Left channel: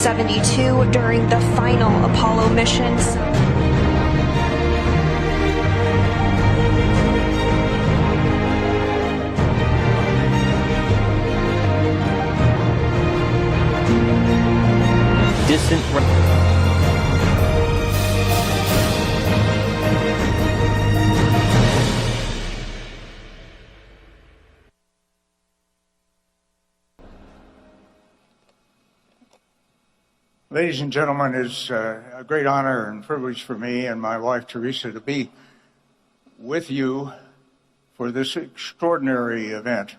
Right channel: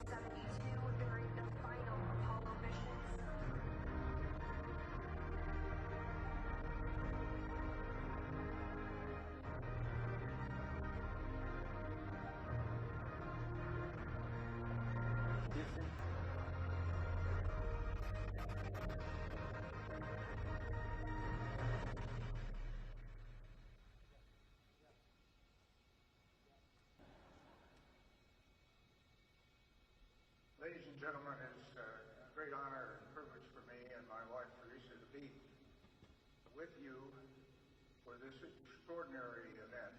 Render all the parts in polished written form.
72 during the final Apollo missions. Distant. Ladies and gentlemen, it's a great honor and privilege for me and my wife Teresa to be with you for this extraordinary event,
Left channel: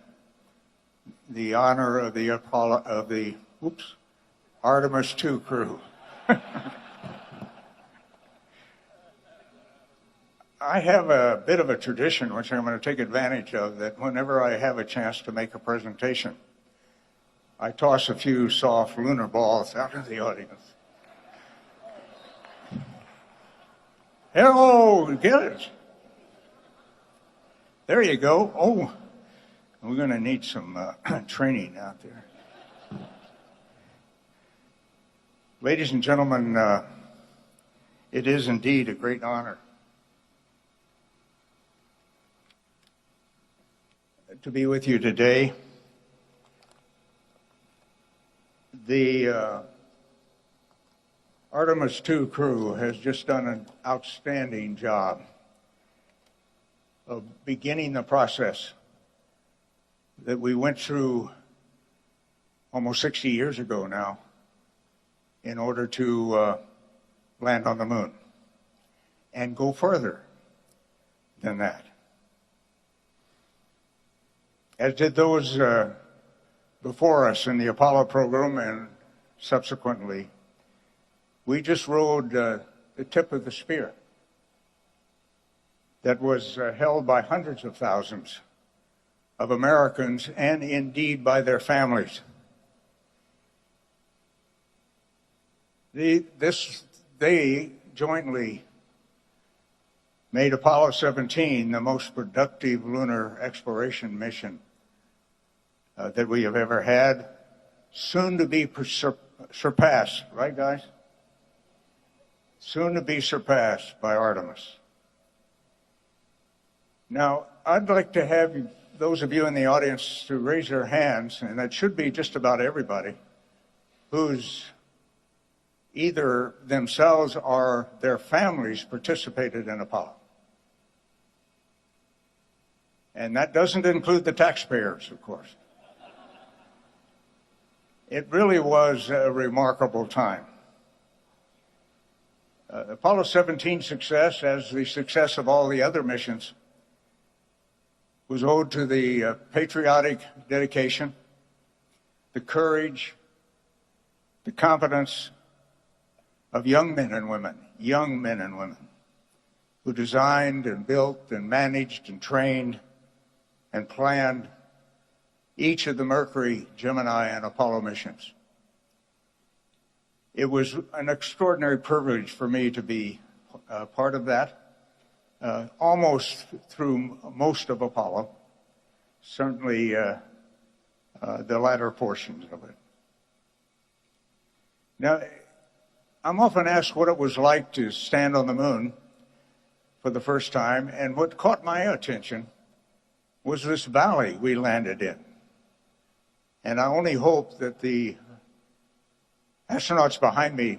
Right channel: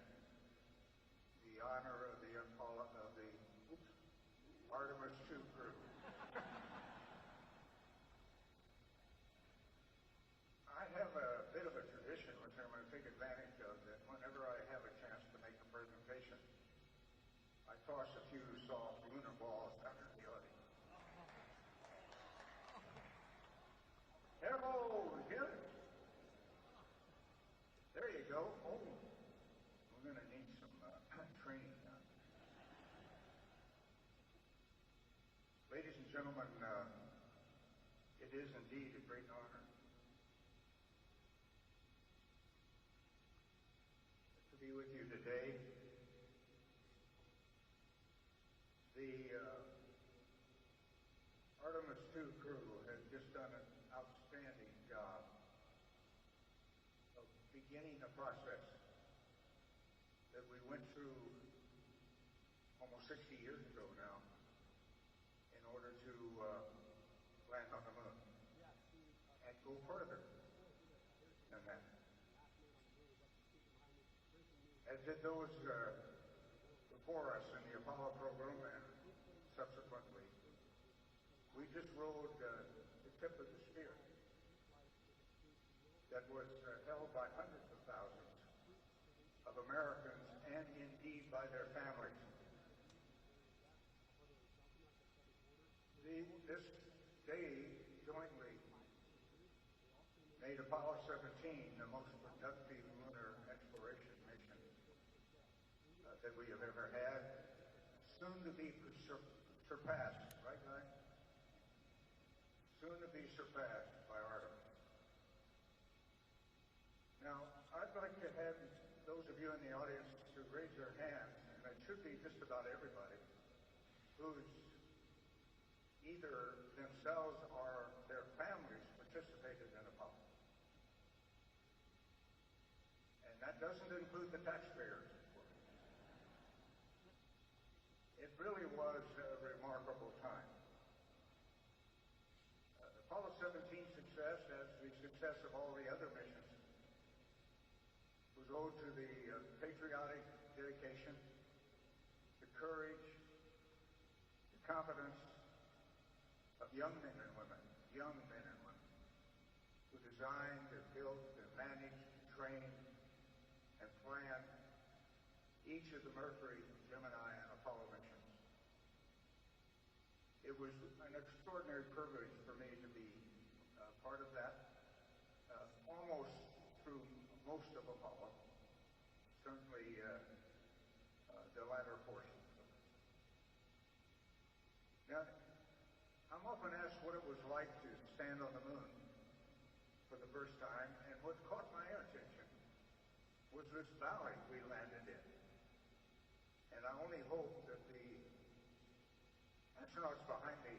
the honor of the Artemis II crew. I have a bit of a tradition, which I'm going to take advantage of, that whenever I have a chance to make a presentation, I toss a few soft lunar balls out of the audience. Hello, get it? There you go. Oh, we're going to need some training out there. Ladies and gentlemen, it is indeed a great honor to be with you today. The Artemis II crew has just done an outstanding job of beginning the process that we went through almost 60 years ago now in order to land on the moon and go further than that. As did those before us in the Apollo program and subsequently, we just rode the tip of the spear that was held by hundreds of thousands of Americans and indeed by their families. They jointly made Apollo 17 the most productive lunar exploration mission that we have ever had, soon to be surpassed, right guys? Soon to be surpassed by Artemis. Now, I'd like to have those of you in the audience to raise your hands, and that should be just about everybody, who's either themselves or their families participated in Apollo. And that doesn't include the taxpayers, of course. It really was a remarkable time. Apollo 17's success, as the success of all the other missions, was owed to the patriotic dedication, the courage, the competence of young men and women, who designed and built and managed and trained and planned each of the Mercury, Gemini, and Apollo missions. It was an extraordinary privilege for me to be part of that, almost through most of Apollo, certainly the latter portions of it. Now, I'm often asked what it was like to stand on the moon for the first time, and what caught my attention was this valley we landed in. And I only hope that the astronauts behind me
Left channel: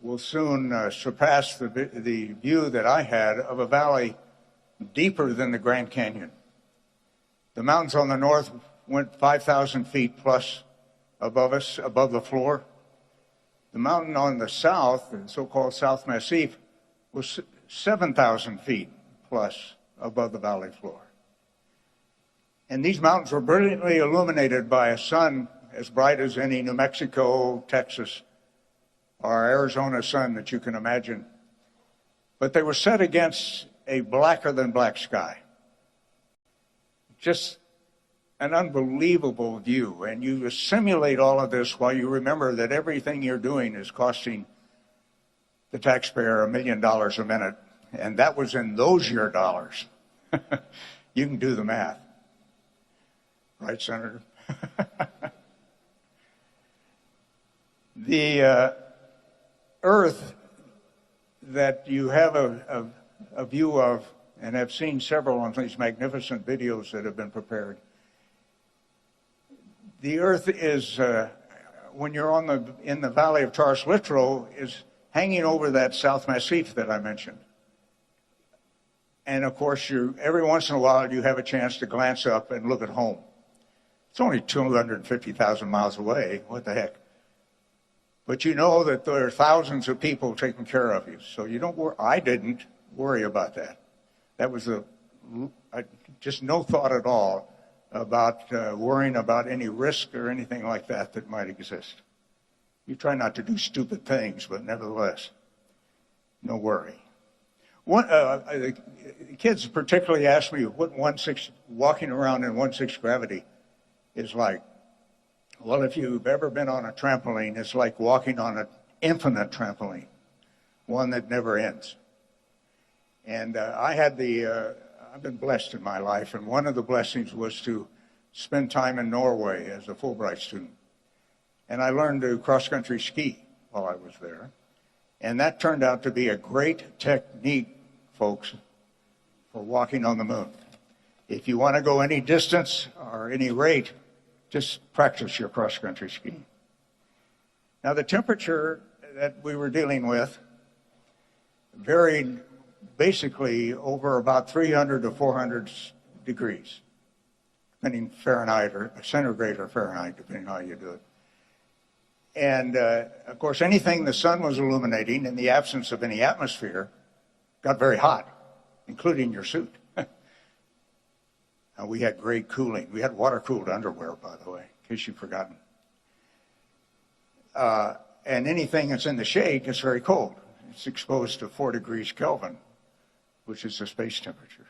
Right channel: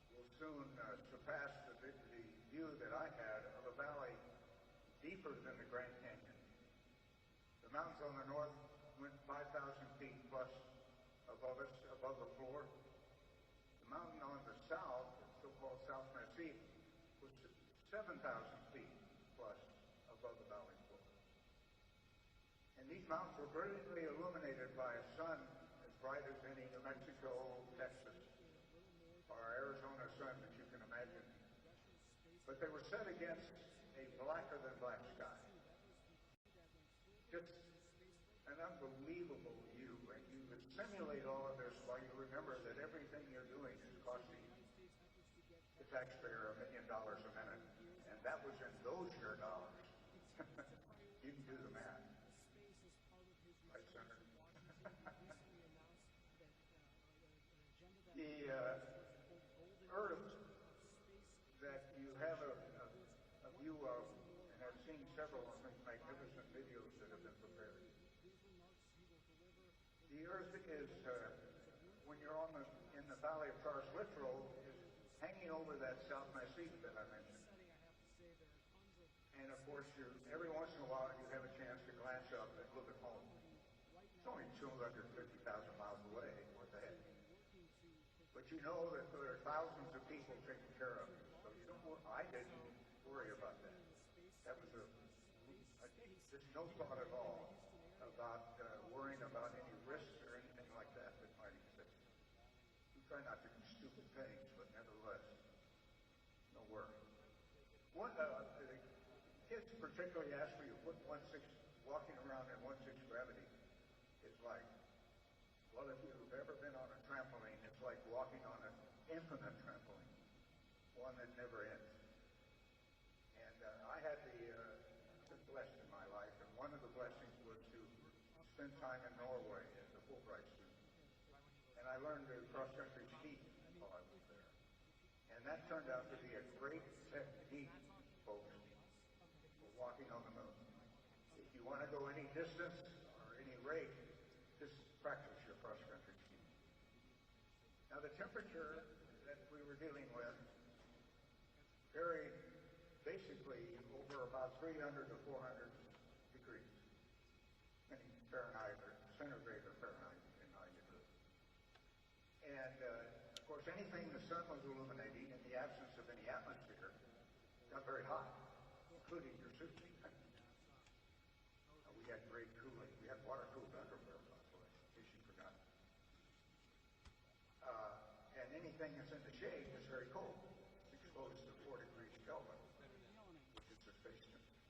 will soon surpass the view that I had of a valley deeper than the Grand Canyon. The mountains on the north went 5,000 feet plus above us, above the floor. The mountain on the south, the so-called South Massif, was 7,000 feet plus above the valley floor. And these mountains were brilliantly illuminated by a sun as bright as any New Mexico, Texas, or Arizona sun that you can imagine. But they were set against a blacker than black sky. Just an unbelievable view. And you simulate all of this while you remember that everything you're doing is costing the taxpayer $1 million a minute. And that was in those year dollars. You can do the math. Right, Senator? The Earth that you have a view of, and have seen several of these magnificent videos that have been prepared. The Earth is, when you're in the valley of Taurus Littrow, is hanging over that South Massif that I mentioned. And of course, every once in a while you have a chance to glance up and look at home. It's only 250,000 miles away. What the heck? But you know that there are thousands of people taking care of you. So you don't worry. I didn't worry about that. That was just no thought at all about worrying about any risk or anything like that might exist. You try not to do stupid things, but nevertheless, no worry. The kids particularly ask me what walking around in 1/6 gravity is like. Well, if you've ever been on a trampoline, it's like walking on an infinite trampoline, one that never ends. And I've been blessed in my life, and one of the blessings was to spend time in Norway as a Fulbright student. And I learned to cross-country ski while I was there. And that turned out to be a great technique, folks, for walking on the moon. If you want to go any distance or any rate, just practice your cross-country skiing. Now, the temperature that we were dealing with varied basically over about 300 to 400 degrees, depending Fahrenheit or centigrade or Fahrenheit, depending on how you do it. And of course, anything the sun was illuminating in the absence of any atmosphere got very hot, including your suit. Now, we had great cooling. We had water-cooled underwear, by the way, in case you've forgotten. And anything that's in the shade gets very cold. It's exposed to 4 degrees Kelvin, which is the space temperature.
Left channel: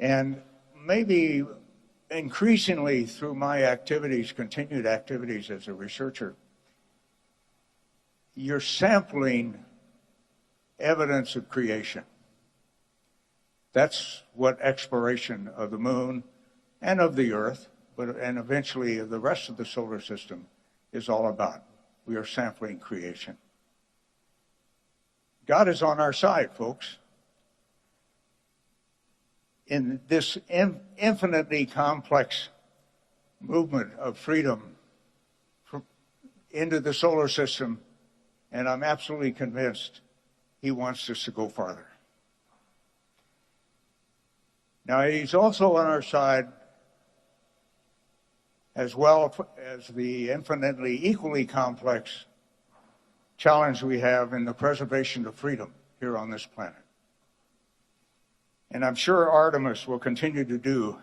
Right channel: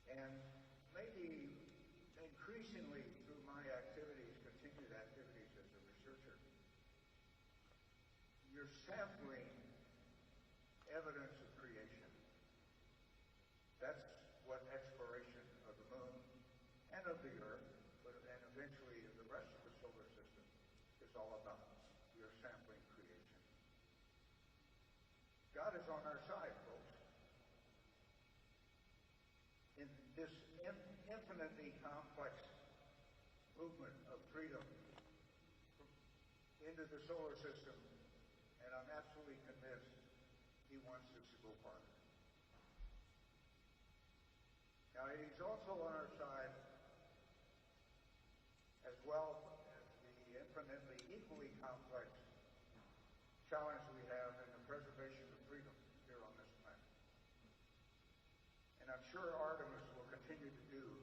And maybe increasingly through my activities, continued activities as a researcher, you're sampling evidence of creation. That's what exploration of the moon and of the Earth, and eventually of the rest of the solar system is all about. We are sampling creation. God is on our side, folks. In this infinitely complex movement of freedom into the solar system, and I'm absolutely convinced he wants us to go farther. Now, he's also on our side as well as the infinitely equally complex challenge we have in the preservation of freedom here on this planet. And I'm sure Artemis will continue to do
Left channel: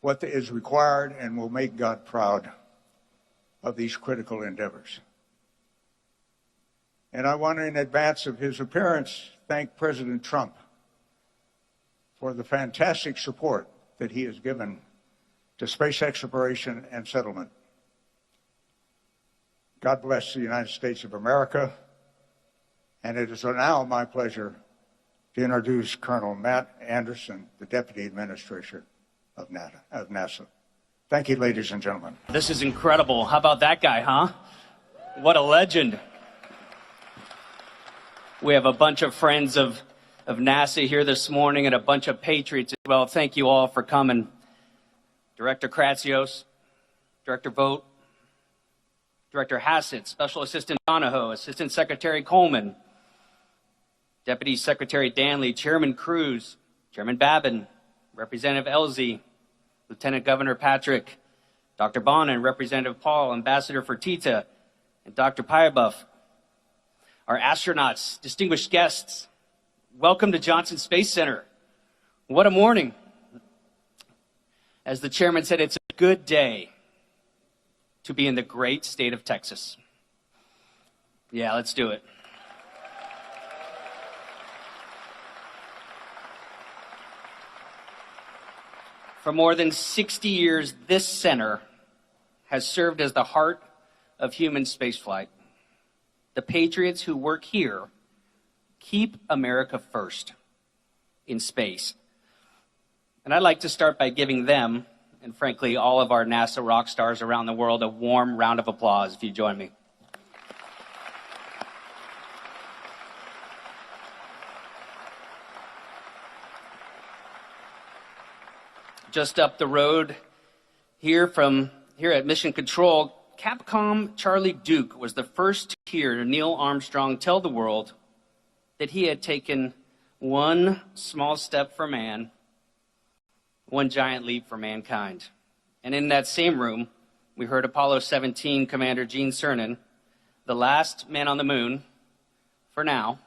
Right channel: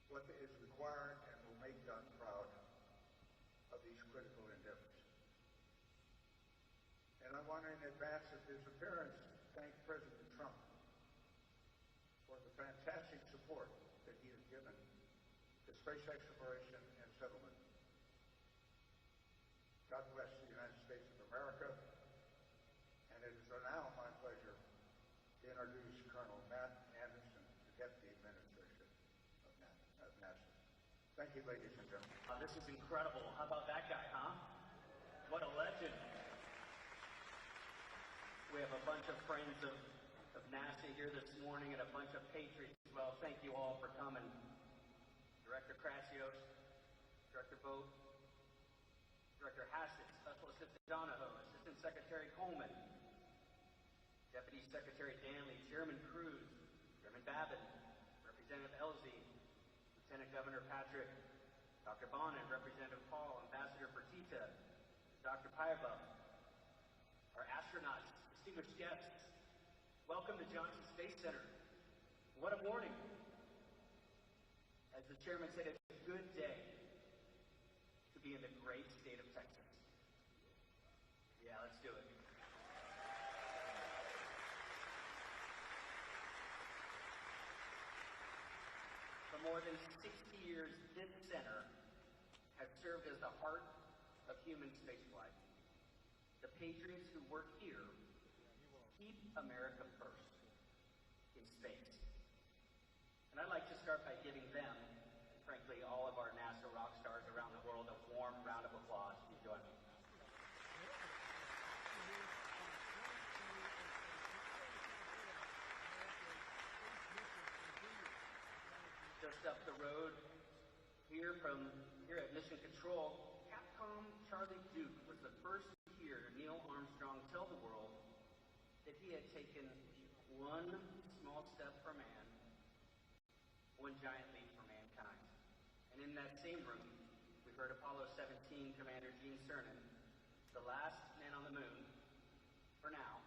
what is required and will make God proud of these critical endeavors. And I want to, in advance of his appearance, thank President Trump for the fantastic support that he has given to space exploration and settlement. God bless the United States of America. And it is now my pleasure to introduce Colonel Matt Anderson, the Deputy Administrator of NASA. Thank you, ladies and gentlemen. This is incredible. How about that guy, huh? What a legend. We have a bunch of friends of NASA here this morning and a bunch of patriots as well. Thank you all for coming. Director Kratsios, Director Vogt, Director Hassett, Special Assistant Donahoe, Assistant Secretary Coleman, Deputy Secretary Danley, Chairman Cruz, Chairman Babin, Representative Elzy, Lieutenant Governor Patrick, Dr. Bonin, Representative Paul, Ambassador Fertitta, and Dr. Pybuff. Our astronauts, distinguished guests, welcome to Johnson Space Center. What a morning. As the chairman said, it's a good day to be in the great state of Texas. Yeah, let's do it. For more than 60 years, this center has served as the heart of human spaceflight. The patriots who work here keep America first in space. And I'd like to start by giving them and frankly, all of our NASA rock stars around the world a warm round of applause if you join me. Just up the road here at Mission Control, Capcom Charlie Duke was the first to hear Neil Armstrong tell the world that he had taken one small step for man, one giant leap for mankind. And in that same room, we heard Apollo 17 Commander Gene Cernan, the last man on the moon, for now,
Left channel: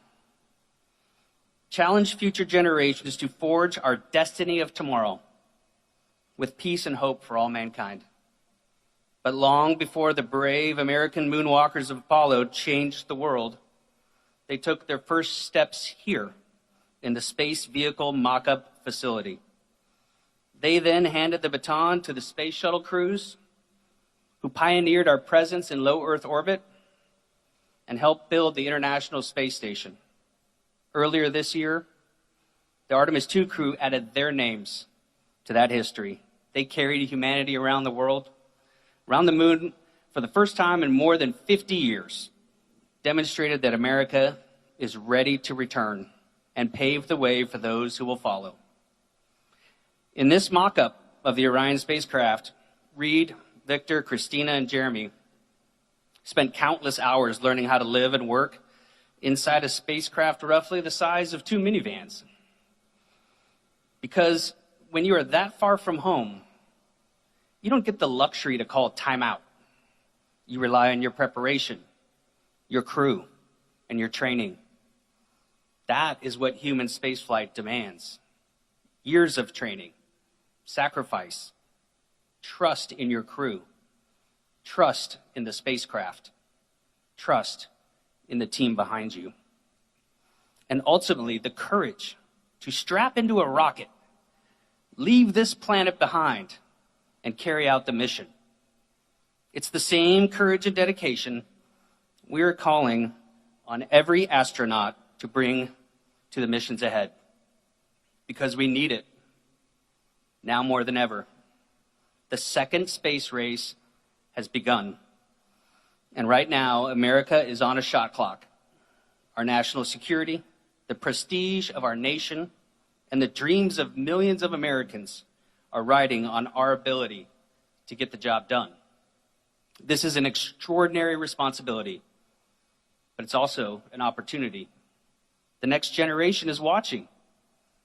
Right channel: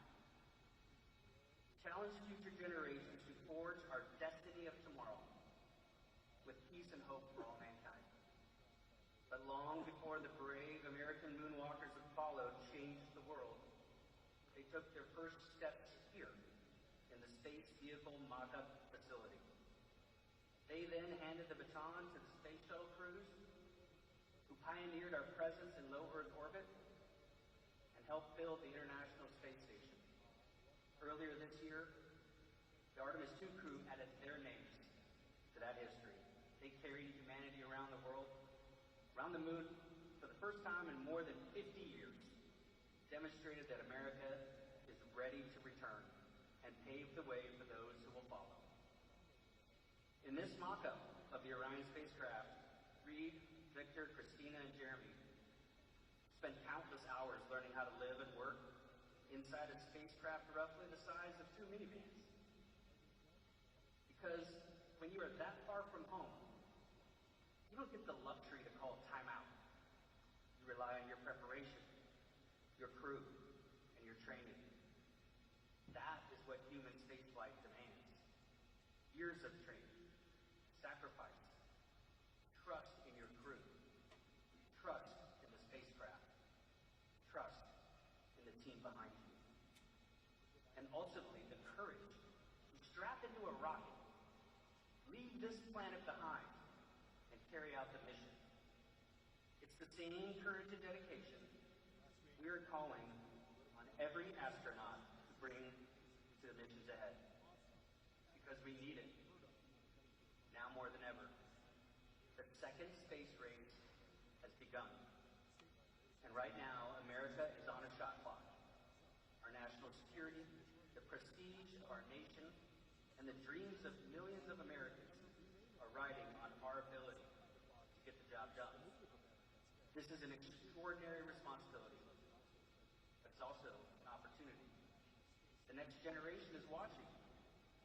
challenge future generations to forge our destiny of tomorrow with peace and hope for all mankind. But long before the brave American moonwalkers of Apollo changed the world, they took their first steps here in the Space Vehicle Mock-Up Facility. They then handed the baton to the Space Shuttle crews, who pioneered our presence in low Earth orbit and helped build the International Space Station. Earlier this year, the Artemis II crew added their names to that history. They carried humanity around the world, around the moon for the first time in more than 50 years, demonstrated that America is ready to return and pave the way for those who will follow. In this mock-up of the Orion spacecraft, Reed, Victor, Christina, and Jeremy spent countless hours learning how to live and work inside a spacecraft roughly the size of 2 minivans. Because when you are that far from home, you don't get the luxury to call time out. You rely on your preparation, your crew, and your training. That is what human spaceflight demands. Years of training, sacrifice, trust in your crew, trust in the spacecraft, trust in the team behind you, and ultimately the courage to strap into a rocket, leave this planet behind, and carry out the mission. It's the same courage and dedication we are calling on every astronaut to bring to the missions ahead, because we need it now more than ever. The second space race has begun, and right now America is on a shot clock. Our national security, the prestige of our nation, and the dreams of millions of Americans are riding on our ability to get the job done. This is an extraordinary responsibility, but it's also an opportunity. The next generation is watching.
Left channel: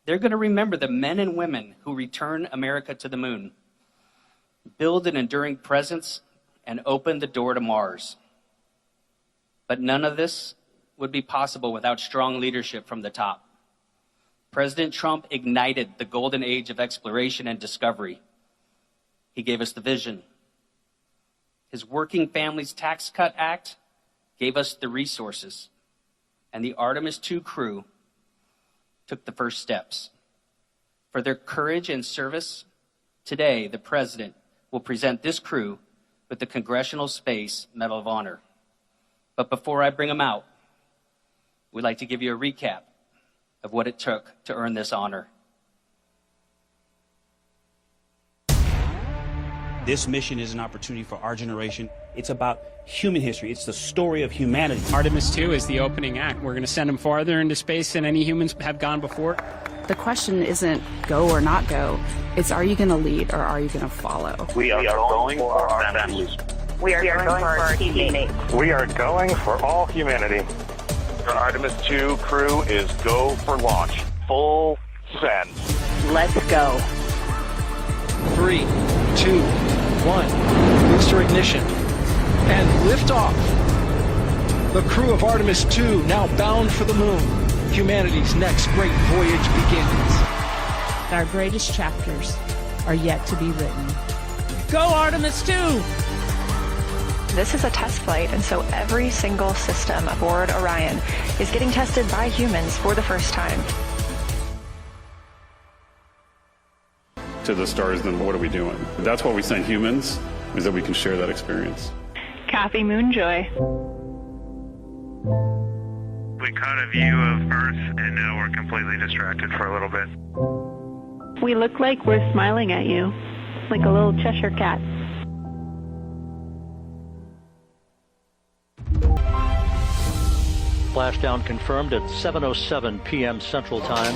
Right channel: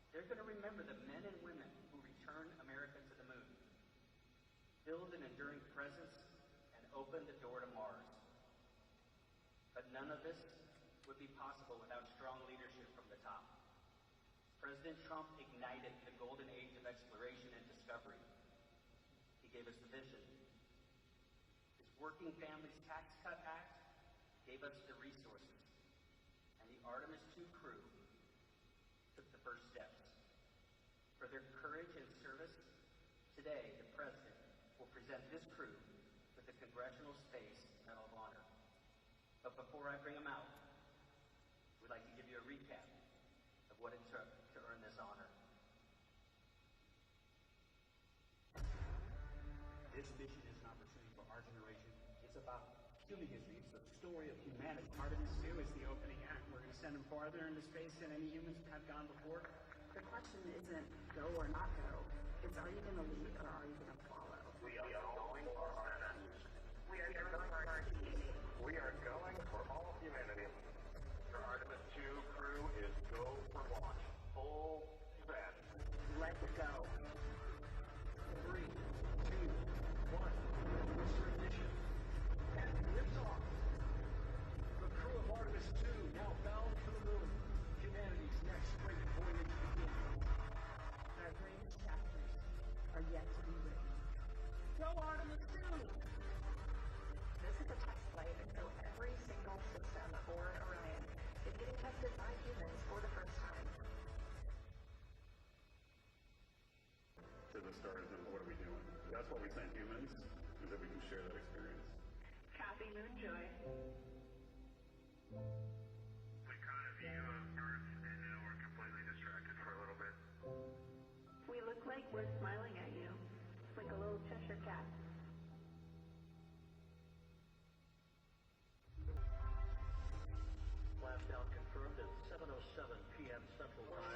They're going to remember the men and women who return America to the moon, build an enduring presence, and open the door to Mars. But none of this would be possible without strong leadership from the top. President Trump ignited the golden age of exploration and discovery. He gave us the vision. His Working Families Tax Cut Act gave us the resources. And the Artemis II crew took the first steps. For their courage and service, today the President will present this crew with the Congressional Space Medal of Honor. But before I bring them out, we'd like to give you a recap of what it took to earn this honor. This mission is an opportunity for our generation. It's about human history. It's the story of humanity. Artemis II is the opening act. We're going to send them farther into space than any humans have gone before. The question isn't go or not go. It's, are you going to lead or are you going to follow? We are going for our families. We are going for our teammates. We are going for all humanity. The Artemis II crew is go for launch. Full send. Let's go. 3, 2, 1. Booster ignition. And liftoff. The crew of Artemis II now bound for the moon. Humanity's next great voyage begins. Our greatest chapters are yet to be written. Go Artemis II! This is a test flight, and so every single system aboard Orion is getting tested by humans for the first time. To the stars, then what are we doing? That's why we send humans, is that we can share that experience. Kathy Moonjoy. We caught a view of Earth, and now we're completely distracted for a little bit. We look like we're smiling at you. like a little Cheshire cat. Splashdown confirmed at 7:07 p.m. Central Time.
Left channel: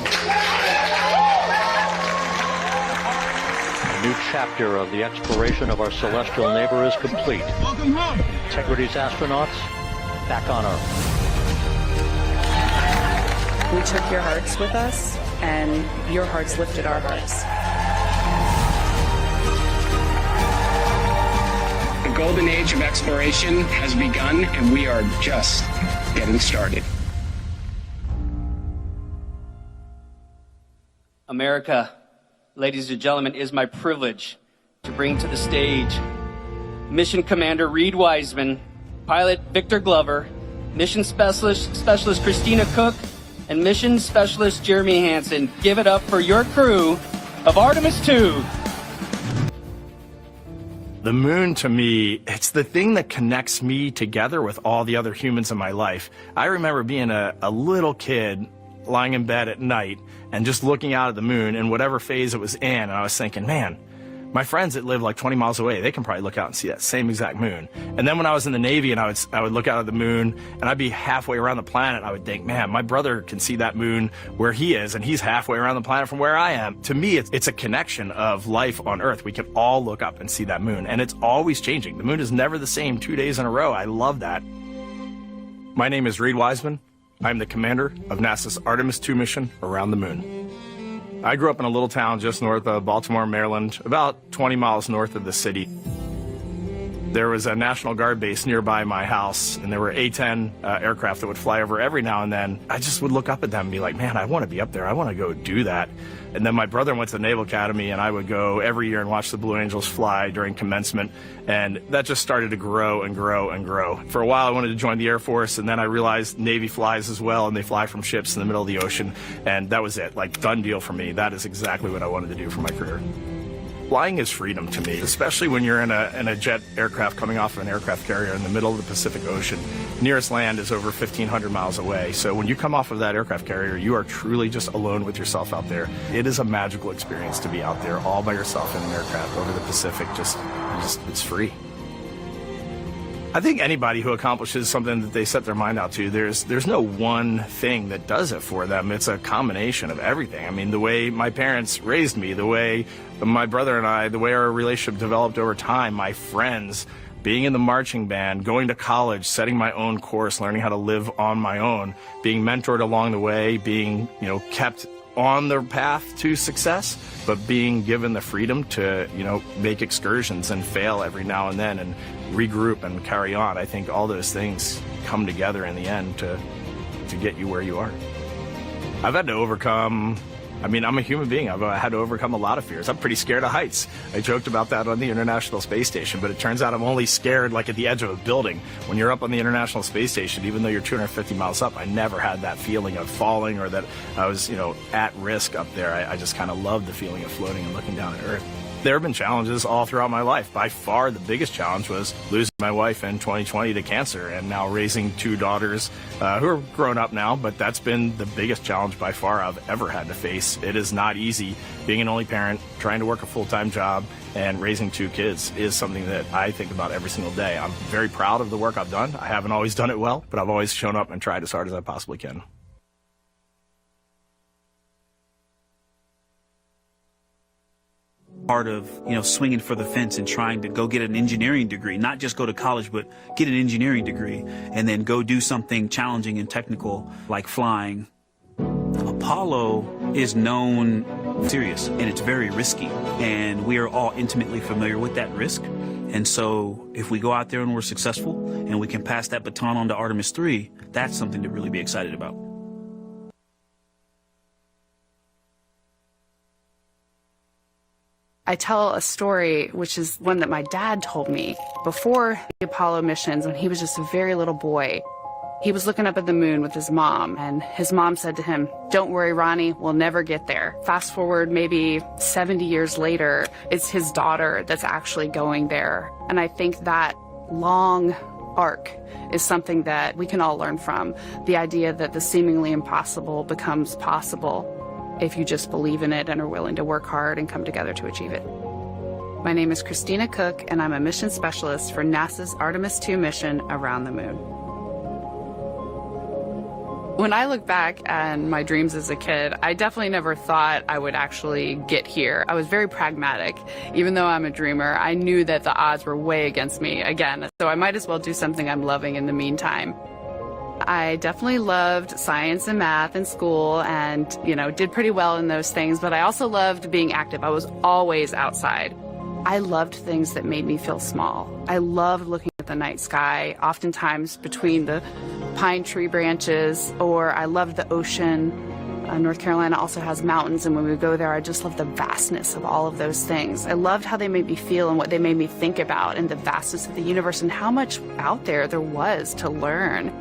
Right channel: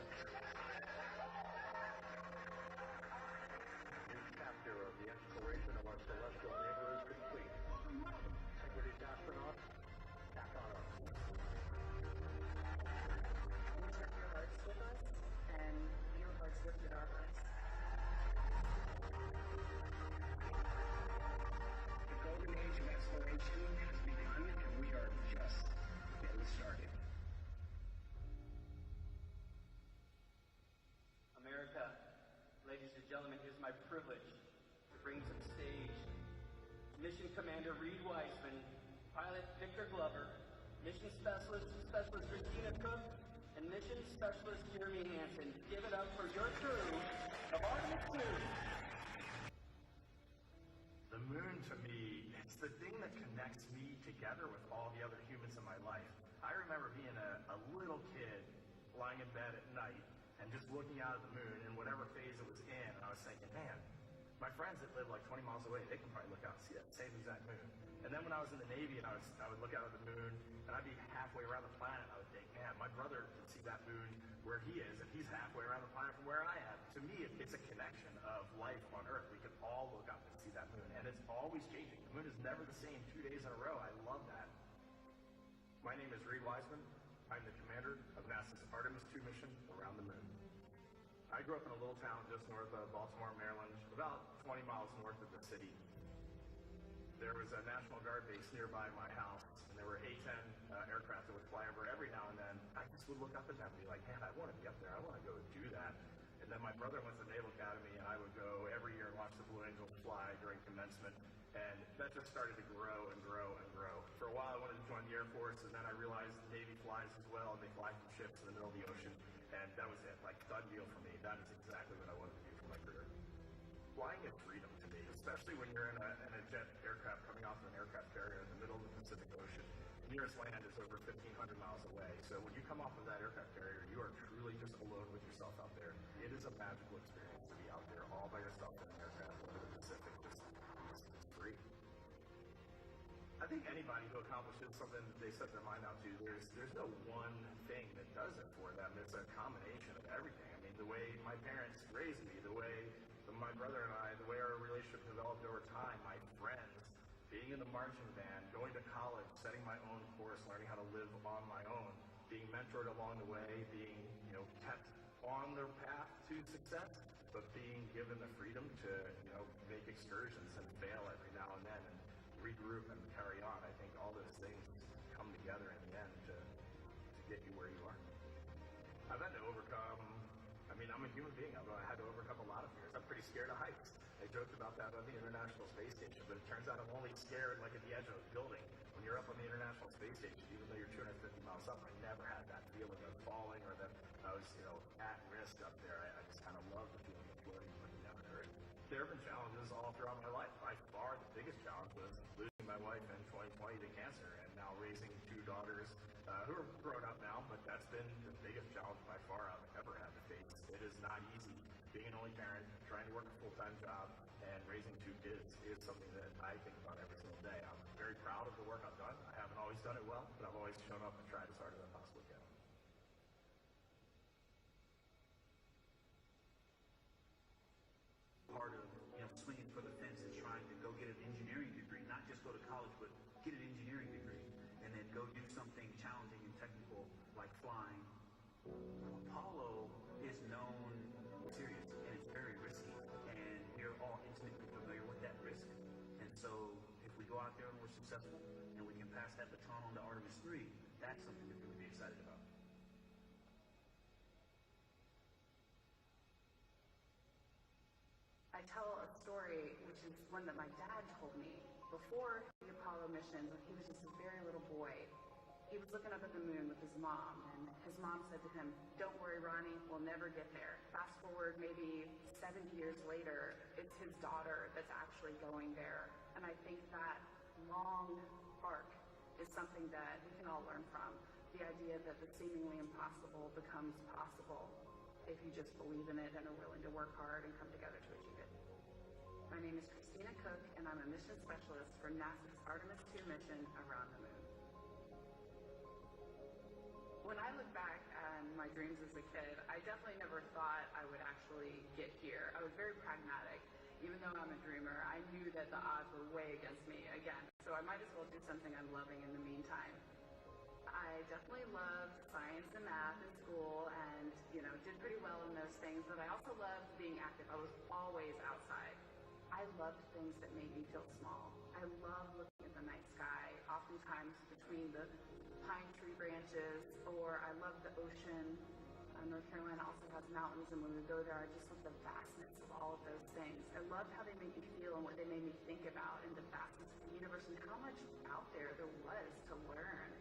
A new chapter of the exploration of our celestial neighbor is complete. Welcome home. Integrity's astronauts back on Earth. We took your hearts with us, and your hearts lifted our hearts. The golden age of exploration has begun, and we are just getting started. America, ladies and gentlemen, it is my privilege to bring to the stage Mission Commander Reed Wiseman, Pilot Victor Glover, Mission Specialist Christina Cook, and Mission Specialist Jeremy Hansen. Give it up for your crew of Artemis II. The moon, to me, it's the thing that connects me together with all the other humans in my life. I remember being a little kid lying in bed at night and just looking out at the moon in whatever phase it was in, and I was thinking, man, my friends that live like 20 miles away, they can probably look out and see that same exact moon. And then when I was in the Navy and I would look out at the moon and I'd be halfway around the planet, I would think, man, my brother can see that moon where he is and he's halfway around the planet from where I am. To me, it's a connection of life on Earth. We can all look up and see that moon, and it's always changing. The moon is never the same 2 days in a row. I love that. My name is Reed Wiseman. I'm the commander of NASA's Artemis II mission around the moon. I grew up in a little town just north of Baltimore, Maryland, about 20 miles north of the city. There was a National Guard base nearby my house, and there were A-10 aircraft that would fly over every now and then. I just would look up at them and be like, man, I want to be up there. I want to go do that. And then my brother went to the Naval Academy, and I would go every year and watch the Blue Angels fly during commencement, and that just started to grow and grow and grow. For a while, I wanted to join the Air Force, and then I realized Navy flies as well, and they fly from ships in the middle of the ocean, and that was it, like, done deal for me. That is exactly what I wanted to do for my career. Flying is freedom to me, especially when you're in a jet aircraft coming off of an aircraft carrier in the middle of the Pacific Ocean. Nearest land is over 1,500 miles away. So when you come off of that aircraft carrier, you are truly just alone with yourself out there. It is a magical experience to be out there all by yourself in an aircraft over the Pacific. It's free. I think anybody who accomplishes something that they set their mind out to, there's no one thing that does it for them. It's a combination of everything. I mean, the way my parents raised me, the way my brother and I, the way our relationship developed over time, my friends, being in the marching band, going to college, setting my own course, learning how to live on my own, being mentored along the way, being, kept on the path to success, but being given the freedom to, make excursions and fail every now and then and regroup and carry on. I think all those things come together in the end to get you where you are. I've had to overcome, I'm a human being. I've had to overcome a lot of fears. I'm pretty scared of heights. I joked about that on the International Space Station, but it turns out I'm only scared like at the edge of a building. When you're up on the International Space Station, even though you're 250 miles up, I never had that feeling of falling or that I was, at risk up there. I just kind of loved the feeling of floating and looking down at Earth. There have been challenges all throughout my life. By far, the biggest challenge was losing my wife in 2020 to cancer and now raising two daughters who are grown up now, but that's been the biggest challenge by far I've ever had to face. It is not easy. Being an only parent, trying to work a full-time job, and raising two kids is something that I think about every single day. I'm very proud of the work I've done. I haven't always done it well, but I've always shown up and tried as hard as I possibly can. Part of, swinging for the fence and trying to go get an engineering degree, not just go to college, but get an engineering degree and then go do something challenging and technical like flying. Apollo is known serious and it's very risky, and we are all intimately familiar with that risk. And so if we go out there and we're successful and we can pass that baton on to Artemis III, that's something to really be excited about. I tell a story, which is one that my dad told me. Before the Apollo missions, when he was just a very little boy, he was looking up at the moon with his mom, and his mom said to him, "Don't worry, Ronnie, we'll never get there." Fast forward maybe 70 years later, it's his daughter that's actually going there. And I think that long arc is something that we can all learn from. The idea that the seemingly impossible becomes possible if you just believe in it and are willing to work hard and come together to achieve it. My name is Christina Cook, and I'm a mission specialist for NASA's Artemis II mission around the moon. When I look back at my dreams as a kid, I definitely never thought I would actually get here. I was very pragmatic. Even though I'm a dreamer, I knew that the odds were way against me again, so I might as well do something I'm loving in the meantime. I definitely loved science and math in school and, did pretty well in those things, but I also loved being active. I was always outside. I loved things that made me feel small. I loved looking at the night sky, oftentimes between the pine tree branches, or I loved the ocean. North Carolina also has mountains, and when we go there, I just loved the vastness of all of those things. I loved how they made me feel and what they made me think about, and the vastness of the universe and how much out there was to learn.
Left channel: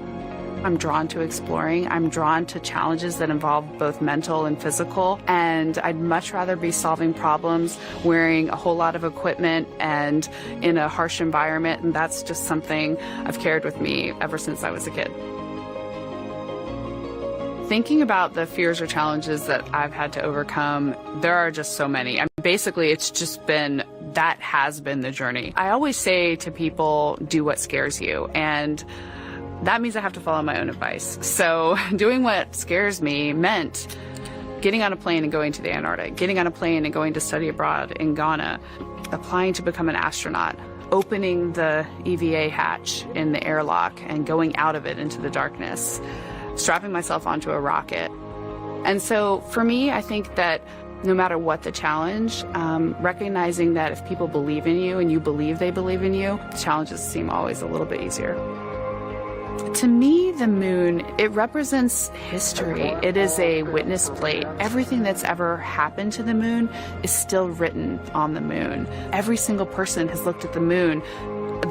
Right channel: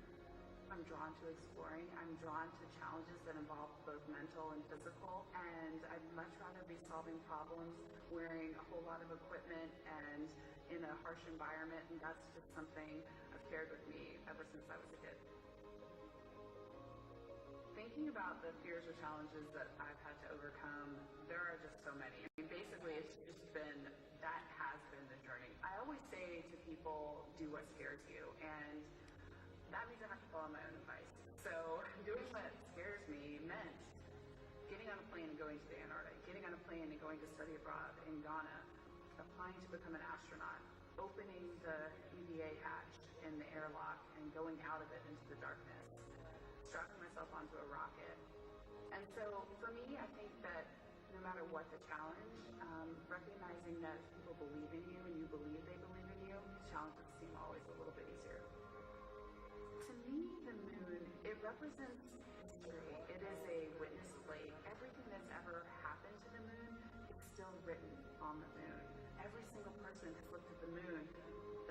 I'm drawn to exploring. I'm drawn to challenges that involve both mental and physical, and I'd much rather be solving problems wearing a whole lot of equipment and in a harsh environment, and that's just something I've carried with me ever since I was a kid. Thinking about the fears or challenges that I've had to overcome, there are just so many. Basically, it's just been, that has been the journey. I always say to people, do what scares you, and that means I have to follow my own advice. So doing what scares me meant getting on a plane and going to the Antarctic, getting on a plane and going to study abroad in Ghana, applying to become an astronaut, opening the EVA hatch in the airlock and going out of it into the darkness, strapping myself onto a rocket. And so for me, I think that no matter what the challenge, recognizing that if people believe in you and you believe they believe in you, the challenges seem always a little bit easier. To me, the moon, it represents history. It is a witness plate. Everything that's ever happened to the moon is still written on the moon. Every single person has looked at the moon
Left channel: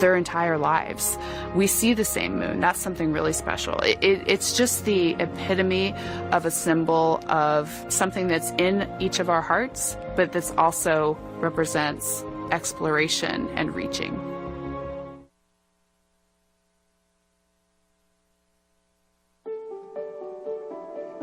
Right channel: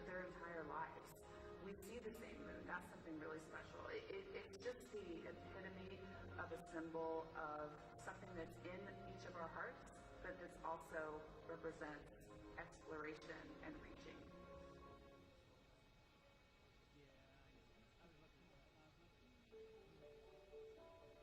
their entire lives. We see the same moon. That's something really special. It's just the epitome of a symbol of something that's in each of our hearts, but that's also represents exploration and reaching.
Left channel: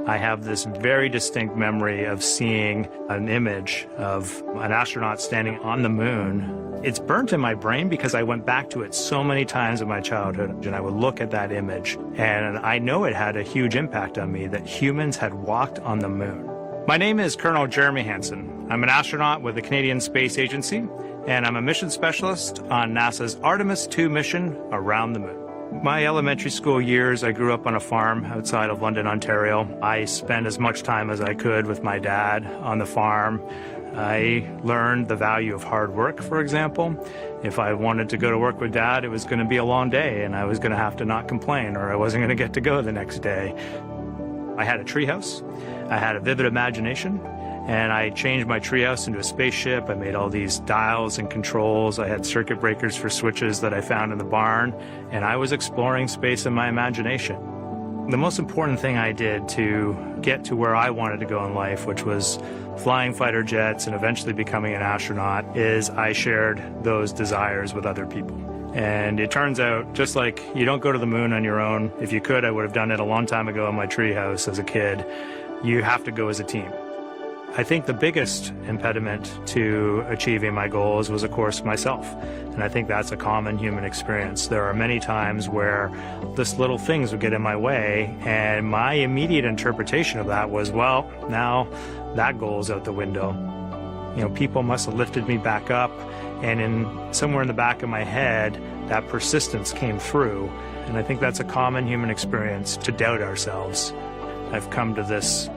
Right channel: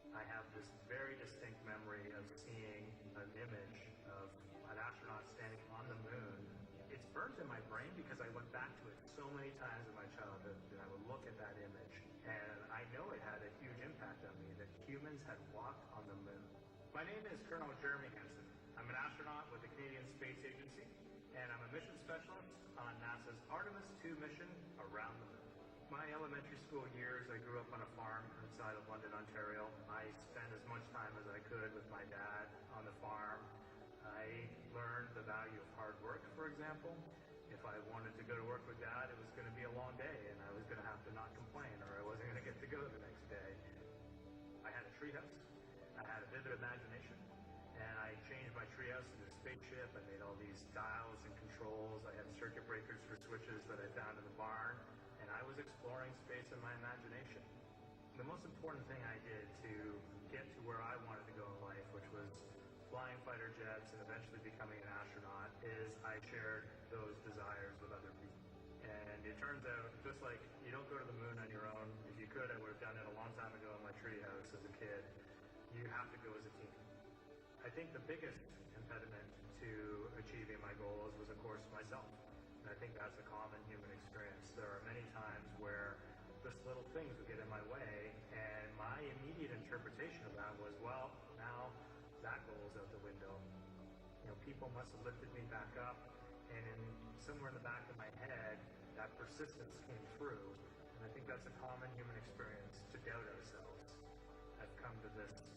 I have this very distinct memory of seeing an image of an astronaut standing on the moon. It's burnt in my brain because I went back to it so many times in my childhood, and I would look at that image, and I know it had a huge impact on me that humans had walked on the moon. My name is Colonel Jeremy Hansen. I'm an astronaut with the Canadian Space Agency, and I'm a mission specialist on NASA's Artemis II mission around the moon. My elementary school years, I grew up on a farm outside of London, Ontario. I spent as much time as I could with my dad on the farm. I learned the value of hard work, for example. If I wanted to go to work with Dad, it was going to be a long day, and I was going to have to not complain, or I wasn't going to get to go the next day. I had a treehouse. I had a vivid imagination. And I changed my treehouse into a spaceship. I made all these dials and controls. I had circuit breakers for switches that I found in the barn. And I was exploring space in my imagination. The most important thing I did to get to where I wanted to go in life, which was flying fighter jets and eventually becoming an astronaut, is I shared those desires with other people. And it turns out, just like you don't go to the moon on your own, if you could, I would have done it a long time ago in my treehouse as a kid. You have to go as a team. I think the biggest impediment to achieving my goals was, of course, myself. And I think that's a common human experience. There are many times where just little things would get in my way, and my immediate interpretation of that was, well, now that goal's out the window. You know, people must have lifted me back up, and somewhere in the back of my head, that persistence came through. And I think that's a common human experience, to doubt ourselves. I've come to this,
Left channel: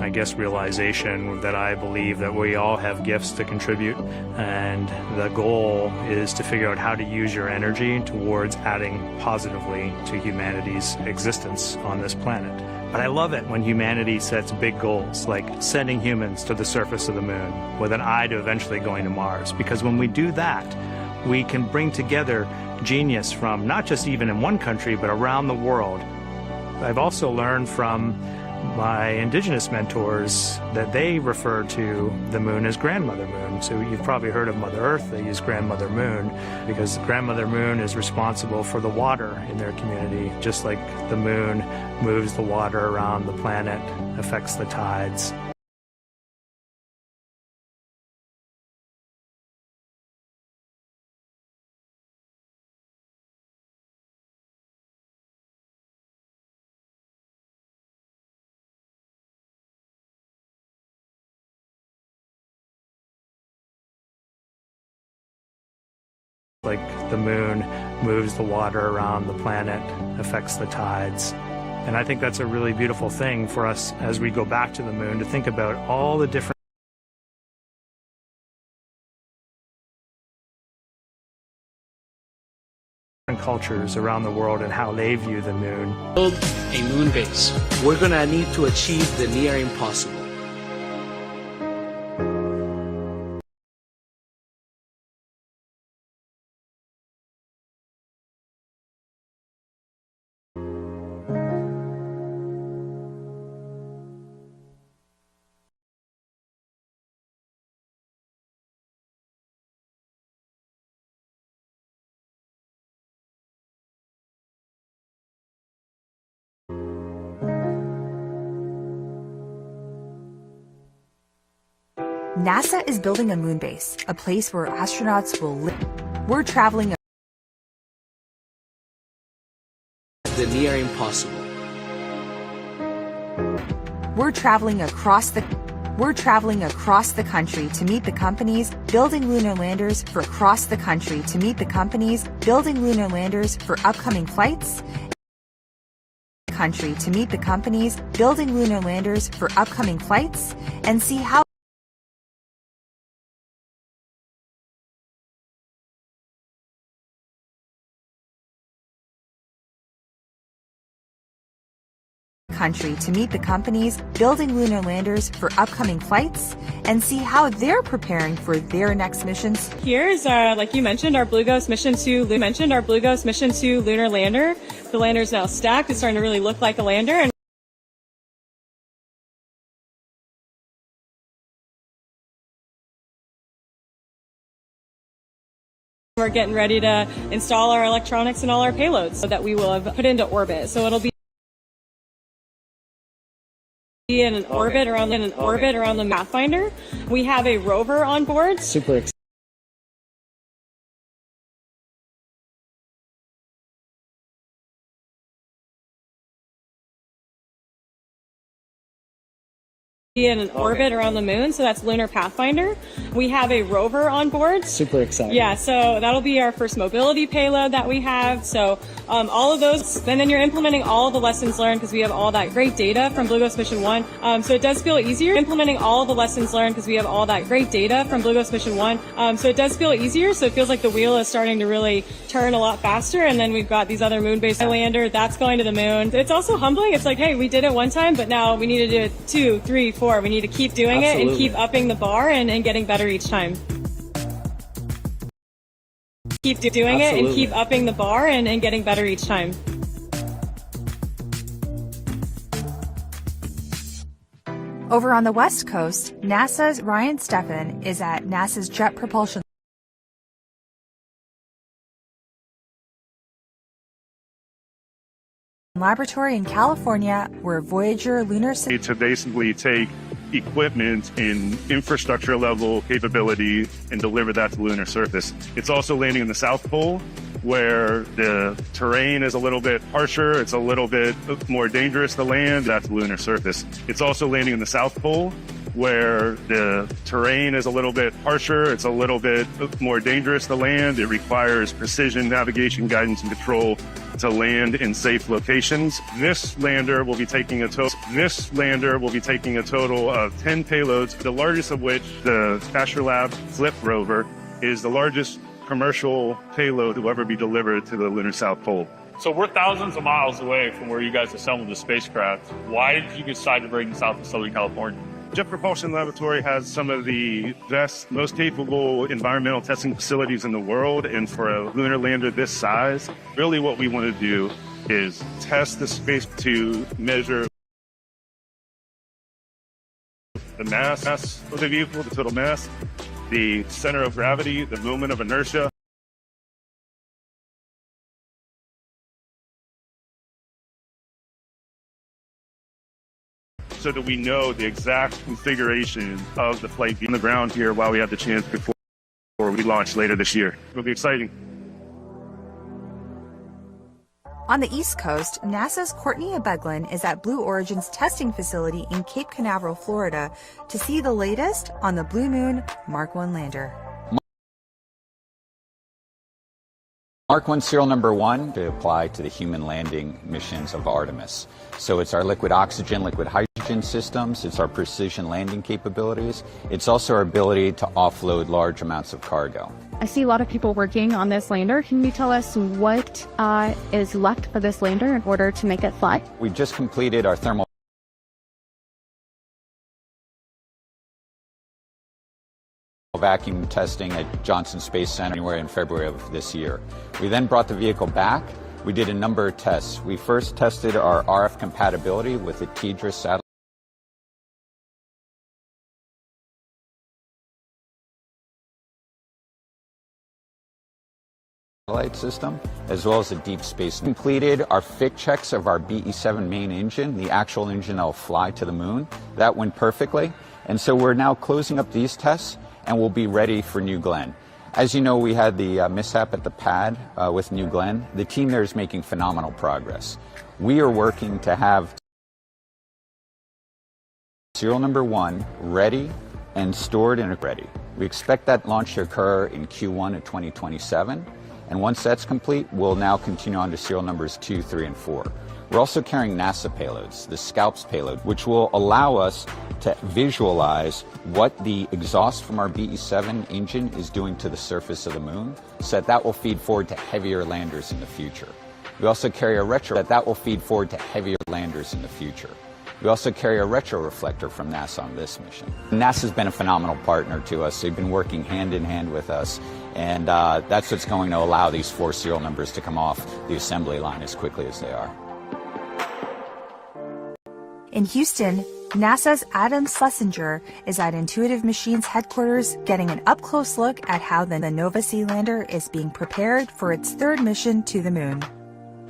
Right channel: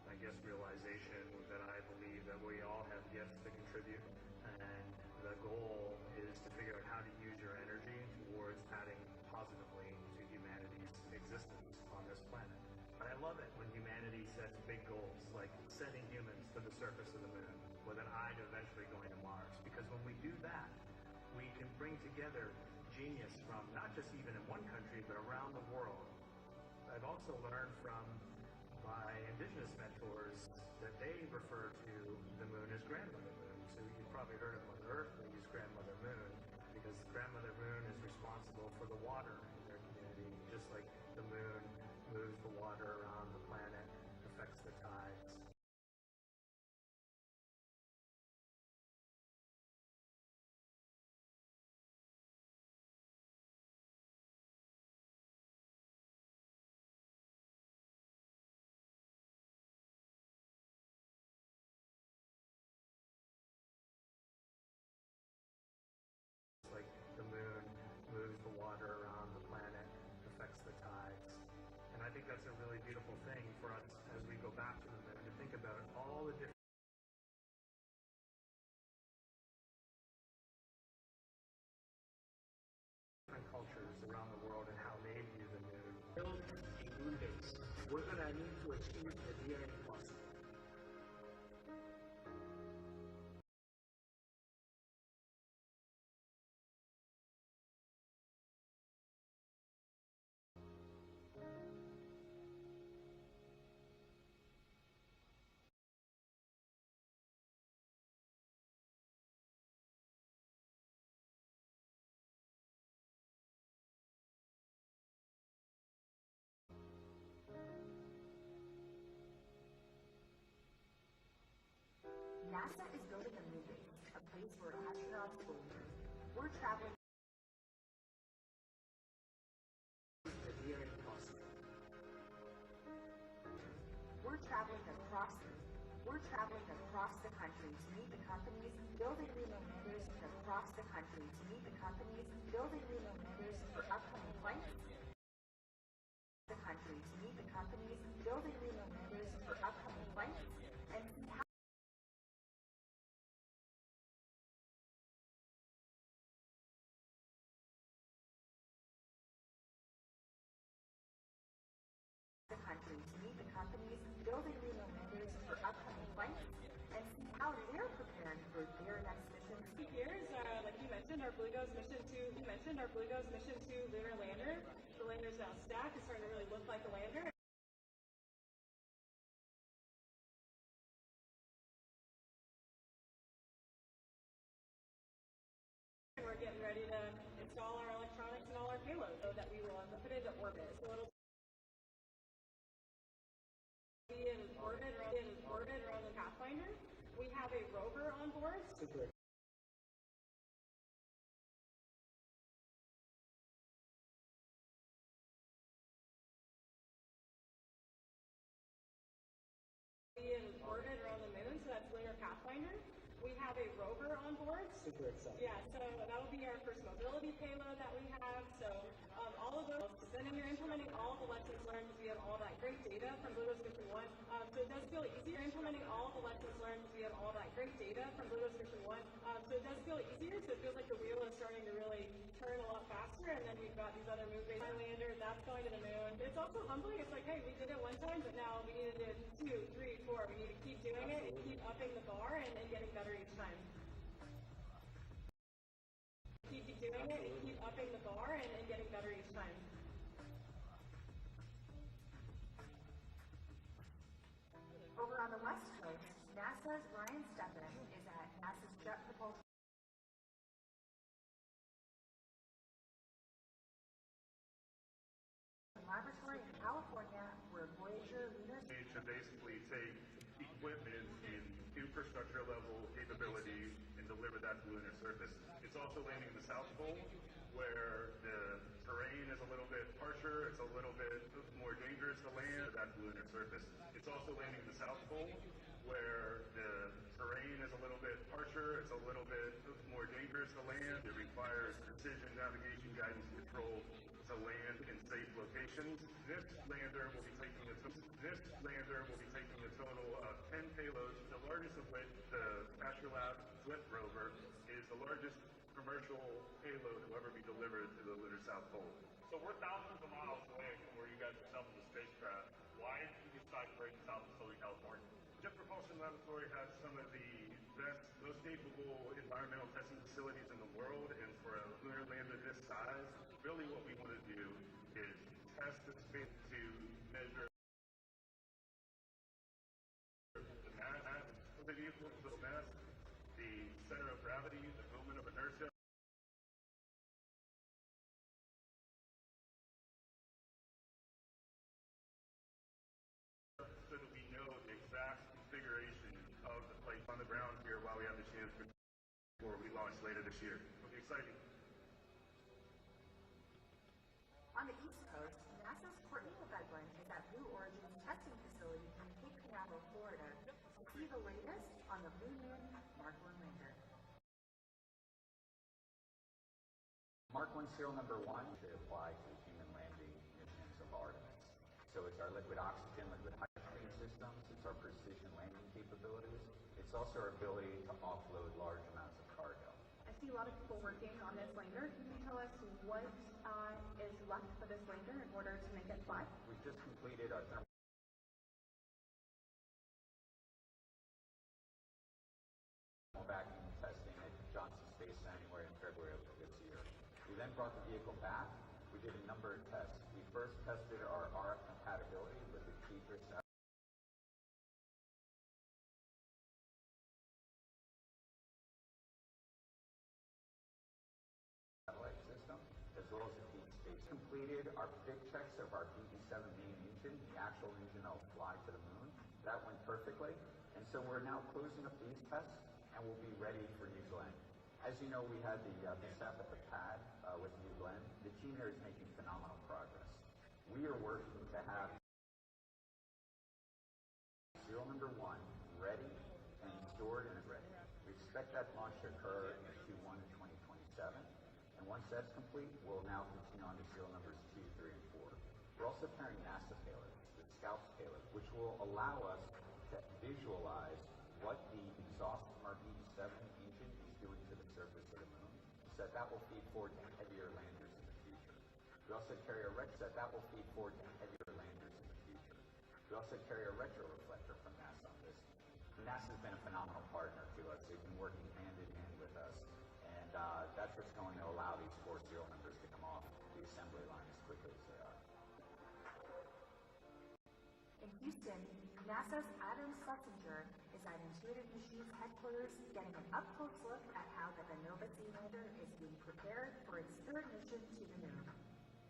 I guess, realization that I believe that we all have gifts to contribute, and the goal is to figure out how to use your energy towards adding positively to humanity's existence on this planet. But I love it when humanity sets big goals, like sending humans to the surface of the moon with an eye to eventually going to Mars, because when we do that, we can bring together genius from not just even in one country, but around the world. I've also learned from my indigenous mentors that they refer to the moon as Grandmother Moon. So you've probably heard of Mother Earth. They use Grandmother Moon because Grandmother Moon is responsible for the water in their community, just like the moon moves the water around the planet, affects the tides. Like the moon moves the water around the planet, affects the tides. And I think that's a really beautiful thing for us as we go back to the moon, to think about all the different cultures around the world and how they view the moon. Build a moon base. We're going to need to achieve the near impossible. NASA is building a moon base, a place where astronauts will live. We're traveling The near impossible. We're traveling across the country to meet the companies building lunar landers for upcoming flights. And see how they're preparing for their next missions. Here's like you mentioned, our Blue Ghost mission 2 lunar lander. The lander is now stacked. It's starting to really look like a lander, and we're getting ready to install our electronics and all our payloads so that we will have put into orbit. So it'll be in an orbit around the Pathfinder. We have a rover on board. Super excited. In an orbit around the moon, so that's Lunar Pathfinder. We have a rover on board. Super excited. Yeah, so that'll be our first mobility payload that we have. So all of those, and then you're implementing all the lessons learned because we have all that great data from Blue Ghost Mission 1. So it does feel easier implementing all the lessons learned because we have all that great data from Blue Ghost Mission 1. So it does feel easier. So it feels like the wheel is starting to really turn a lot faster. And then we've got these other moon-based lander that's going to the moon. It's also humbling. It's like, hey, we did it one time, but now we need to do it 2, 3, 4. We need to keep doing it and keep upping the bar and getting better each time. Keep doing it and keep upping the bar and getting better each time. Over on the West Coast, NASA's Ryan Steffen is at NASA's Jet Propulsion Laboratory in California, where Voyager lunar to basically take equipment in infrastructure level capability and deliver that to the lunar surface. It's also landing in the South Pole, where the terrain is a little bit harsher, it's a little bit more dangerous to land. That's the lunar surface. It's also landing in the South Pole, where the terrain is a little bit harsher, it's a little bit more dangerous to land. It requires precision navigation, guidance, and control to land in safe locations. This lander will be taking a total of 10 payloads, the largest of which, the Astrolab Flip rover, is the largest commercial payload to ever be delivered to the lunar South Pole. So we're thousands of miles away from where you guys assembled the spacecraft. Why did you decide to bring this out to Southern California? Jet Propulsion Laboratory has some of the best, most capable environmental testing facilities in the world, and for a lunar lander this size, really what we want to do is test the space to measure the mass of the vehicle, the total mass, the center of gravity, the moment of inertia, so that we know the exact configuration of the flight on the ground here while we have the chance before we launch later this year. It'll be exciting. On the East Coast, NASA's Courtney Beglin is at Blue Origin's testing facility in Cape Canaveral, Florida, to see the latest on the Blue Moon Mark 1 lander. Mark 1 serial number 1 to apply to the human landing missions of Artemis. So it's our liquid oxygen, liquid hydrogen systems, it's our precision landing capabilities, it's also our ability to offload large amounts of cargo. I see a lot of people working on this lander. Can you tell us what is left for this lander in order to make it fly? We just completed our thermal vacuum testing at Johnson Space Center in January and February of this year. We then brought the vehicle back. We did a number of tests. We first tested our RF compatibility with the TDRS satellite system, as well as a deep space. We completed our fit checks of our BE-7 main engine, the actual engine that will fly to the moon. That went perfectly. And so we're now closing up these tests and we'll be ready for New Glenn. As you know, we had the mishap at the pad with New Glenn. The team there is making phenomenal progress. We are working to have serial number 1 ready and stored and ready. We expect that launch to occur in Q1 of 2027. And once that's complete, we'll now continue on to serial numbers 2, 3, and 4. We're also carrying NASA payloads, the SCALPS payload, which will allow us to visualize what the exhaust from our BE-7 engine is doing to the surface of the moon, so that will feed forward to heavier landers in the future. We also carry a retro that will feed forward to heavier landers in the future. We also carry a retroreflector from NASA on this mission. NASA's been a phenomenal partner to us. They've been working hand in hand with us, and that's what's going to allow these 4 serial numbers to come off the assembly line as quickly as they are. In Houston, NASA's Adam Schlesinger is at Intuitive Machines headquarters getting an up-close look at how the Nova C lander is being prepared for its 3rd mission to the moon.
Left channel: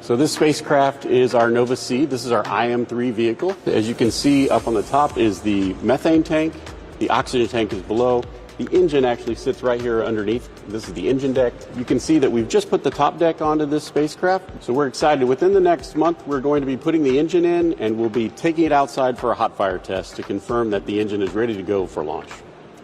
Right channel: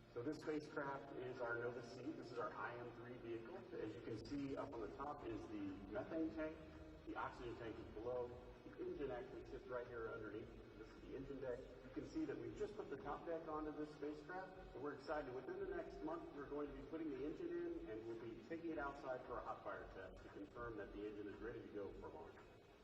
So this spacecraft is our Nova C. This is our IM-3 vehicle. As you can see, up on the top is the methane tank. The oxygen tank is below. The engine actually sits right here underneath. This is the engine deck. You can see that we've just put the top deck onto this spacecraft. So we're excited. Within the next month, we're going to be putting the engine in, and we'll be taking it outside for a hot fire test to confirm that the engine is ready to go for launch.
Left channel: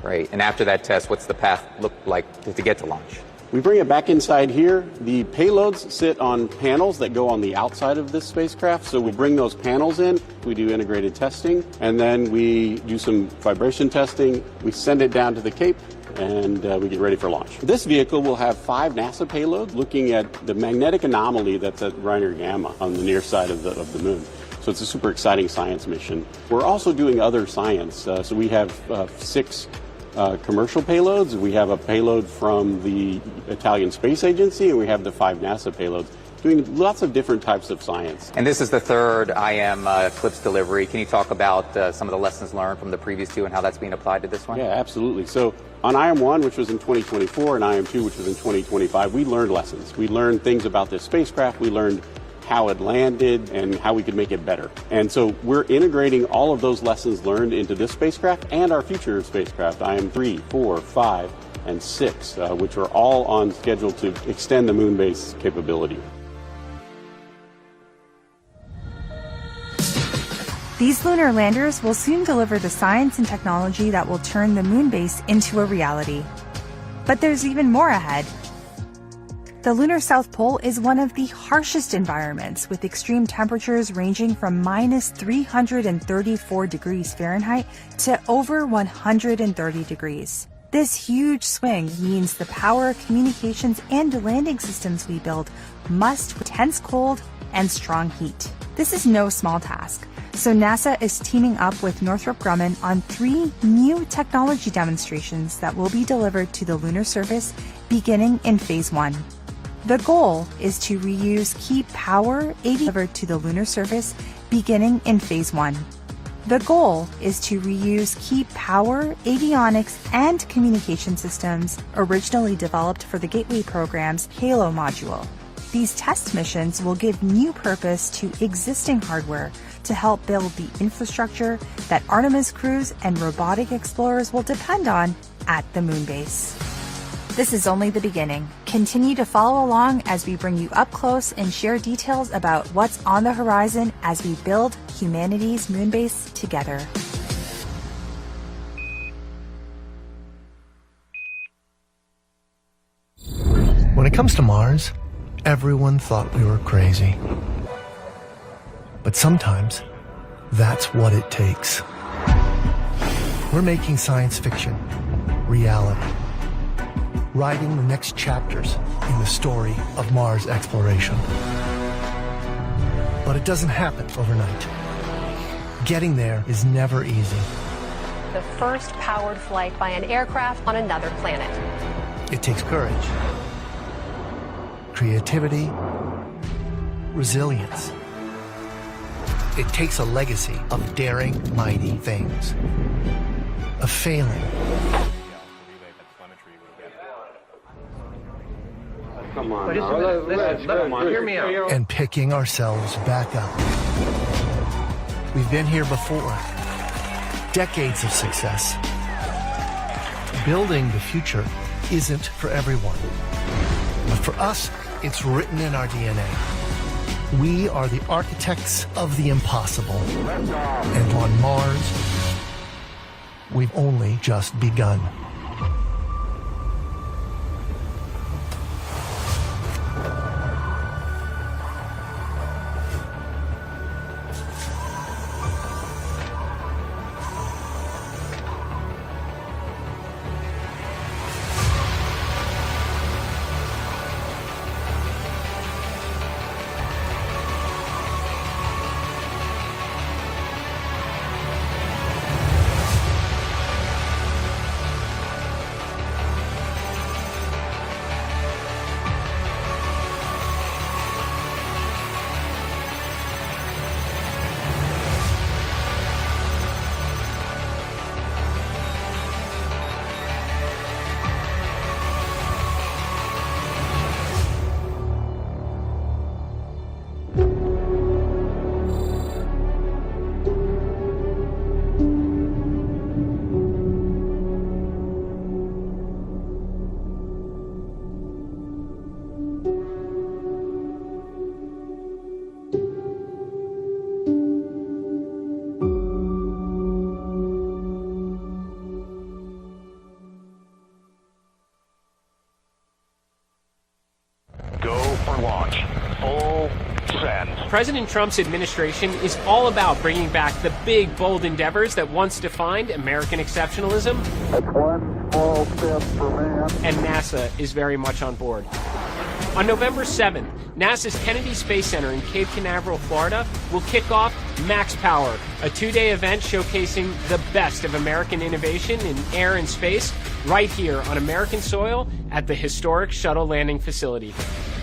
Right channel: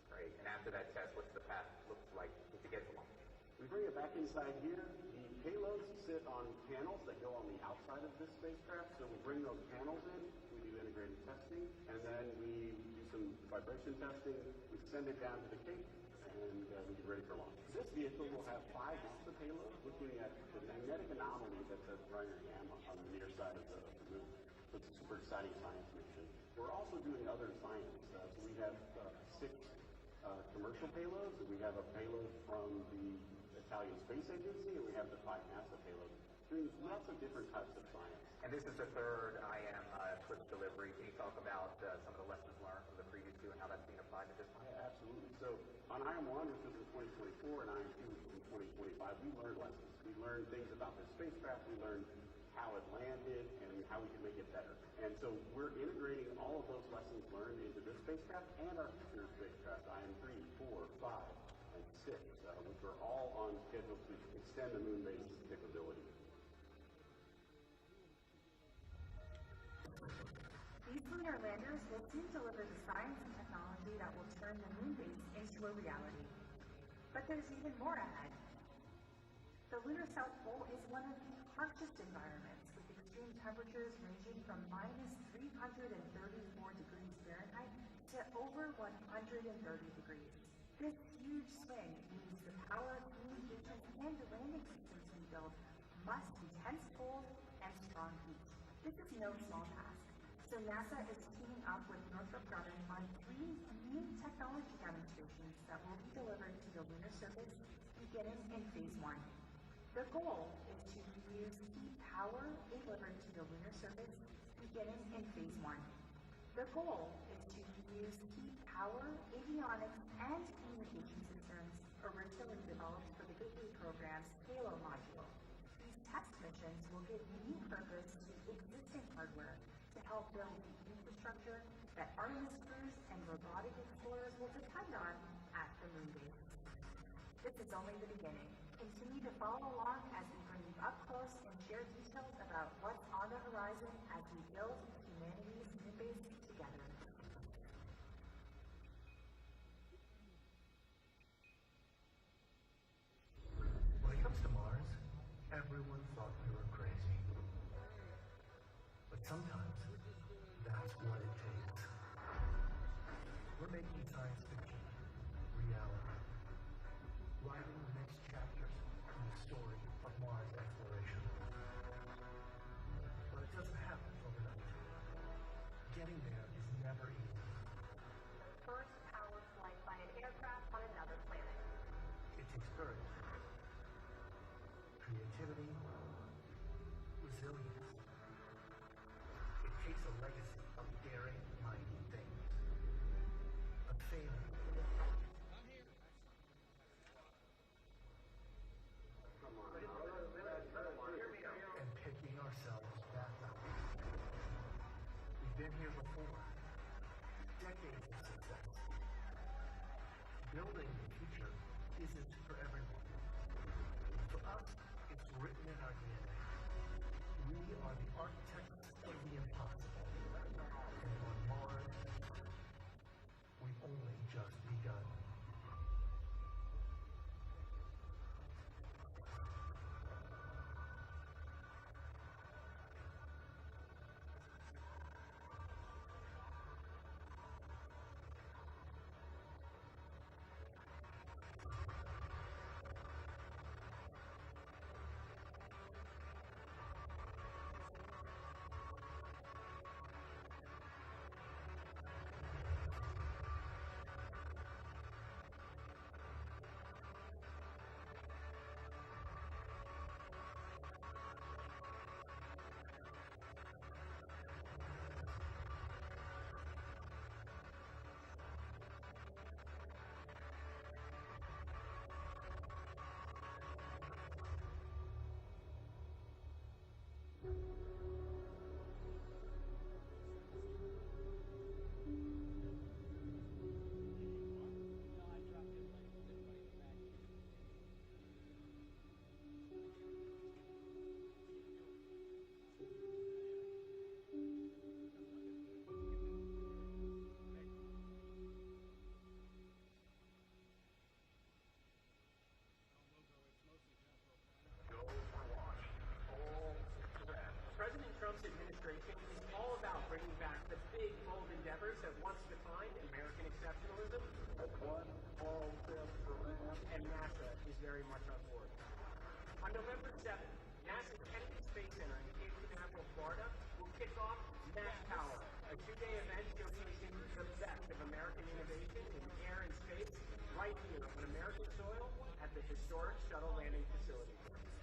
Great. And after that test, what's the path look like to get to launch? We bring it back inside here. The payloads sit on panels that go on the outside of this spacecraft. So we bring those panels in, we do integrated testing, and then we do some vibration testing. We send it down to the Cape, and we get ready for launch. This vehicle will have 5 NASA payloads looking at the magnetic anomaly that's at Reiner Gamma on the near side of the moon. So it's a super exciting science mission. We're also doing other science. So we have 6 commercial payloads. We have a payload from the Italian Space Agency, and we have the 5 NASA payloads, doing lots of different types of science. And this is the 3rd IM Eclipse delivery. Can you talk about some of the lessons learned from the previous 2 and how that's being applied to this one? Yeah, absolutely. So on IM-1, which was in 2024, and IM-2, which was in 2025, we learned lessons. We learned things about this spacecraft. We learned how it landed and how we could make it better. And so we're integrating all of those lessons learned into this spacecraft and our future spacecraft, IM-3, 4, 5, and 6, which are all on schedule to extend the moon base capability. These lunar landers will soon deliver the science and technology that will turn the moon base into a reality. But there's even more ahead. The lunar South Pole is one of the harshest environments, with extreme temperatures ranging from minus 334 degrees Fahrenheit to over 130 degrees. This huge swing means the power, communications, and landing systems we build must withstand intense cold and strong heat. This is no small task, so NASA is teaming up with Northrop Grumman on 3 new technology demonstrations that will be delivered to the lunar surface beginning in Phase 1. The goal is to reuse key power delivered to the lunar surface beginning in Phase 1. The goal is to reuse key power, avionics, and communication systems originally developed for the Gateway program's Halo module. These test missions will give new purpose to existing hardware to help build the infrastructure that Artemis crews and robotic explorers will depend on at the moon base. This is only the beginning. Continue to follow along as we bring you up close and share details about what's on the horizon as we build humanity's moon base together. When it comes to Mars, Everyone thought we were crazy. But sometimes, that's what it takes. We're making science fiction reality, writing the next chapters in the story of Mars exploration. But it doesn't happen overnight. Getting there is never easy. The first powered flight by an aircraft on another planet. It takes courage, creativity, resilience. It takes a legacy of daring, mighty things, of failing, come on, hear me out. And picking ourselves back up. We've been here before. Decades of success. Building the future isn't for everyone. But for us, it's written in our DNA. We are the architects of the impossible. And on Mars, we've only just begun. President Trump's administration is all about bringing back the big, bold endeavors that once defined American exceptionalism. One small step for man. And NASA is very much on board. On November 7th, NASA's Kennedy Space Center in Cape Canaveral, Florida, will kick off Max Power, a two-day event showcasing the best of American innovation in air and space right here on American soil at the historic shuttle landing facility.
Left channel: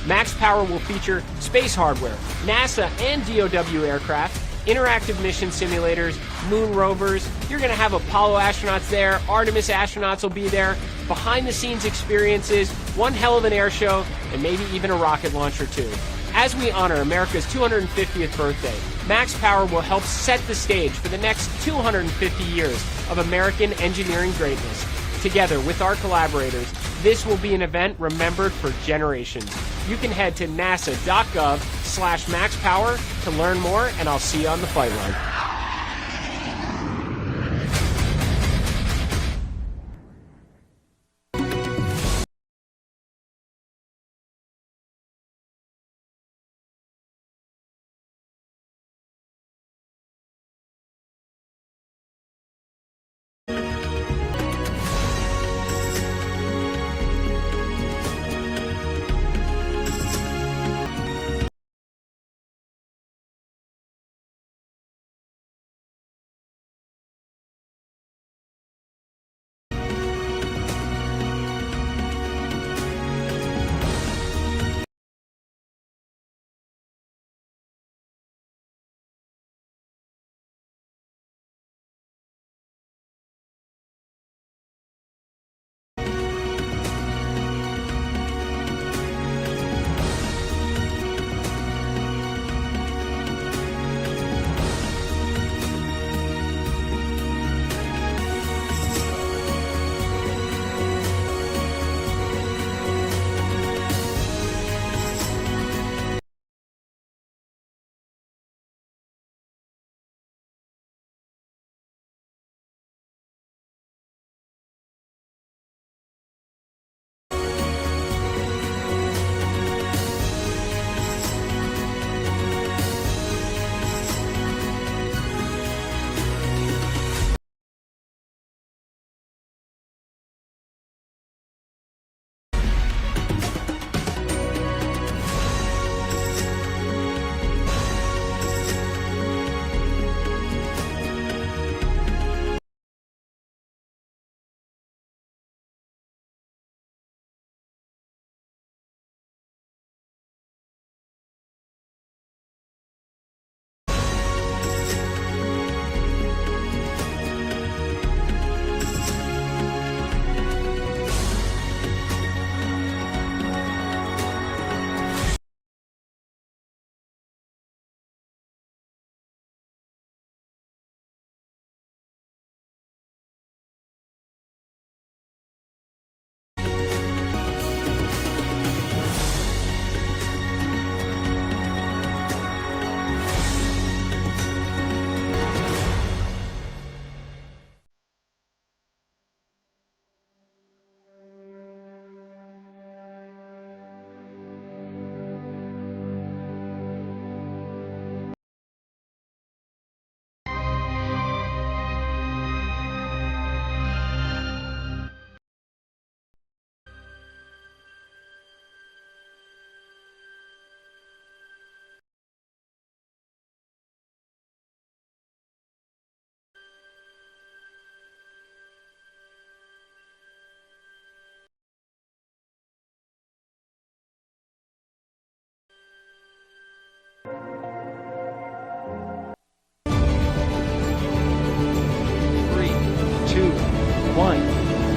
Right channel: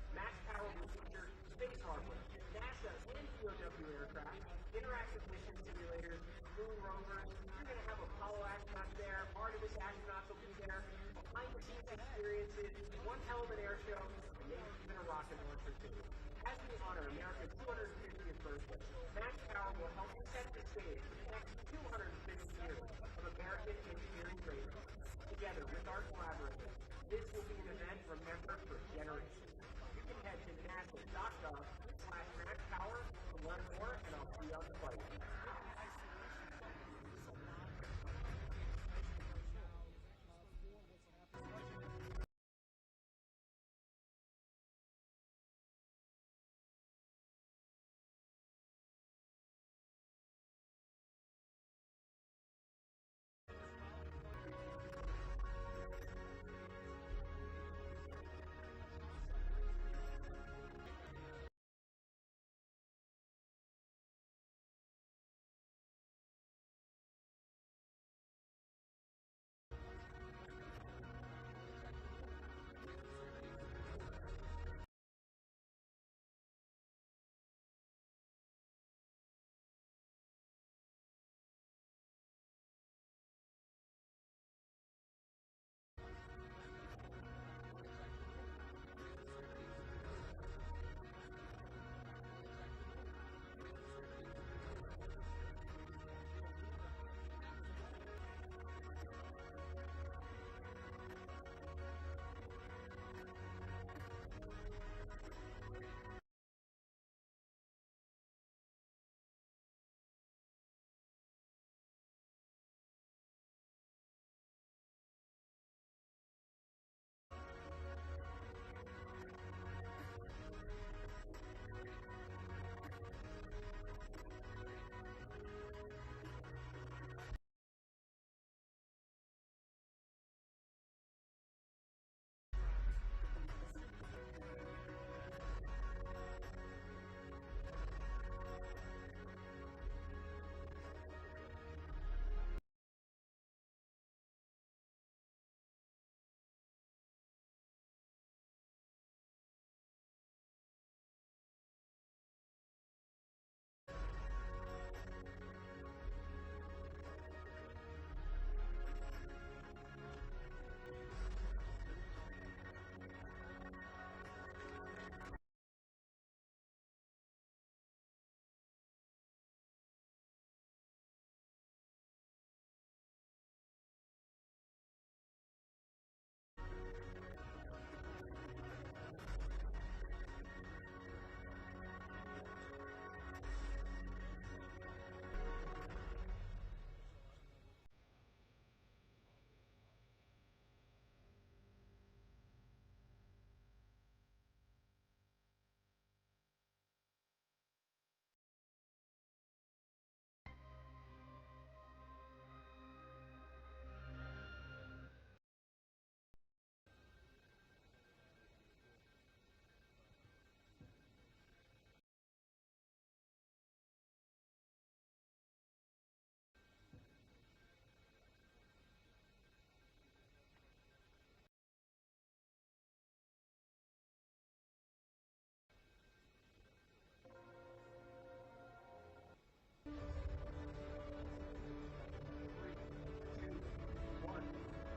Max Power will feature space hardware, NASA and DOW aircraft, interactive mission simulators, moon rovers. You're going to have Apollo astronauts there, Artemis astronauts will be there, behind-the-scenes experiences, one hell of an air show, and maybe even a rocket launch or two. As we honor America's 250th birthday, Max Power will help set the stage for the next 250 years of American engineering greatness. Together with our collaborators, this will be an event remembered for generations. You can head to nasa.gov/maxpower to learn more, and I'll see you on the flight line.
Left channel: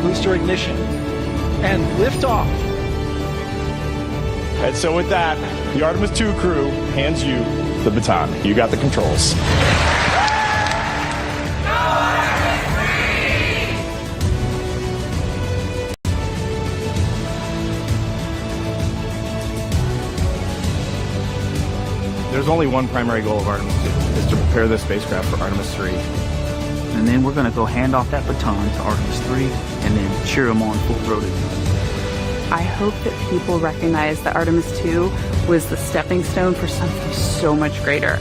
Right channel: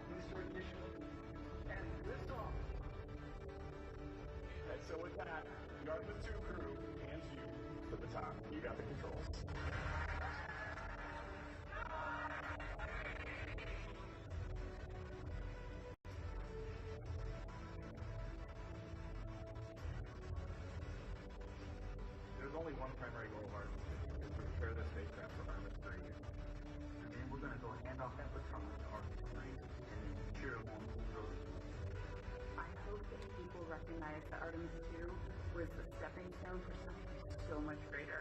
booster ignition, and liftoff. And so with that, the Artemis II crew hands you the baton. You got the controls. There's only one primary goal of Artemis II, is to prepare this spacecraft for Artemis III. And then we're going to go hand off that baton to Artemis III and then cheer them on full-throated. I hope that people recognize that Artemis II was the stepping stone for something so much greater.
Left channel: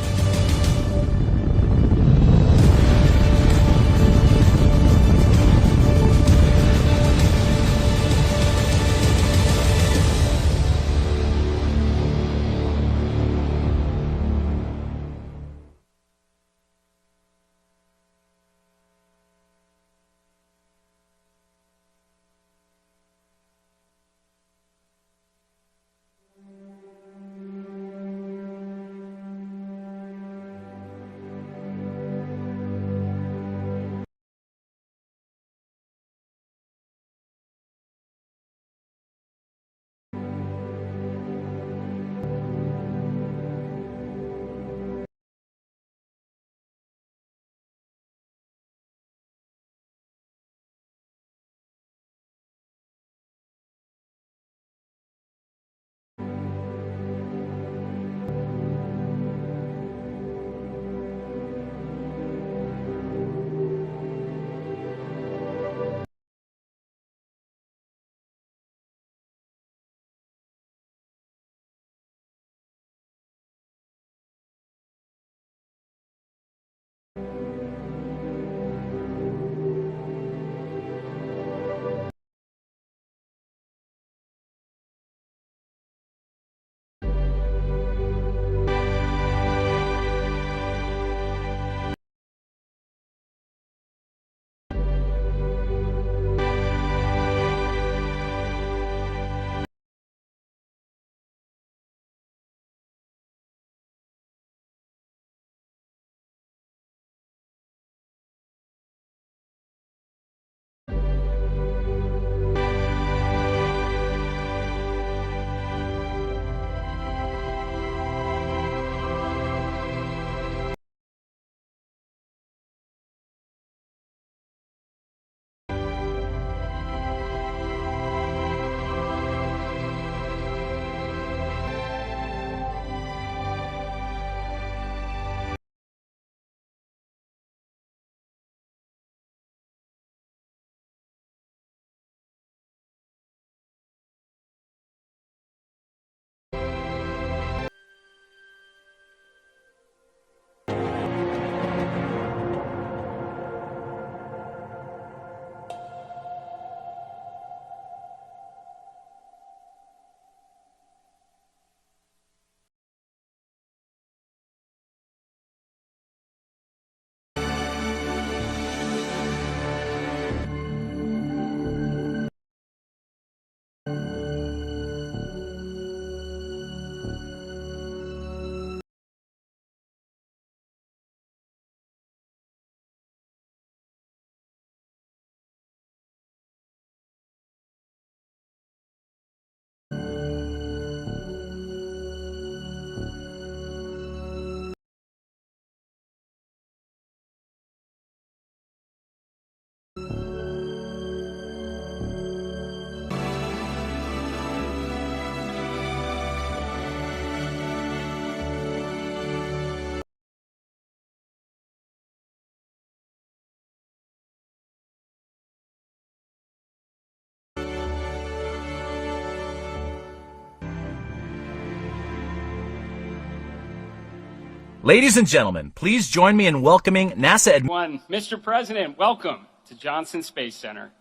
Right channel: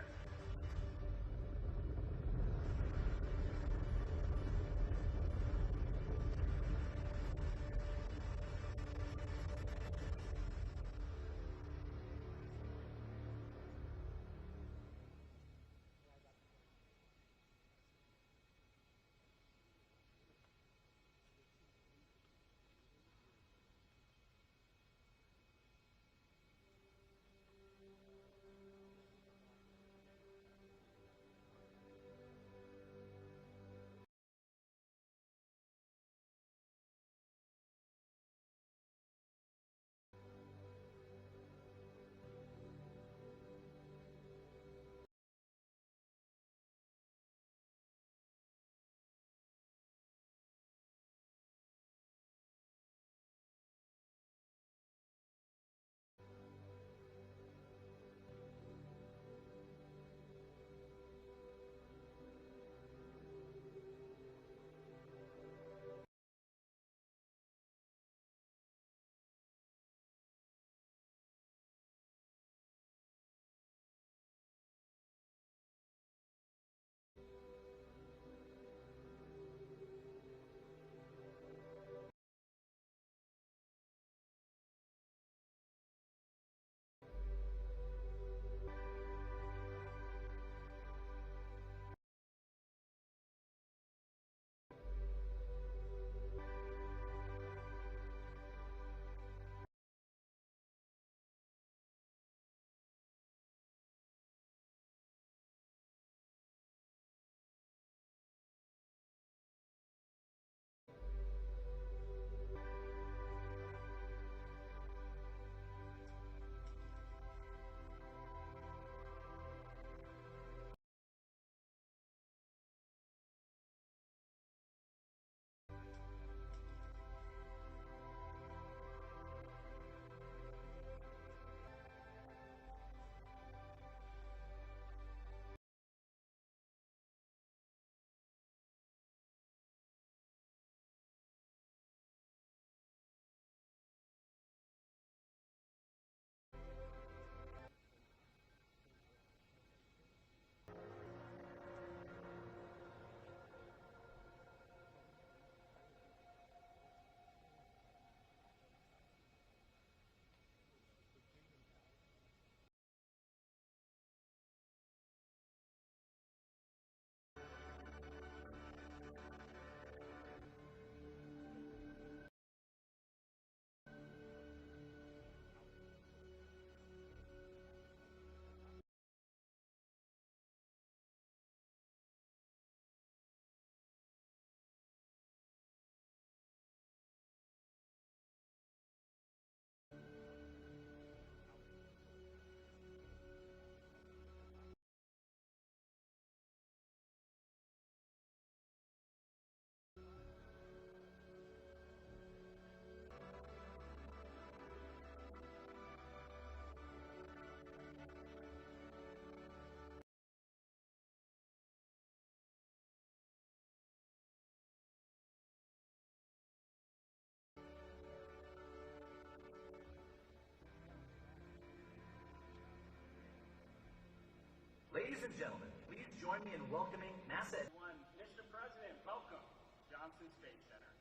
Ladies and gentlemen, please join me in welcoming NASA Mr. President, welcome to Johnson Space Center.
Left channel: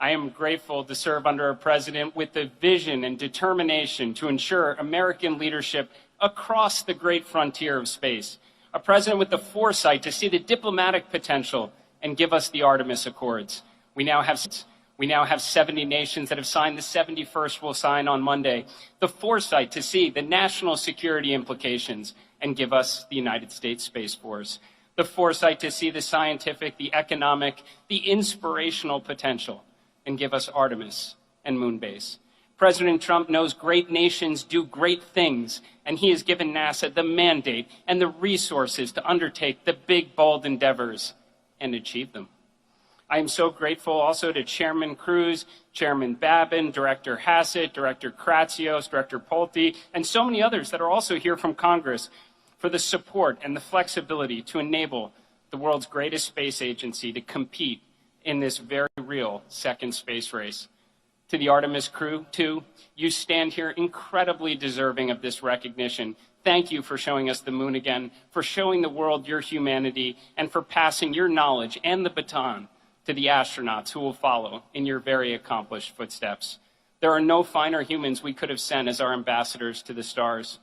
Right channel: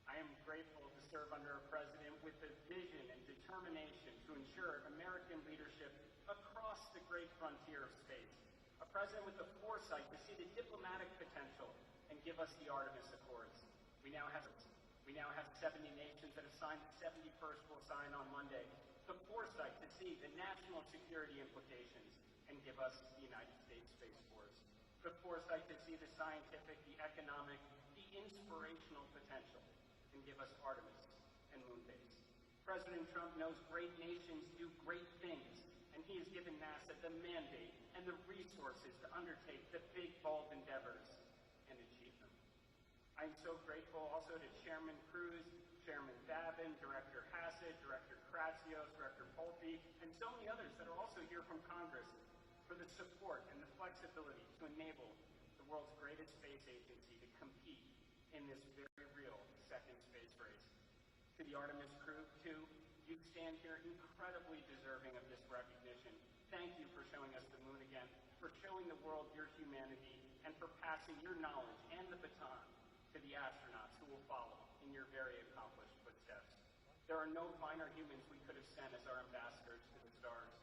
I am grateful to serve under a president with the vision and determination to ensure American leadership across the great frontier of space. A president with the foresight to see the diplomatic potential and give us the Artemis Accords. We now have 70 nations that have signed. The 71st will sign on Monday. The foresight to see the national security implications and give us the United States Space Force. The foresight to see the scientific, the economic, the inspirational potential and give us Artemis and Moonbase. President Trump knows great nations do great things, and he has given NASA the mandate and the resources to undertake the big, bold endeavors and achieve them. I am so grateful also to Chairman Cruz, Chairman Babin, Director Hassett, Director Kratsios, Director Pulte, and so many others that are also here from Congress for the support and the flexibility to enable the world's greatest space agency to compete in this very real second space race. To the Artemis crew, too, you stand here incredibly deserving of this recognition. Thank you for showing us the moon again, for showing the world your humanity, and for passing your knowledge and the baton to the astronauts who will follow in your very accomplished footsteps. There are no finer humans we could have sent as our ambassadors to the stars.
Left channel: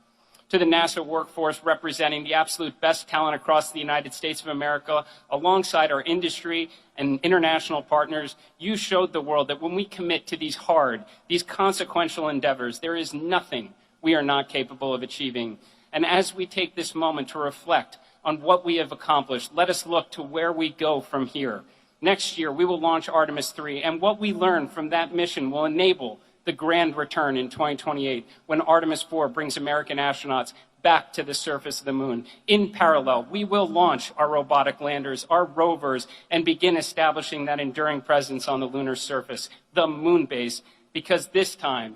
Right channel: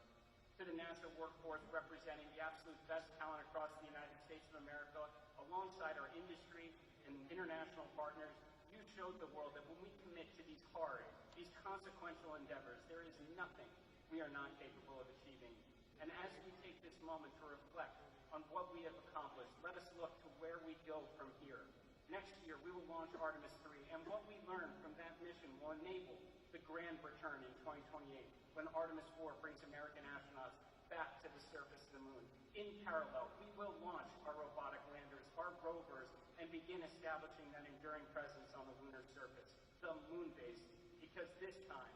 To the NASA workforce representing the absolute best talent across the United States of America, alongside our industry and international partners, you showed the world that when we commit to these hard, these consequential endeavors, there is nothing we are not capable of achieving. And as we take this moment to reflect on what we have accomplished, let us look to where we go from here. Next year, we will launch Artemis II, and what we learn from that mission will enable the grand return in 2028, when Artemis IV brings American astronauts back to the surface of the moon. In parallel, we will launch our robotic landers, our rovers, and begin establishing that enduring presence on the lunar surface, the moon base, because this time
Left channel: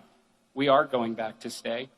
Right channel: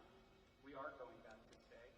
we are going back to stay.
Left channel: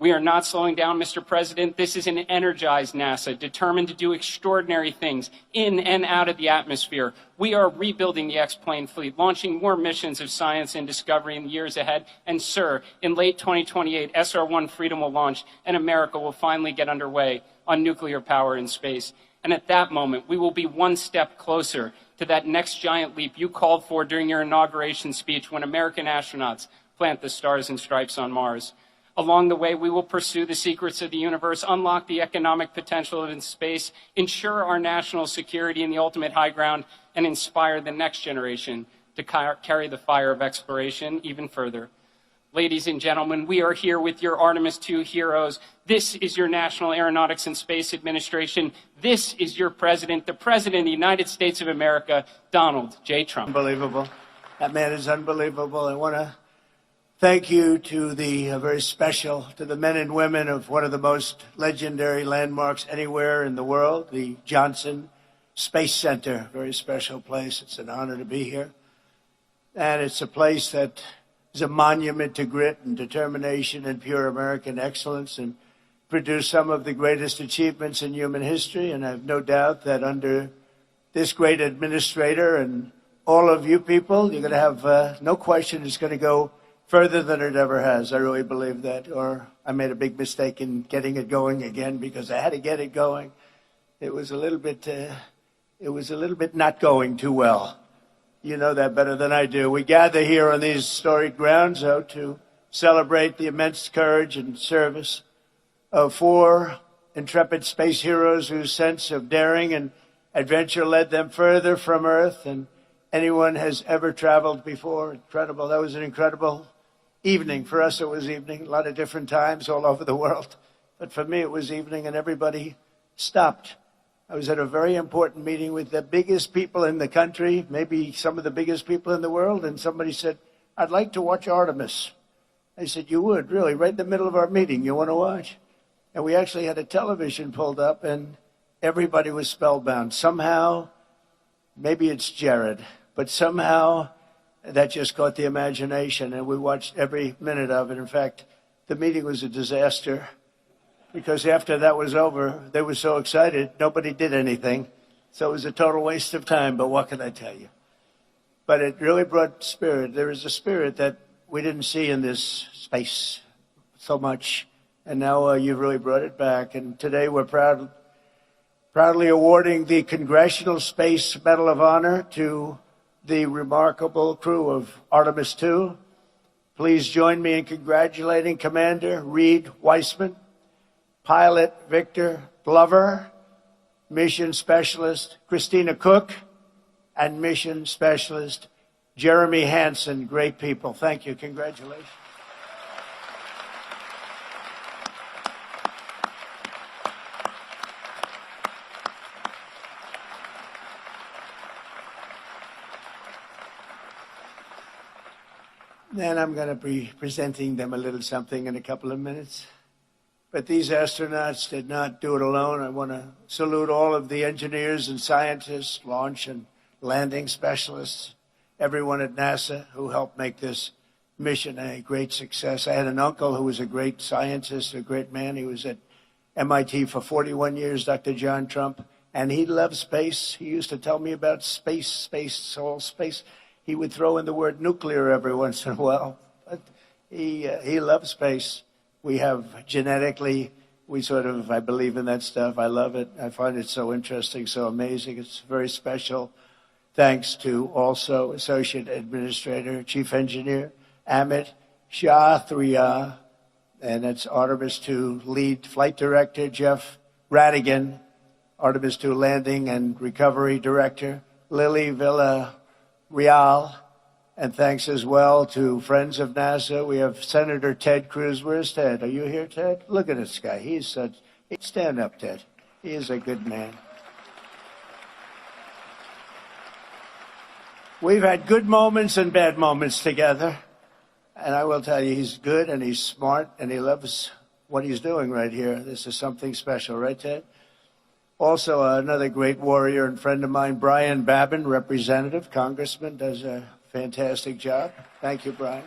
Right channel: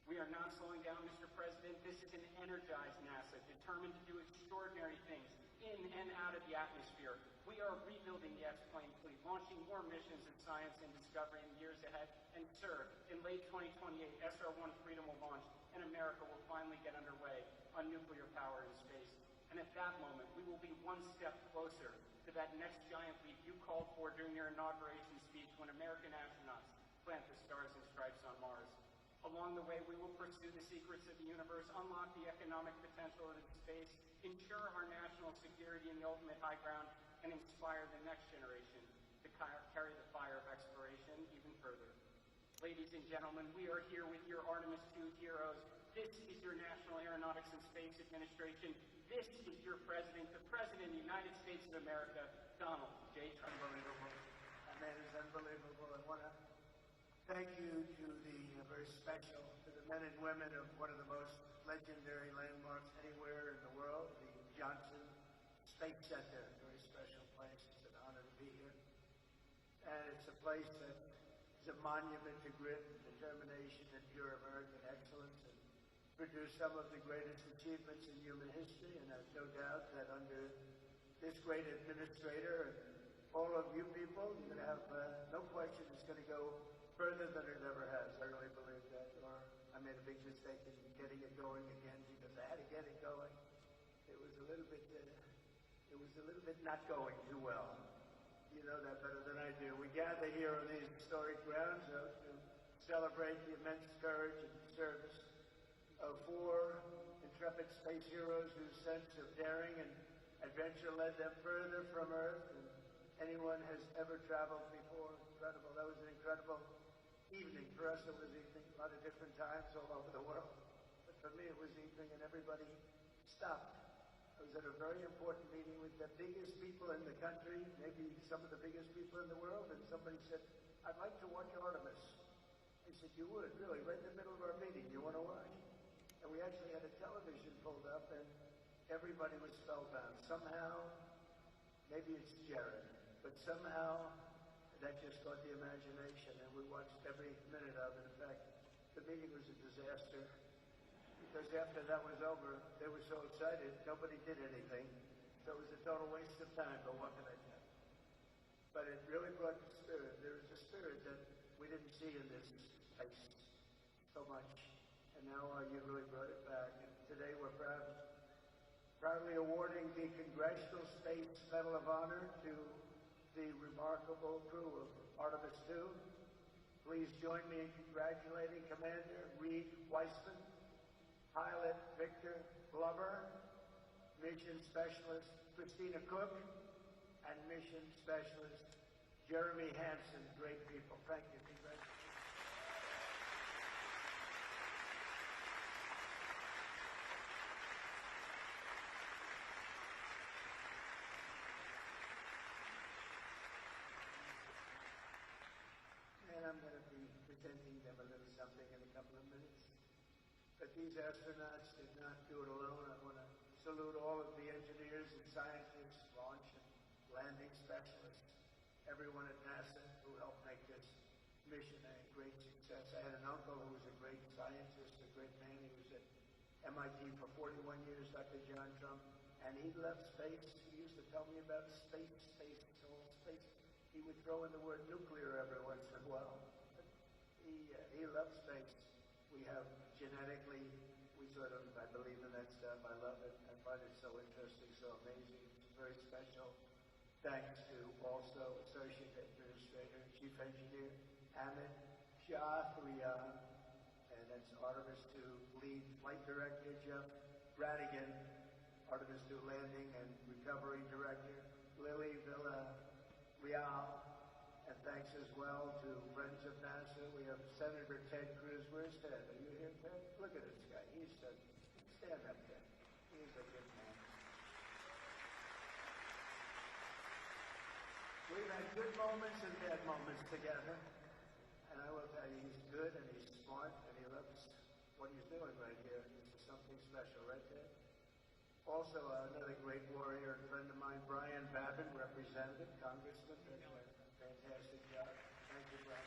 We are not slowing down, Mr. President. This is an energized NASA, determined to do extraordinary things in and out of the atmosphere. We are rebuilding the X-plane fleet, launching more missions of science and discovery in the years ahead. And, sir, in late 2028, SR-1 Freedom will launch, and America will finally get underway on nuclear power in space. And at that moment, we will be one step closer to that next giant leap you called for during your inauguration speech when American astronauts plant the stars and stripes on Mars. Along the way, we will pursue the secrets of the universe, unlock the economic potential of space, ensure our national security in the ultimate high ground, and inspire the next generation to carry the fire of exploration even further. Ladies and gentlemen, we are here with your Artemis II heroes. This is your National Aeronautics and Space Administration. This is your president, the President of the United States of America, Donald J. Trump. Unbelievable. That man is unbelievable. I want to thank you to the very special, to the men and women of one of the most legendary landmarks anywhere in the world, the Johnson Space Center. Very special place. It's an honor to be here. And it's a place that is a monument to grit and determination and pure American excellence, and produced some of the greatest achievements in human history. And I have no doubt that under this great administrator and all of you people, you're going to have no question it's going to go further than it ever has. I really believe that. Or I made a big mistake in getting it going again, because I had to get it going. It was a little bit not going too well. You know that better than I do. We gather here on these storied grounds, though, to celebrate the immense courage and service of 4 intrepid space heroes whose sense of daring and adventure led them further from Earth than anyone has ever traveled before. Incredible. That was an incredible evening. For us, it was evening. A lot of different times all over the world. But for me, it was evening, and everybody stopped. I was at a very important meeting with the biggest people in the country, maybe some of the biggest people in the world, and somebody said, "I'd like to watch Artemis." I said, "You would, really? Right in the middle of our meeting, you want to watch?" And we actually had a television pulled up, and everybody was spellbound. Somehow, maybe it's Jared, but somehow that just caught the imagination, and we watched every minute of it. In fact, the meeting was a disaster, because after that was over, they were so excited, nobody did anything. So it was a total waste of time, but what can I tell you? But it really brought spirit. There is a spirit that we didn't see in this space so much, and now you've really brought it back. And today we're proudly awarding the Congressional Space Medal of Honor to the remarkable crew of Artemis II. Please join me in congratulating Commander Reed Weissman, Pilot Victor Glover, Mission Specialist Christina Cook, and Mission Specialist Jeremy Hansen. Great people. Thank you. Congratulations. And I'm going to be presenting them a little something in a couple of minutes. But these astronauts did not do it alone. I want to salute all of the engineers and scientists, launch and landing specialists, everyone at NASA who helped make this mission a great success. I had an uncle who was a great scientist, a great man. He was at MIT for 41 years, Dr. John Trump, and he loved space. He used to tell me about space, all space. He would throw in the word nuclear every once in a while, but he loved space. We have genetically, I believe in that stuff. I love it. I find it so interesting, so amazing. It's very special. Thanks to also Associate Administrator, Chief Engineer, Amit Shathriya, and that's Artemis II Lead Flight Director, Jeff Radigan, Artemis II Landing and Recovery Director, Lily Villarreal, and thanks as well to friends of NASA. We have Senator Ted Cruz. Where's Ted? Are you here, Ted? Look at this guy. Stand up, Ted. He is a good man. We've had good moments and bad moments together. And I will tell you, he's good and he's smart and he loves what he's doing right here. This is something special, right, Ted? Also, another great warrior and friend of mine, Brian Babin, representative, congressman, does a fantastic job. Thank you, Brian.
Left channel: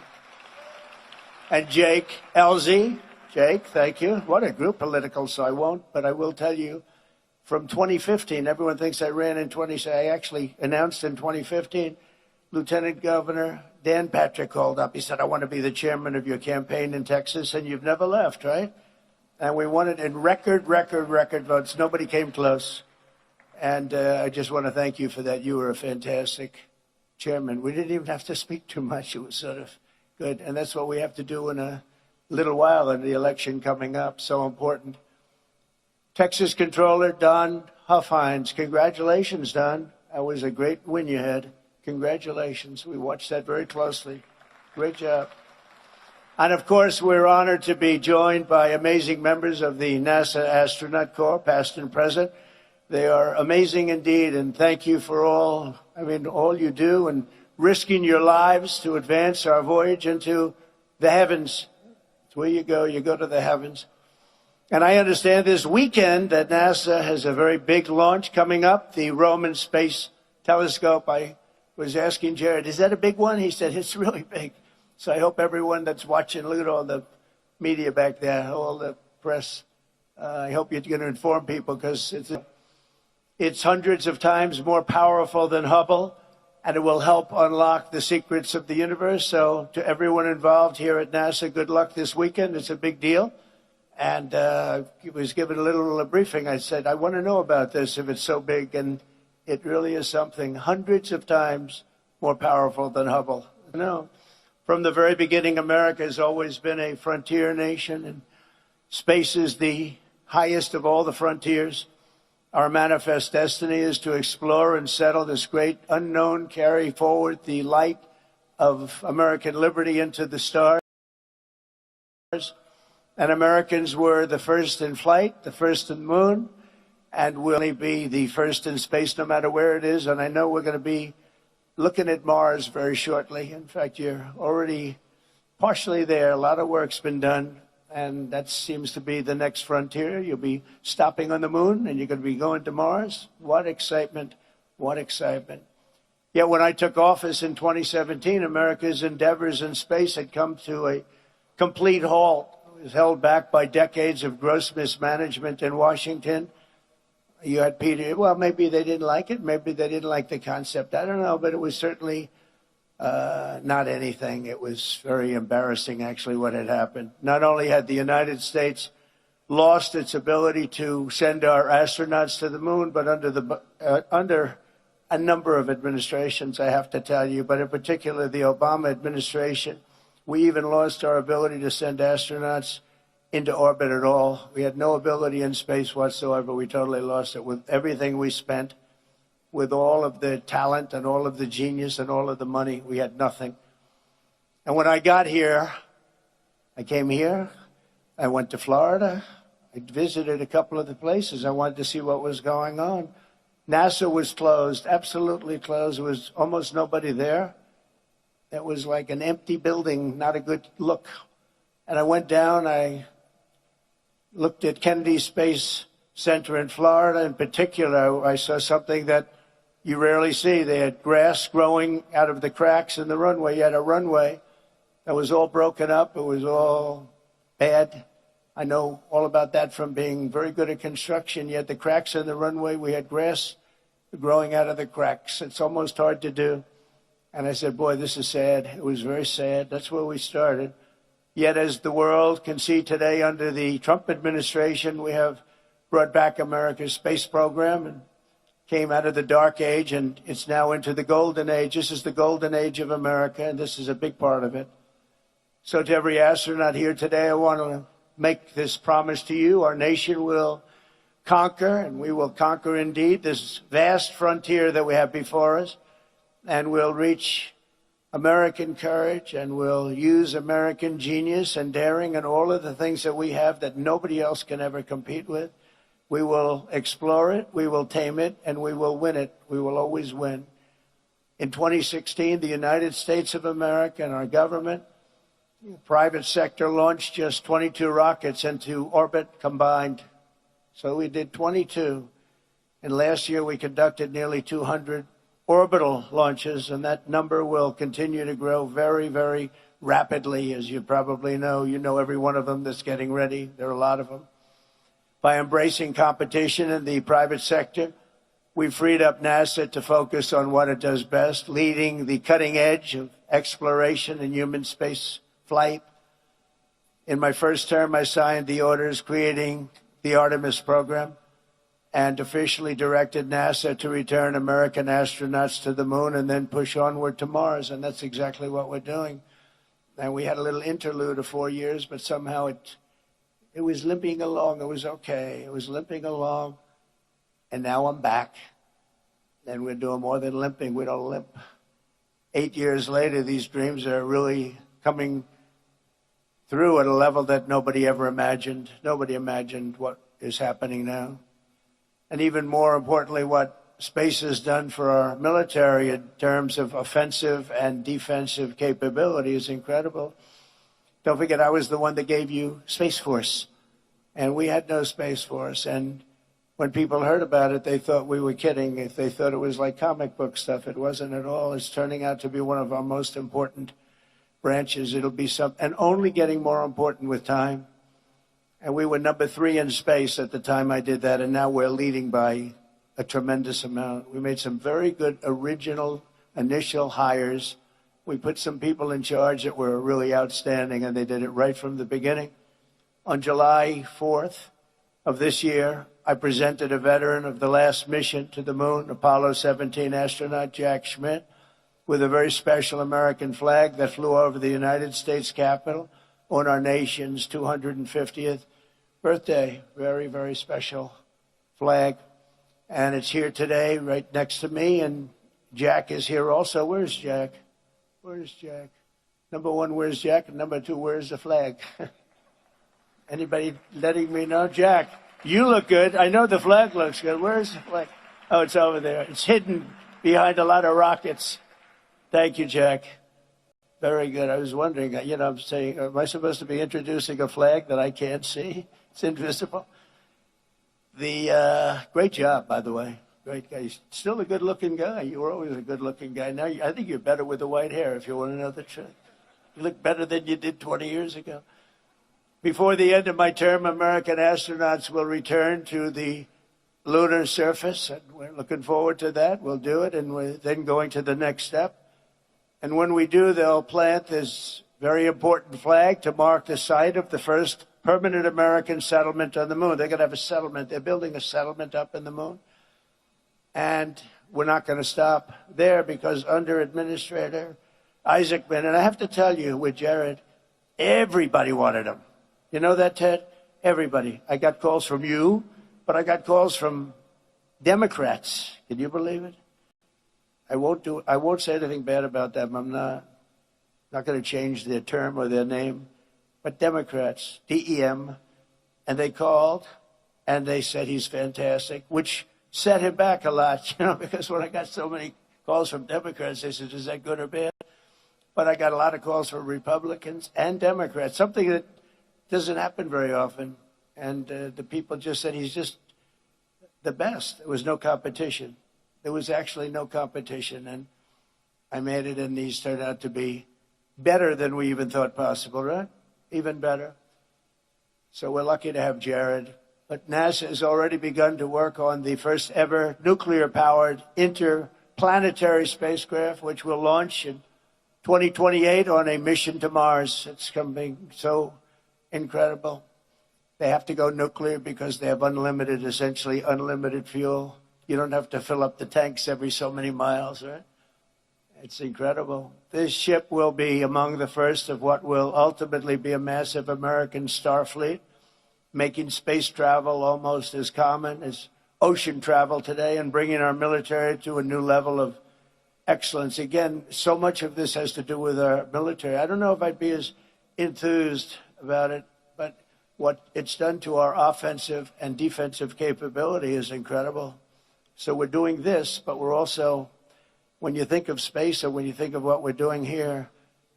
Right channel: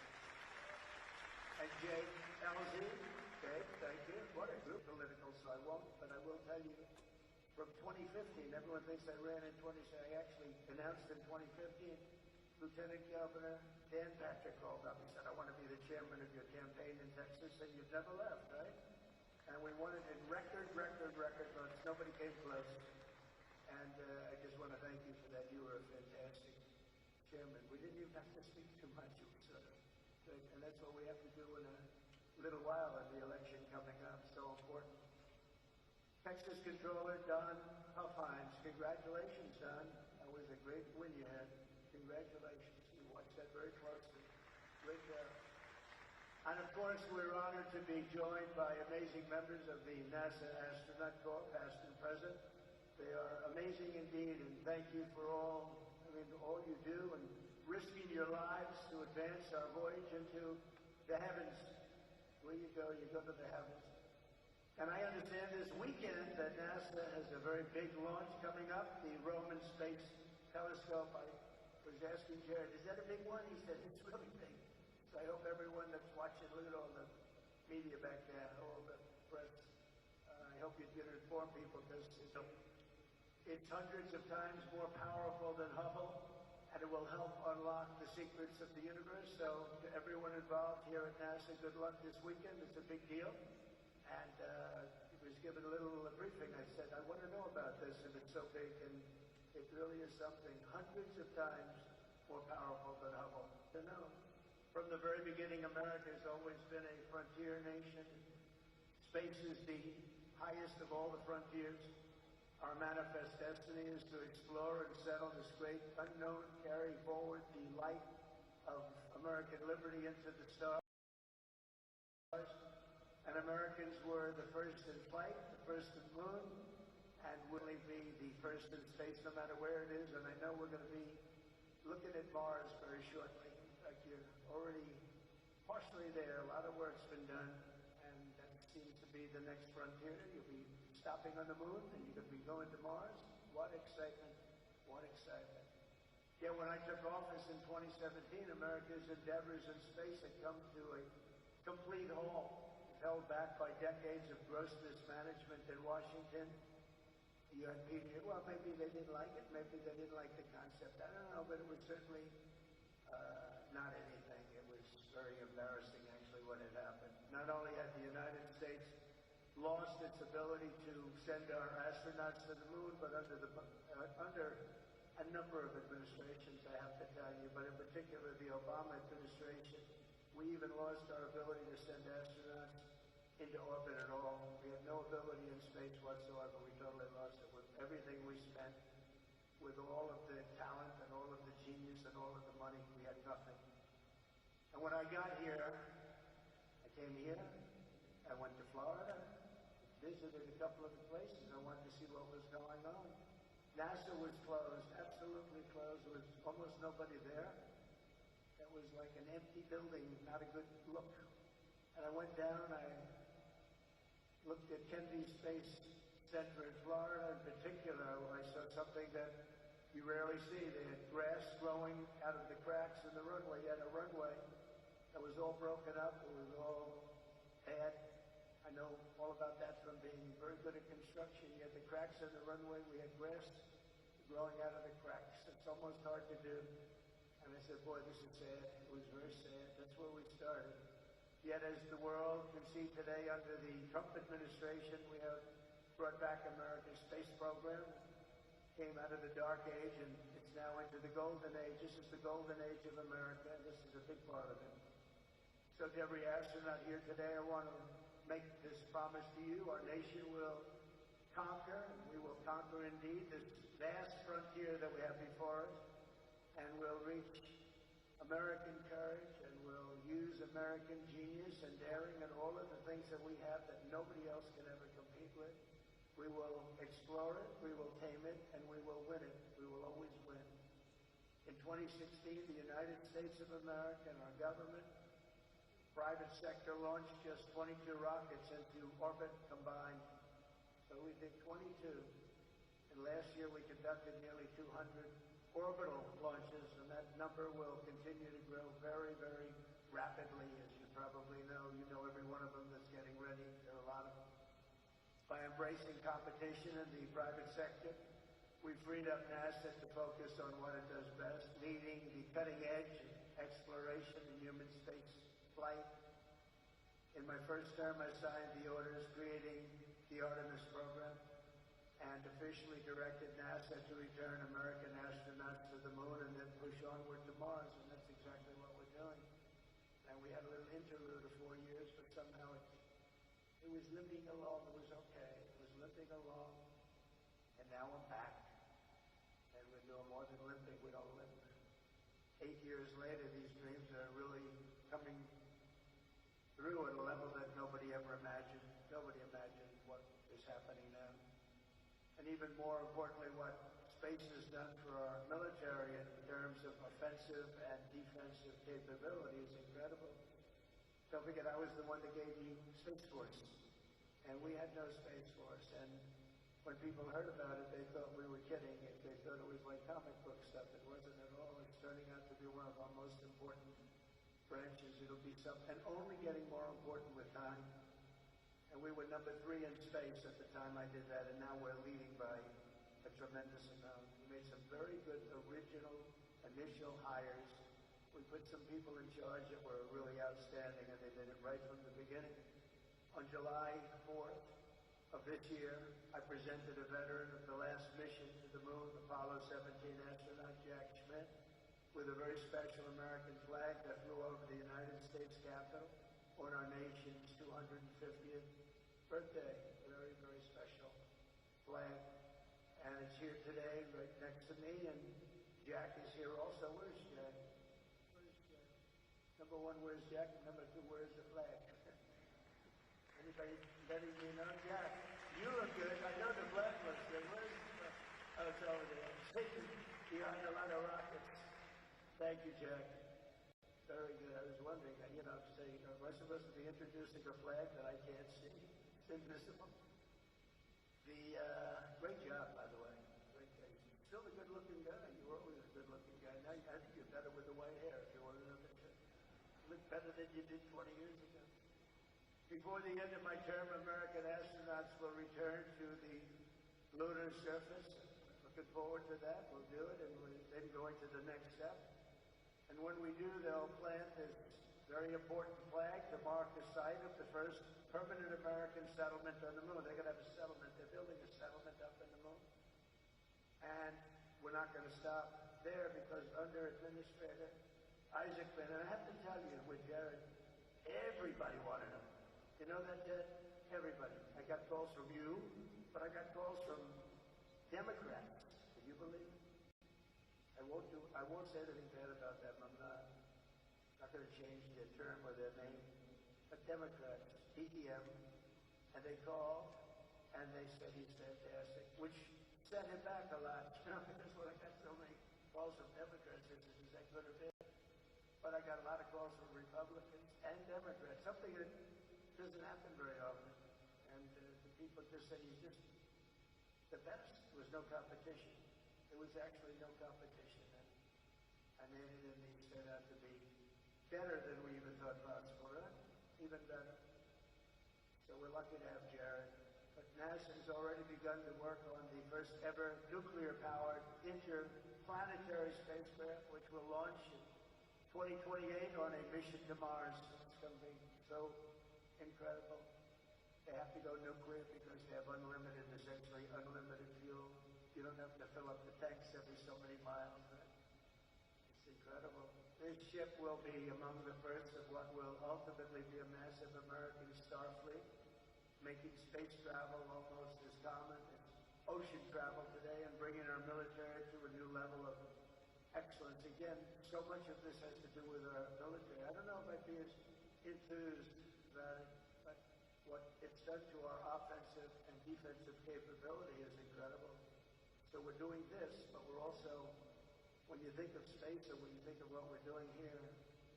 And Jake Elzy. Jake, thank you. What a group, political, so I won't, but I will tell you, from 2015, everyone thinks I ran in I actually announced in 2015, Lieutenant Governor Dan Patrick called up. He said, I want to be the chairman of your campaign in Texas, and you've never left, right? And we won it in record votes. Nobody came close. And I just want to thank you for that. You were a fantastic chairman. We didn't even have to speak too much. It was sort of good. And that's what we have to do in a little while in the election coming up. So important. Texas Controller Don Huffines. Congratulations, Don. That was a great win you had. Congratulations. We watched that very closely. Great job. And of course, we're honored to be joined by amazing members of the NASA Astronaut Corps, past and present. They are amazing indeed, and thank you for all you do and risking your lives to advance our voyage into the heavens. It's where you go to the heavens. And I understand this weekend that NASA has a very big launch coming up, the Roman Space Telescope. I was asking Jared, is that a big one? He said, it's really big. So I hope everyone that's watching, look at all the media back there, all the press. I hope you're going to inform people because it's hundreds of times more powerful than Hubble, and it will help unlock the secrets of the universe. So to everyone involved here at NASA, good luck this weekend. It's a big deal. And I was given a little briefing. I said, I want to know about this if it's so big. And it really is something hundreds of times more powerful than Hubble. No. From the very beginning, America has always been a frontier nation, and space is the highest of all the frontiers. Our manifest destiny is to explore and settle this great unknown, carry forward the light of American liberty into the stars. And Americans were the first in flight, the first in the moon, and will only be the first in space no matter where it is. And I know we're going to be looking at Mars very shortly. In fact, you're already partially there. A lot of work's been done, and that seems to be the next frontier. You'll be stopping on the moon, and you're going to be going to Mars. What excitement, what excitement. Yet when I took office in 2017, America's endeavors in space had come to a complete halt. It was held back by decades of gross mismanagement in Washington. You had Peter, well, maybe they didn't like it. Maybe they didn't like the concept. I don't know, but it was certainly not anything. It was very embarrassing, actually, what had happened. Not only had the United States lost its ability to send our astronauts to the moon, but under a number of administrations, I have to tell you, but in particular the Obama administration, we even lost our ability to send astronauts into orbit at all. We had no ability in space whatsoever. We totally lost it. With everything we spent, with all of the talent and all of the genius and all of the money, we had nothing. And when I got here, I came here, I went to Florida, I visited a couple of the places. I wanted to see what was going on. NASA was closed, absolutely closed. There was almost nobody there. that was like an empty building, not a good look. And I went down, I looked at Kennedy Space Center in Florida in particular. I saw something that you rarely see. They had grass growing out of the cracks in the runway. You had a runway that was all broken up. It was all bad. I know all about that from being very good at construction. You had the cracks in the runway. We had grass growing out of the cracks. It's almost hard to do. And I said, boy, this is sad. It was very sad. That's where we started. Yet as the world can see today under the Trump administration, we have brought back America's space program and came out of the dark age, and it's now into the golden age. This is the golden age of America, and this is a big part of it. So to every astronaut here today, I want to make this promise to you. Our nation will conquer, and we will conquer indeed this vast frontier that we have before us, and we'll reach American courage, and we'll use American genius and daring and all of the things that we have that nobody else can ever compete with. We will explore it, we will tame it, and we will win it. We will always win. In 2016, the United States of America and our government, the private sector, launched just 22 rockets into orbit combined. So we did 22. And last year we conducted nearly 200 orbital launches, and that number will continue to grow very, very rapidly, as you probably know. You know every one of them that's getting ready. There are a lot of them. By embracing competition in the private sector, we've freed up NASA to focus on what it does best, leading the cutting edge of exploration and human space flight. In my first term, I signed the orders creating the Artemis program and officially directed NASA to return American astronauts to the moon and then push onward to Mars. And that's exactly what we're doing. And we had a little interlude of 4 years, but somehow it was limping along. It was okay. It was limping along. And now I'm back. And we're doing more than limping. We don't limp. 8 years later, these dreams are really coming through at a level that nobody ever imagined. Nobody imagined what is happening now. And even more importantly, what space has done for our military in terms of offensive and defensive capability is incredible. Don't forget, I was the one that gave you Space Force, and we had no Space Force. And when people heard about it, they thought we were kidding. If they thought it was like comic book stuff, it wasn't at all. It's turning out to be one of our most important branches. It'll be and only getting more important with time. And we were number 3 in space at the time I did that, and now we're leading by a tremendous amount. We made some very good original initial hires. We put some people in charge that were really outstanding, and they did it right from the beginning. On July 4th of this year, I presented a veteran of the last mission to the moon, Apollo 17 astronaut Jack Schmitt, with a very special American flag that flew over the United States Capitol on our nation's 250th birthday. Very, very special flag. And it's here today right next to me, and Jack is here also. Where's Jack? Where's Jack? Number 1, where's Jack? And number 2, where's the flag? Anybody letting me know? Jack, you look good. I know the flag looks good. Where's the flag? Oh, it's over there. It's hidden behind a lot of rockets. Thank you, Jack. Very good. I was wondering, I'm saying, am I supposed to be introducing a flag that I can't see? It's invisible. Great job, by the way. Great guy. He's still a good-looking guy. You were always a good-looking guy. Now, I think you're better with the white hair, if you want to know the truth. You look better than you did 20 years ago. Before the end of my term, American astronauts will return to the lunar surface, and we're looking forward to that. We'll do it, and we're then going to the next step. And when we do, they'll plant this very important flag to mark the site of the first permanent American settlement on the moon. They're going to have a settlement. They're building a settlement up in the moon. And we're not going to stop there, because under Administrator Isaacman, and I have to tell you, with Jared, everybody wanted him. You know that, Ted? Everybody. I got calls from you, but I got calls from Democrats. Can you believe it? I won't say anything bad about them. I'm not going to change their term or their name. But Democrats, DEM, and they called, and they said he's fantastic, which set him back a lot, because when I got so many calls from Democrats, they said, is that good or bad? But I got a lot of calls from Republicans and Democrats, something that doesn't happen very often. And the people just said he's just the best. There was no competition. There was actually no competition. And I made it, and these turned out to be better than we even thought possible, right? Even better. So we're lucky to have Jared. But NASA has already begun to work on the first ever nuclear-powered interplanetary spacecraft, which will launch in 2028 on a mission to Mars. It's coming so incredible. They have to go nuclear because they have unlimited, essentially unlimited fuel. You don't have to fill up the tanks every so many miles, right? It's incredible. This ship will be among the first of what will ultimately be a massive American star fleet, making space travel almost as common as ocean travel today and bringing our military to a new level of excellence. Again, so much of this has to do with our military. I don't know if I'd be as enthused about it, but what it's done to our offensive and defensive capability is incredible. So we're doing this, but we're also, when you think of space or when you think of what we're doing here,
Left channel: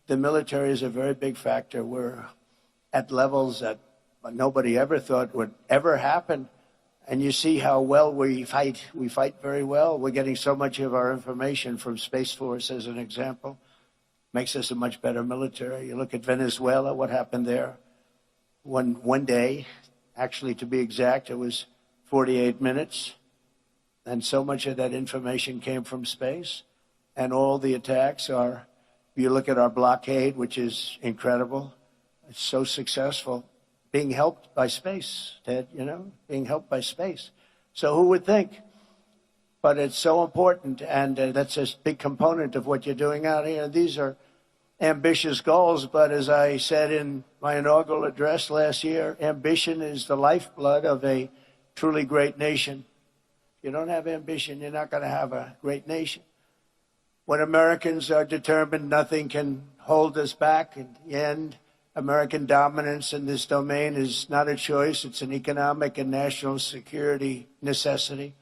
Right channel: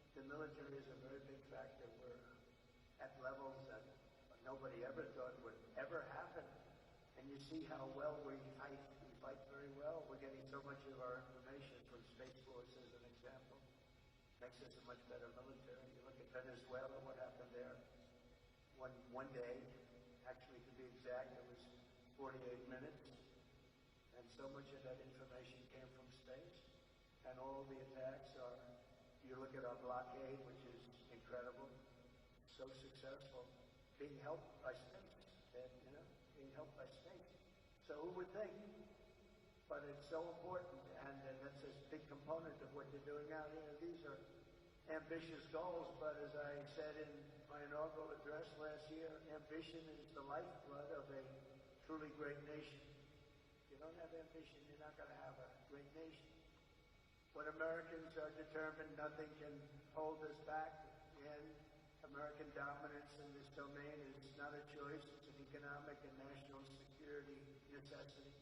the military is a very big factor. We're at levels that nobody ever thought would ever happen. And you see how well we fight. We fight very well. We're getting so much of our information from Space Force, as an example. Makes us a much better military. You look at Venezuela, what happened there. One day, actually to be exact, it was 48 minutes. And so much of that information came from space. And all the attacks are, you look at our blockade, which is incredible. It's so successful. Being helped by space, Ted, you know, being helped by space. So who would think? But it's so important, and that's a big component of what you're doing out here. These are ambitious goals, but as I said in my inaugural address last year, ambition is the lifeblood of a truly great nation. If you don't have ambition, you're not going to have a great nation. When Americans are determined, nothing can hold us back. In the end, American dominance in this domain is not a choice. It's an economic and national security necessity.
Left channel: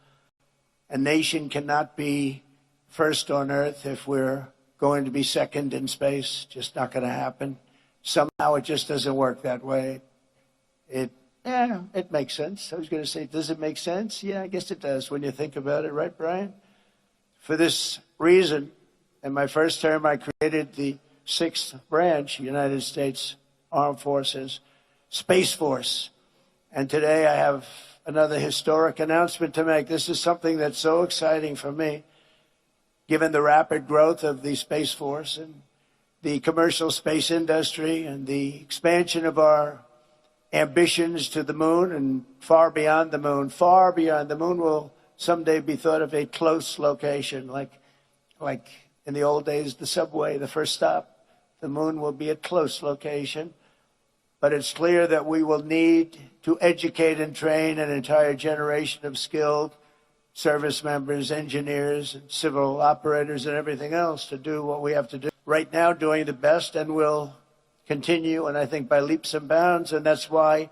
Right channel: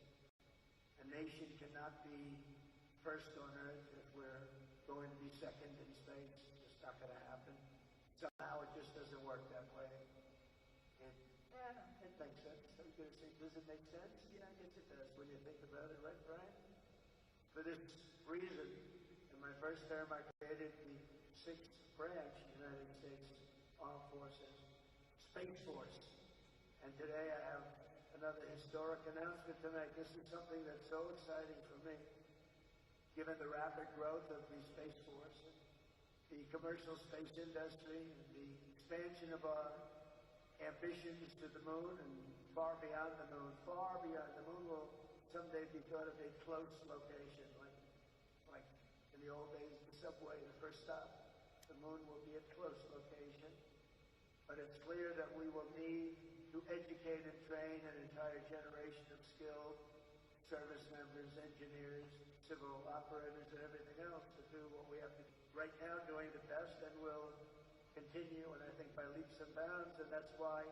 A nation cannot be first on Earth if we're going to be second in space. Just not going to happen. Somehow it just doesn't work that way. It makes sense. I was going to say, does it make sense? Yeah, I guess it does when you think about it, right, Brian? For this reason, in my first term, I created the 6th branch, United States Armed Forces, Space Force. And today I have another historic announcement to make. This is something that's so exciting for me, given the rapid growth of the Space Force and the commercial space industry and the expansion of our ambitions to the moon and far beyond the moon. Far beyond the moon will someday be thought of a close location, like in the old days, the subway, the first stop. The moon will be a close location. But it's clear that we will need to educate and train an entire generation of skilled service members, engineers, and civil operators, and everything else to do what we have to do. Right now, doing the best, and will continue, and I think by leaps and bounds. And that's why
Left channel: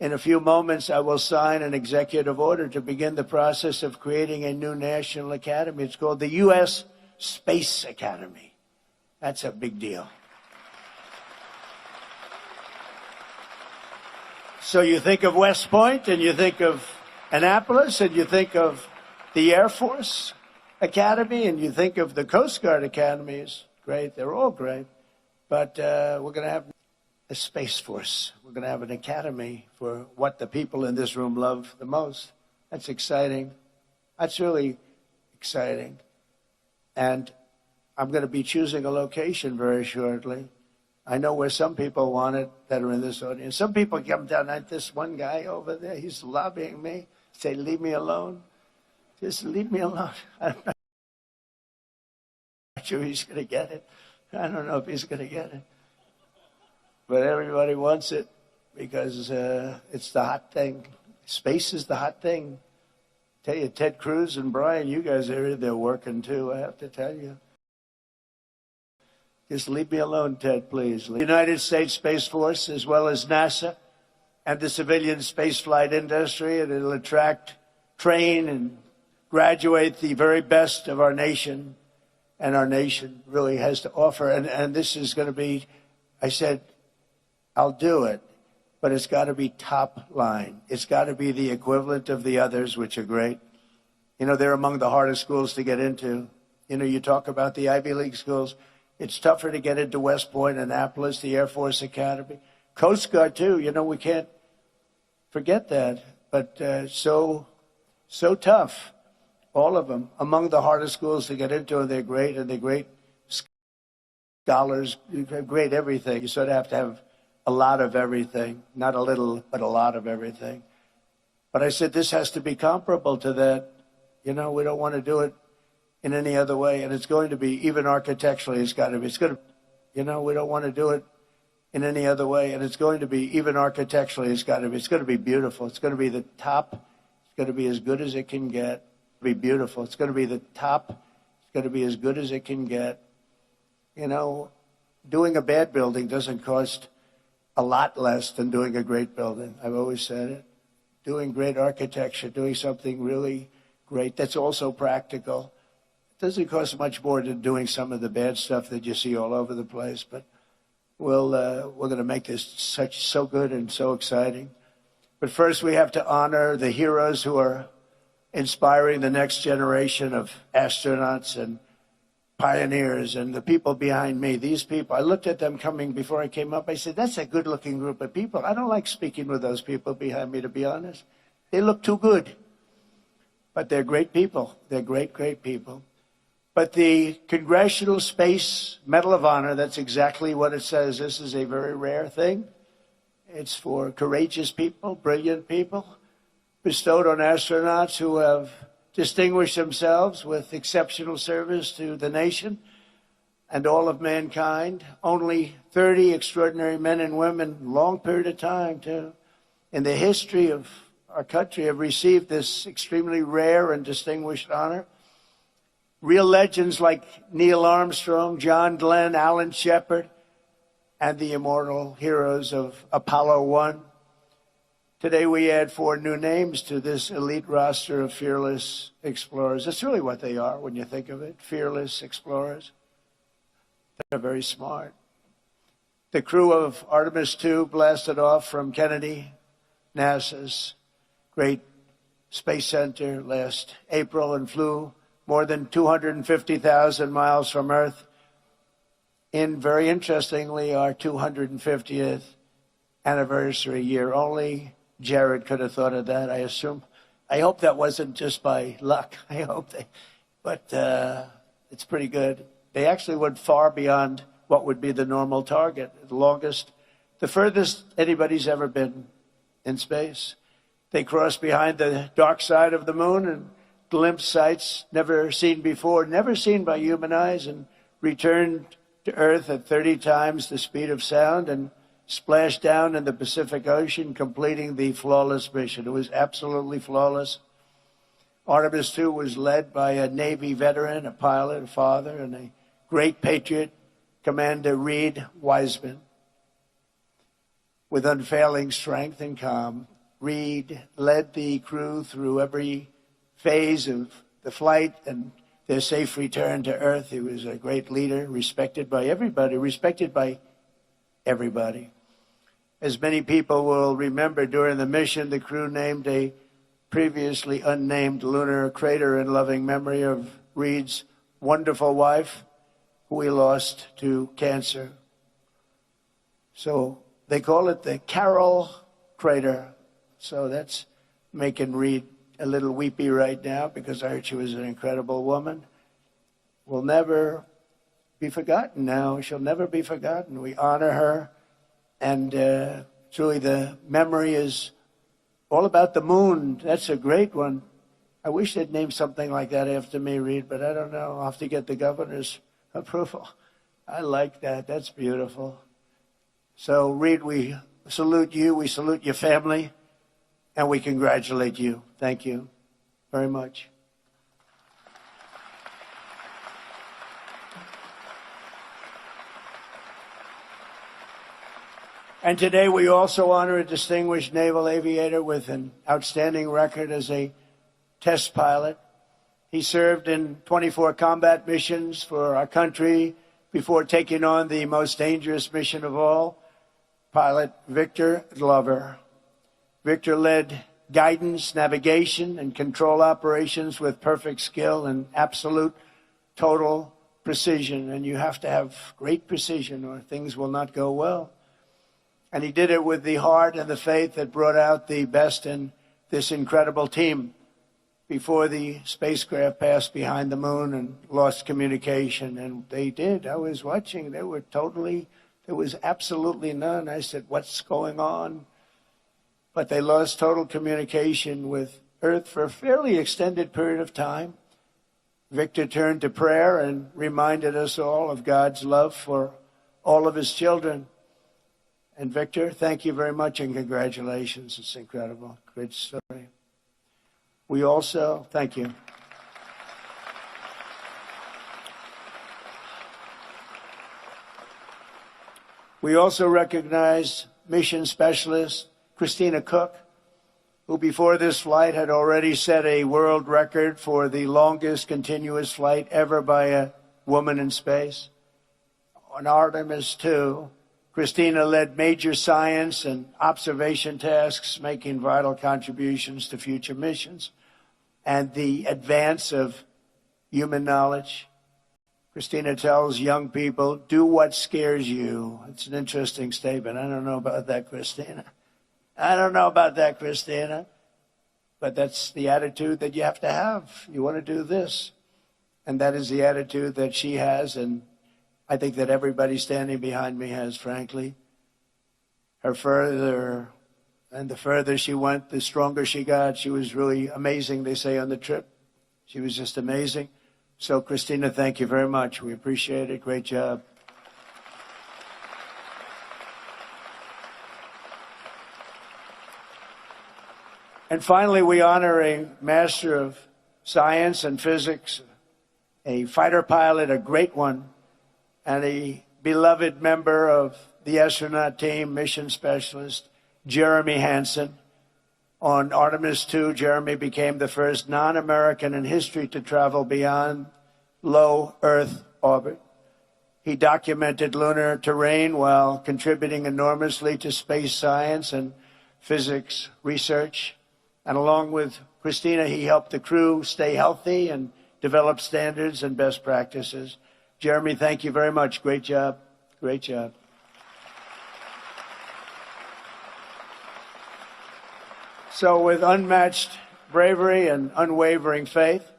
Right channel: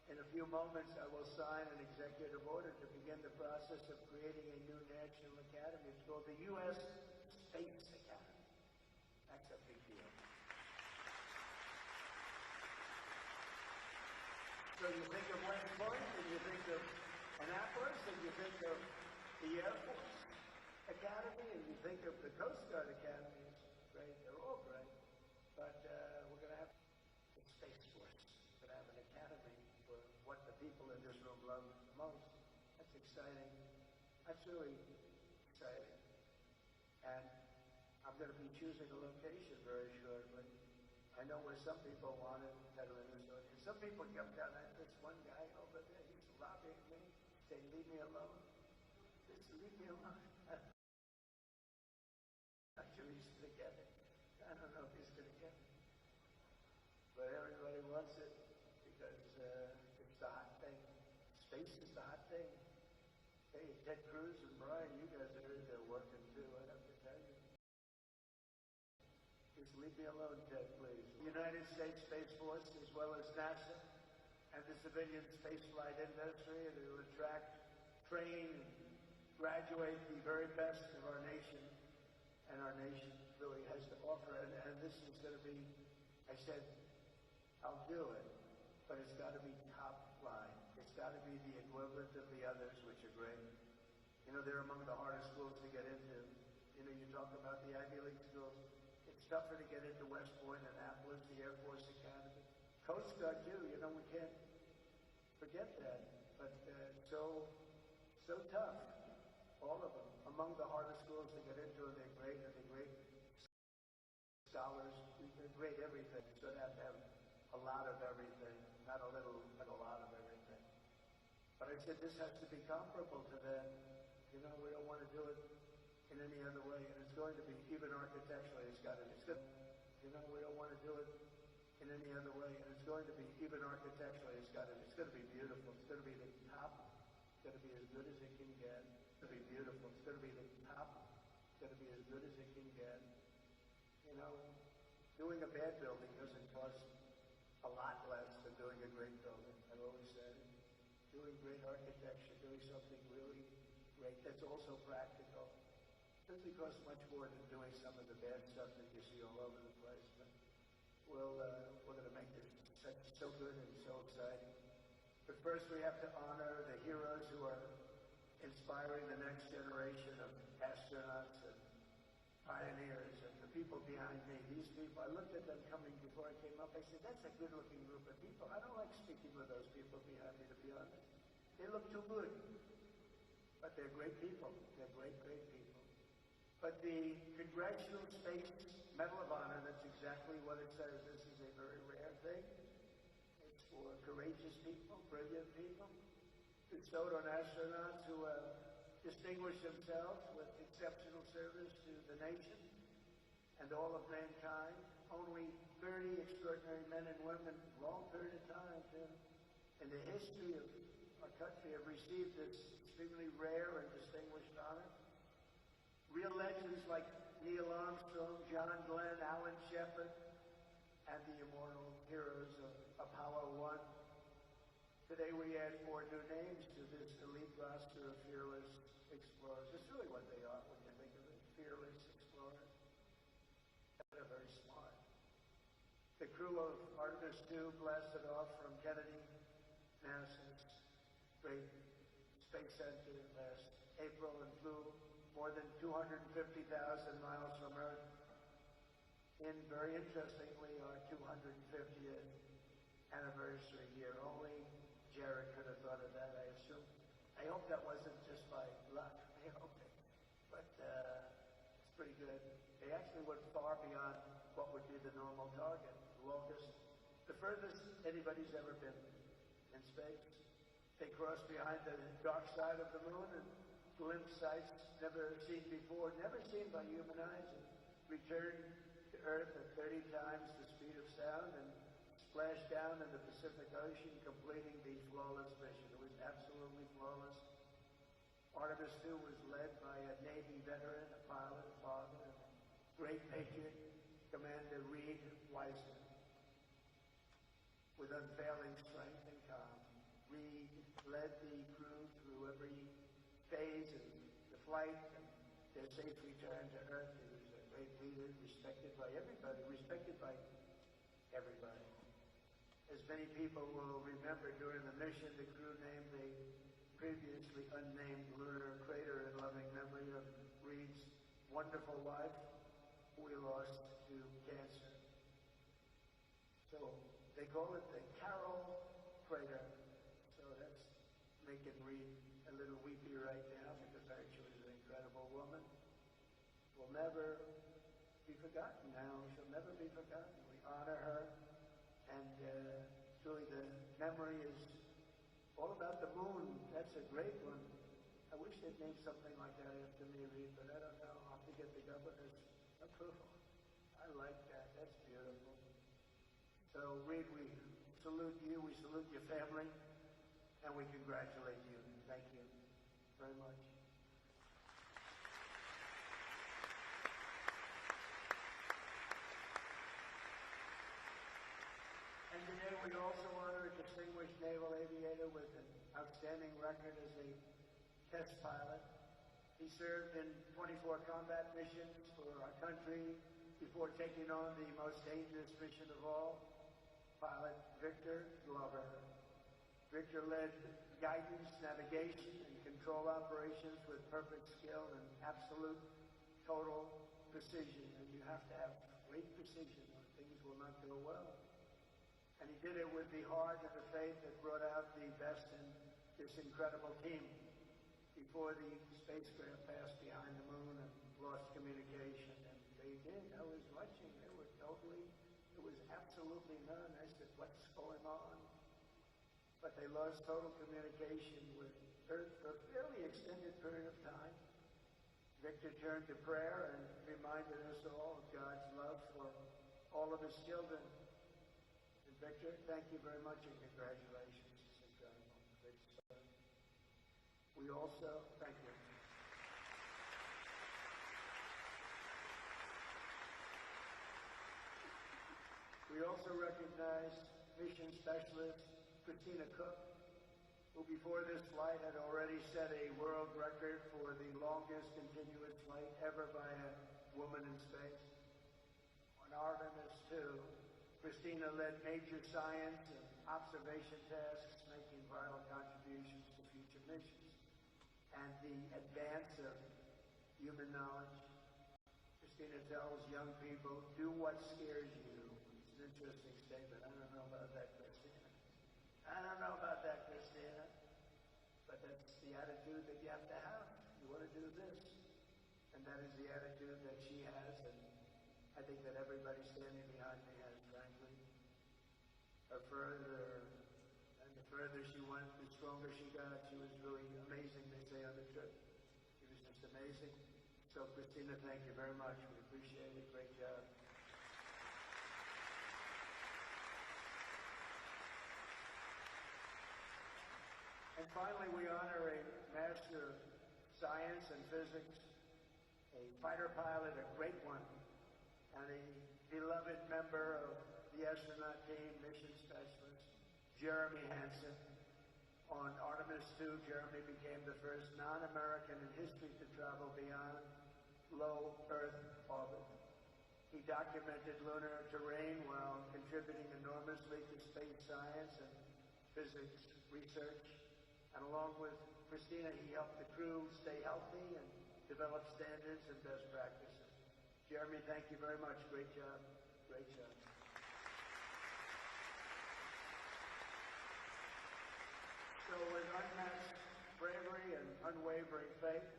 in a few moments I will sign an executive order to begin the process of creating a new national academy. It's called the U.S. Space Academy. That's a big deal. So you think of West Point, and you think of Annapolis, and you think of the Air Force Academy, and you think of the Coast Guard Academies. Great, they're all great. But we're going to have a Space Force. We're going to have an academy for what the people in this room love the most. That's exciting. That's really exciting. And I'm going to be choosing a location very shortly. I know where some people want it that are in this audience. Some people come down like this one guy over there. He's lobbying me. Say, leave me alone. Just leave me alone. I'm not sure he's going to get it. I don't know if he's going to get it. But everybody wants it because it's the hot thing. Space is the hot thing. I tell you, Ted Cruz and Brian, you guys are there working too, I have to tell you. Just leave me alone, Ted, please. The United States Space Force, as well as NASA and the civilian spaceflight industry, and it'll attract, train, and graduate the very best of our nation and our nation really has to offer. And this is going to be, I said, I'll do it, but it's got to be top line. It's got to be the equivalent of the others, which are great. You know, they're among the hardest schools to get into. You know, you talk about the Ivy League schools. It's tougher to get into West Point, Annapolis, the Air Force Academy. Coast Guard, too. You know, we can't forget that. But so tough, all of them. Among the hardest schools to get into, and they're great, and they're great scholars, great everything. You sort of have to have a lot of everything. Not a little, but a lot of everything. But I said, this has to be comparable to that. You know, we don't want to do it in any other way. And it's going to be, even architecturally, it's got to be. It's going to, you know, we don't want to do it in any other way. And it's going to be, even architecturally, it's got to be. It's going to be beautiful. It's going to be the top. It's going to be as good as it can get. Be beautiful. It's going to be the top. It's going to be as good as it can get. You know, doing a bad building doesn't cost a lot less than doing a great building. I've always said it. Doing great architecture, doing something really great that's also practical. It doesn't cost much more than doing some of the bad stuff that you see all over the place. But we're going to make this so good and so exciting. But first, we have to honor the heroes who are inspiring the next generation of astronauts and pioneers and the people behind me. These people, I looked at them coming before I came up. I said, that's a good-looking group of people. I don't like speaking with those people behind me, to be honest. They look too good. But they're great people. They're great, great people. But the Congressional Space Medal of Honor, that's exactly what it says. This is a very rare thing. It's for courageous people, brilliant people, bestowed on astronauts who have distinguished themselves with exceptional service to the nation and all of mankind. Only 30 extraordinary men and women, long period of time, too, in the history of our country have received this extremely rare and distinguished honor. Real legends like Neil Armstrong, John Glenn, Alan Shepard, and the immortal heroes of Apollo 1. Today we add 4 new names to this elite roster of fearless explorers. That's really what they are when you think of it, fearless explorers. They're very smart. The crew of Artemis II blasted off from Kennedy, NASA's great space center, last April and flew more than 250,000 miles from Earth in, very interestingly, our 250th anniversary year. Only Jared could have thought of that, I assume. I hope that wasn't just by luck. I hope but it's pretty good. They actually went far beyond what would be the normal target, the furthest anybody's ever been in space. They crossed behind the dark side of the moon and glimpsed sights never seen before, never seen by human eyes, and returned to Earth at 30 times the speed of sound and splashed down in the Pacific Ocean, completing the flawless mission. It was absolutely flawless. Artemis II was led by a Navy veteran, a pilot, a father, and a great patriot, Commander Reed Wiseman. With unfailing strength and calm, Reed led the crew through every phase of the flight and their safe return to Earth. He was a great leader, respected by everybody. As many people will remember, during the mission, the crew named a previously unnamed lunar crater in loving memory of Reed's wonderful wife, who he lost to cancer. So they call it the Carroll Crater. So that's making Reed a little weepy right now, because I heard she was an incredible woman. Will never be forgotten now. She'll never be forgotten. We honor her. And truly, the memory is all about the moon. That's a great one. I wish they'd name something like that after me, Reed, but I don't know. I'll have to get the governor's approval. I like that. That's beautiful. So, Reed, we salute you. We salute your family. And we congratulate you. Thank you very much. And today we also honor a distinguished naval aviator with an outstanding record as a test pilot, He served in 24 combat missions for our country before taking on the most dangerous mission of all, pilot Victor Glover. Victor led guidance, navigation, and control operations with perfect skill and absolute total precision. And you have to have great precision or things will not go well. And he did it with the heart and the faith that brought out the best in this incredible team. Before the spacecraft passed behind the moon and lost communication, and they did. I was watching. There was absolutely none. I said, what's going on? But they lost total communication with Earth for a fairly extended period of time. Victor turned to prayer and reminded us all of God's love for all of his children. And Victor, thank you very much and congratulations. It's incredible. Great story. We also, thank you. We also recognize mission specialist Christina Cook, who before this flight had already set a world record for the longest continuous flight ever by a woman in space. On Artemis II, Christina led major science and observation tasks, making vital contributions to future missions and the advance of human knowledge. Christina tells young people, do what scares you. It's an interesting statement. I don't know about that, Christina. I don't know about that, Christina. But that's the attitude that you have to have. You want to do this. And that is the attitude that she has, and I think that everybody standing behind me has, frankly. The further she went, the stronger she got. She was really amazing, they say, on the trip. She was just amazing. So, Christina, thank you very much. We appreciate it. Great job. And finally, we honor a master of science and physics, a fighter pilot, a great one, and a beloved member of the astronaut team, mission specialist, Jeremy Hansen. On Artemis II, Jeremy became the first non-American in history to travel beyond low Earth orbit. He documented lunar terrain while contributing enormously to space science and physics research. And along with Christina, he helped the crew stay healthy and develop standards and best practices. Jeremy, thank you very much. Great job. Great job. So with unmatched bravery and unwavering faith,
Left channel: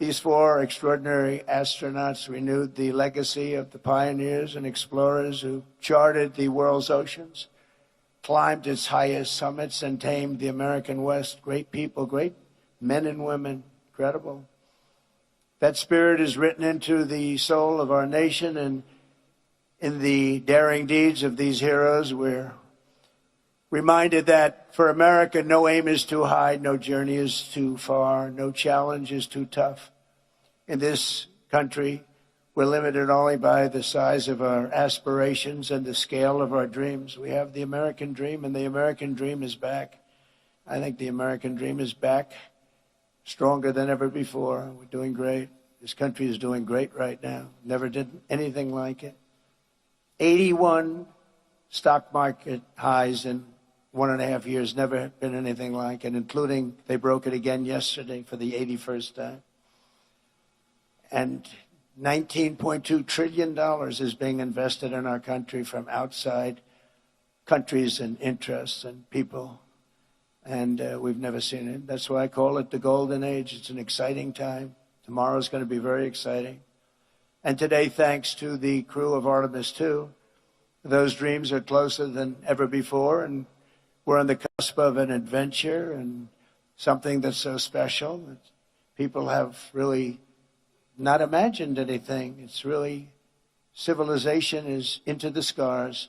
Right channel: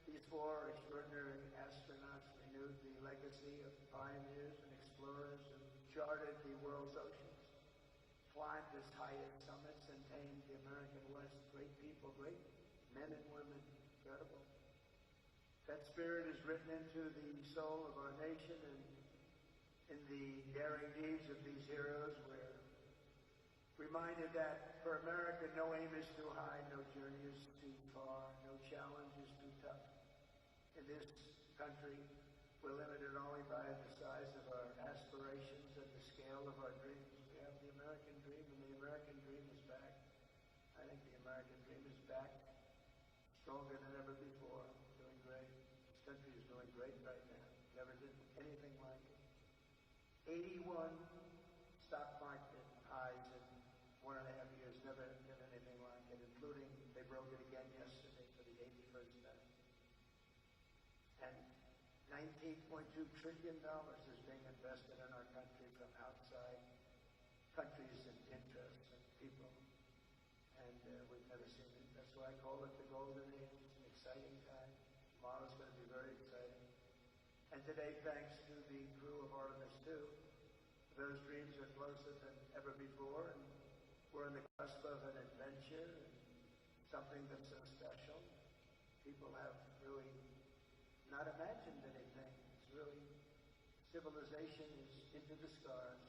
these four extraordinary astronauts renewed the legacy of the pioneers and explorers who charted the world's oceans, climbed its highest summits, and tamed the American West. Great people, great men and women, incredible. That spirit is written into the soul of our nation, and in the daring deeds of these heroes, we're reminded that for America, no aim is too high, no journey is too far, no challenge is too tough. In this country, we're limited only by the size of our aspirations and the scale of our dreams. We have the American dream, and the American dream is back. I think the American dream is back, stronger than ever before. We're doing great. This country is doing great right now. Never did anything like it. 81 stock market highs in 1.5 years, never been anything like it, including they broke it again yesterday for the 81st time. And $19.2 trillion is being invested in our country from outside countries and interests and people. And we've never seen it. That's why I call it the golden age. It's an exciting time. Tomorrow's going to be very exciting. And today, thanks to the crew of Artemis II, those dreams are closer than ever before, and we're on the cusp of an adventure and something that's so special. People have really not imagined anything. It's really, civilization is into the stars.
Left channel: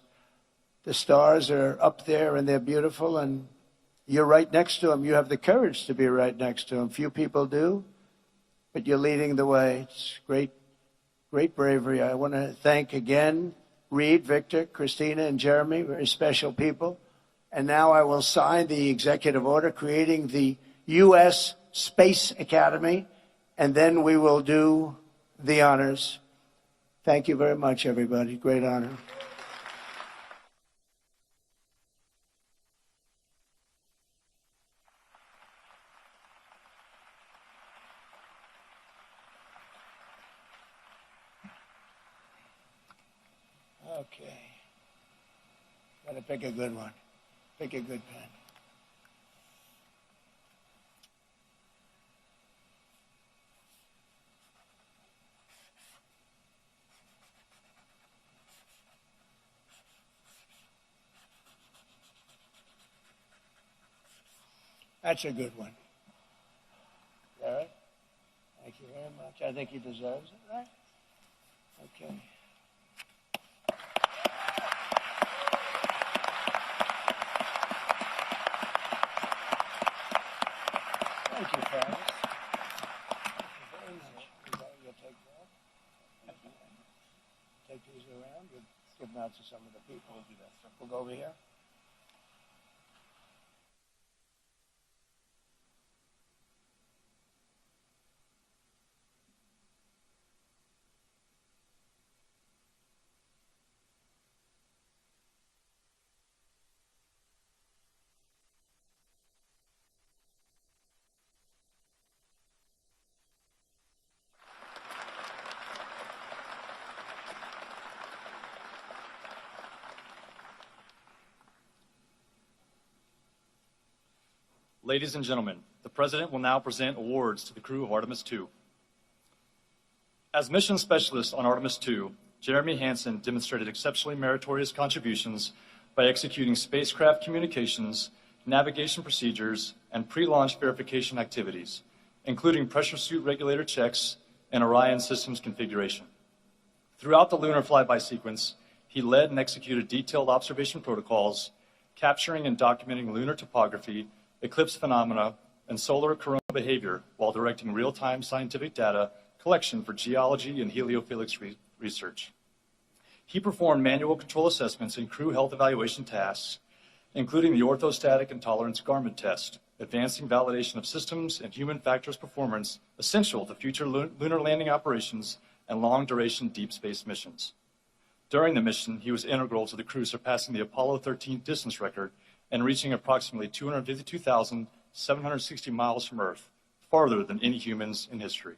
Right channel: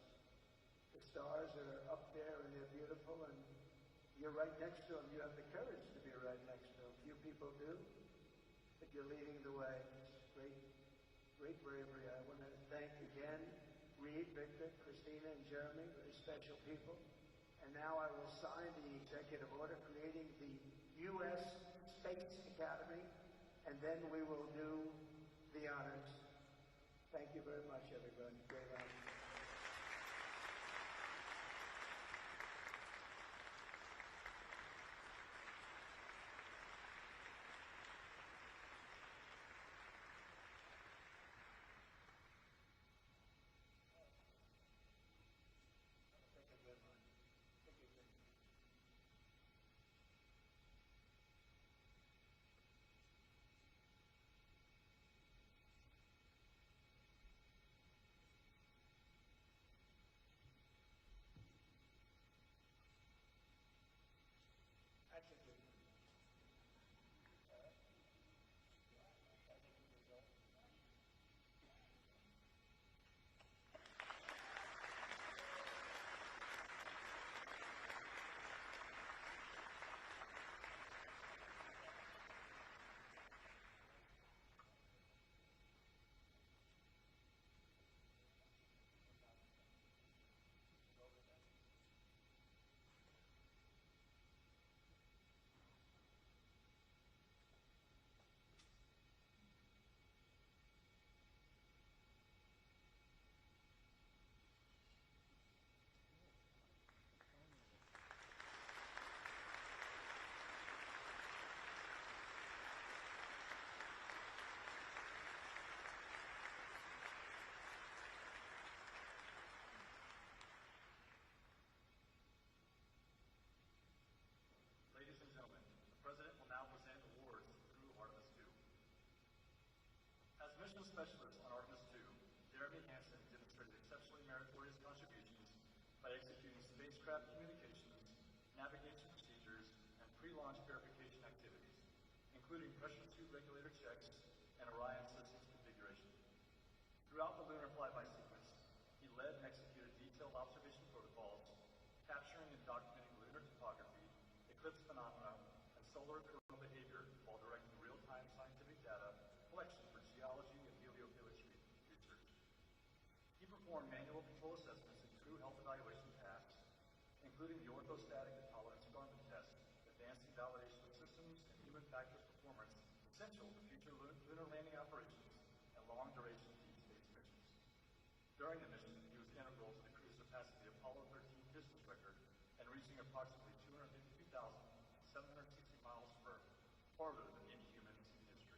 The stars are up there and they're beautiful, and you're right next to them. You have the courage to be right next to them. Few people do, but you're leading the way. It's great, great bravery. I want to thank again Reed, Victor, Christina, and Jeremy, very special people. And now I will sign the executive order creating the U.S. Space Academy and then we will do the honors. Thank you very much, everybody. Great honor. Okay. Gotta pick a good one. Pick a good pen. That's a good one. All right? Thank you very much. I think he deserves it, right? Okay. Thank you, Travis. Thank you very much. You'll take that. Take these around and give them out to some of the people. We'll do that. We'll go over here. Ladies and gentlemen, the President will now present awards to the crew of Artemis II. As mission specialist on Artemis II, Jeremy Hansen demonstrated exceptionally meritorious contributions by executing spacecraft communications, navigation procedures, and pre-launch verification activities, including pressure suit regulator checks and Orion systems configuration. Throughout the lunar flyby sequence, he led and executed detailed observation protocols, capturing and documenting lunar topography, eclipse phenomena, and solar corona behavior while directing real-time scientific data collection for geology and heliophysics research. He performed manual control assessments and crew health evaluation tasks, including the orthostatic and tolerance garment test, advancing validation of systems and human factors performance essential to future lunar landing operations and long-duration deep space missions. During the mission, he was integral to the crew surpassing the Apollo 13 distance record and reaching approximately 252,760 miles from Earth, farther than any humans in history.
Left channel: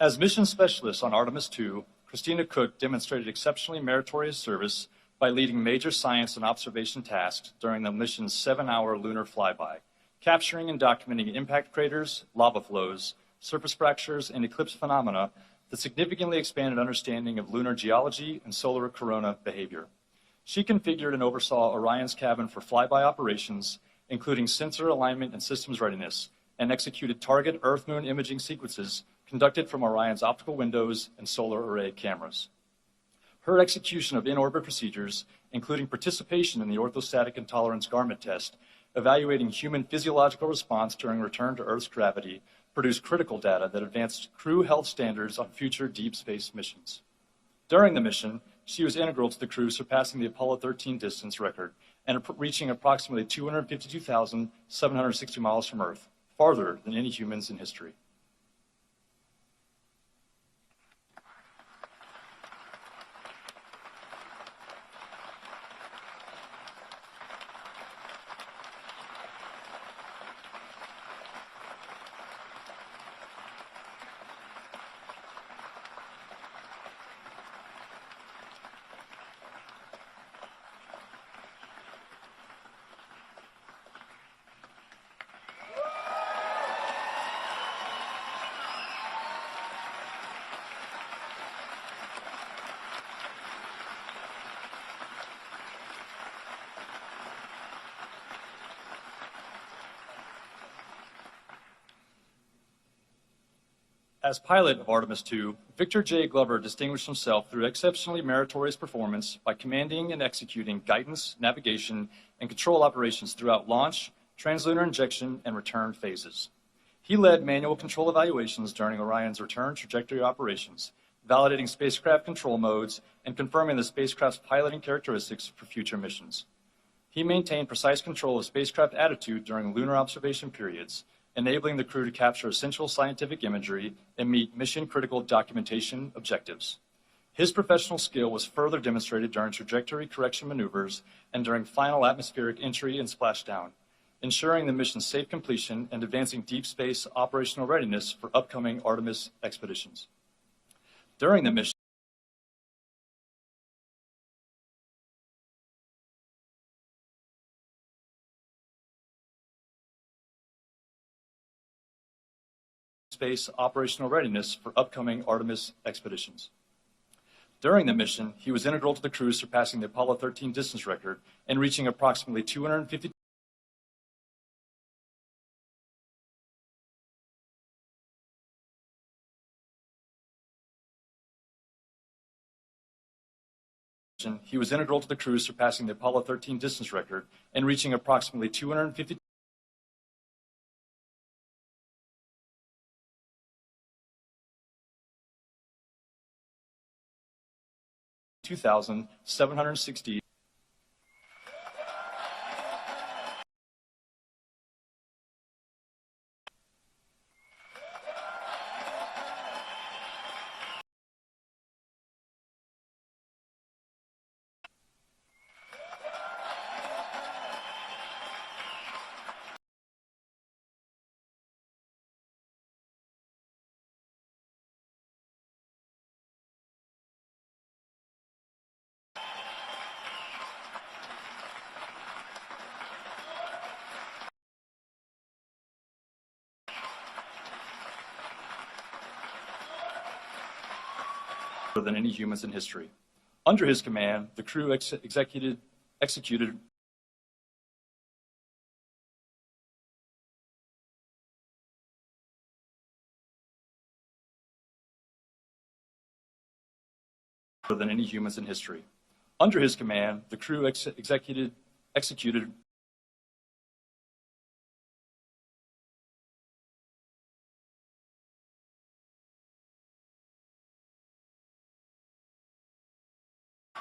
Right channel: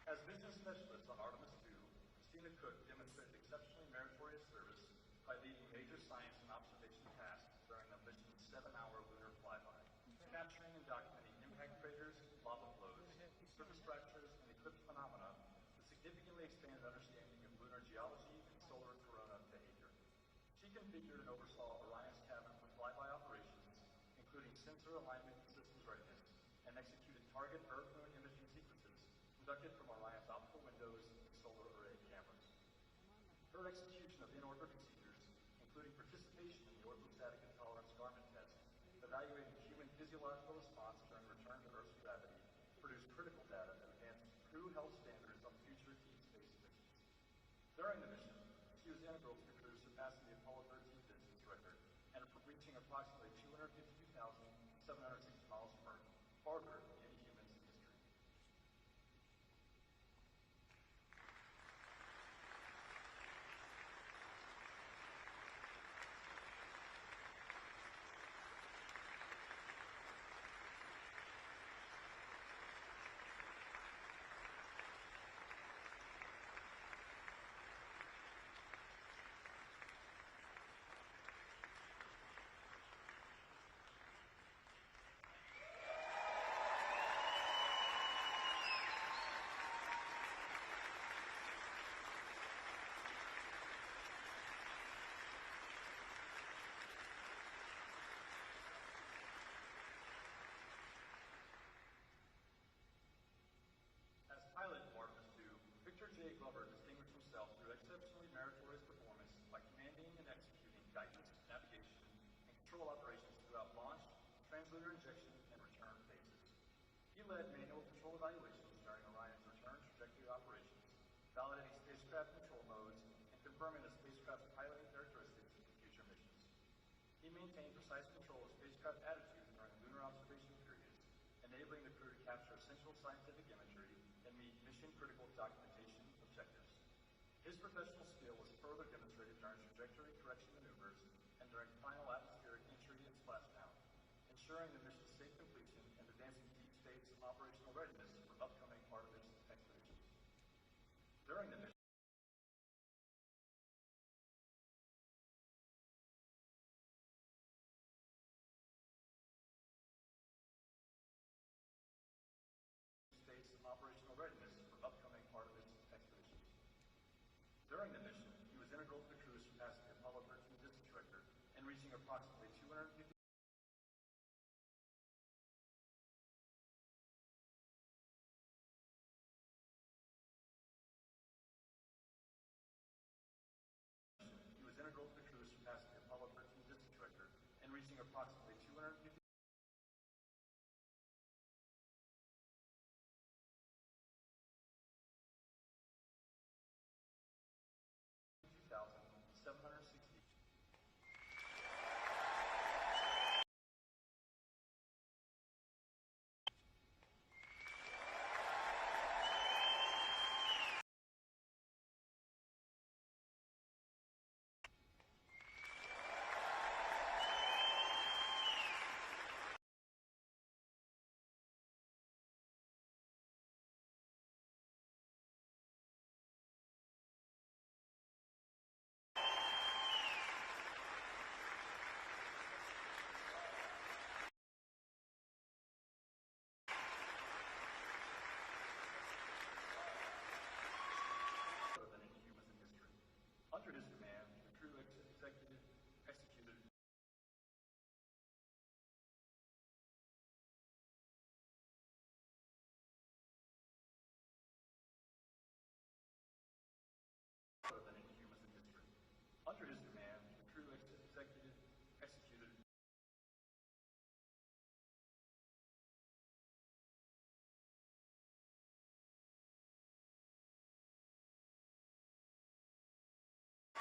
As mission specialist on Artemis II, Christina Cook demonstrated exceptionally meritorious service by leading major science and observation tasks during the mission's 7-hour lunar flyby, capturing and documenting impact craters, lava flows, surface fractures, and eclipse phenomena that significantly expanded understanding of lunar geology and solar corona behavior. She configured and oversaw Orion's cabin for flyby operations, including sensor alignment and systems readiness, and executed target Earth-Moon imaging sequences conducted from Orion's optical windows and solar array cameras. Her execution of in-orbit procedures, including participation in the orthostatic and tolerance garment test, evaluating human physiological response during return to Earth's gravity, produced critical data that advanced crew health standards on future deep space missions. During the mission, she was integral to the crew surpassing the Apollo 13 distance record and reaching approximately 252,760 miles from Earth, farther than any humans in history. As pilot of Artemis II, Victor J. Glover distinguished himself through exceptionally meritorious performance by commanding and executing guidance, navigation, and control operations throughout launch, translunar injection, and return phases. He led manual control evaluations during Orion's return trajectory operations, validating spacecraft control modes and confirming the spacecraft's piloting characteristics for future missions. He maintained precise control of spacecraft attitude during lunar observation periods, enabling the crew to capture essential scientific imagery and meet mission-critical documentation objectives. His professional skill was further demonstrated during trajectory correction maneuvers and during final atmospheric entry and splashdown, ensuring the mission's safe completion and advancing deep space operational readiness for upcoming Artemis expeditions. During the mission, space operational readiness for upcoming Artemis expeditions. During the mission, he was integral to the crew surpassing the Apollo 13 distance record and reaching approximately 250 He was integral to the crew surpassing the Apollo 13 distance record and reaching approximately 250 2,760. Than any humans in history. Under his command, the crew executed than any humans in history. Under his command, the crew executed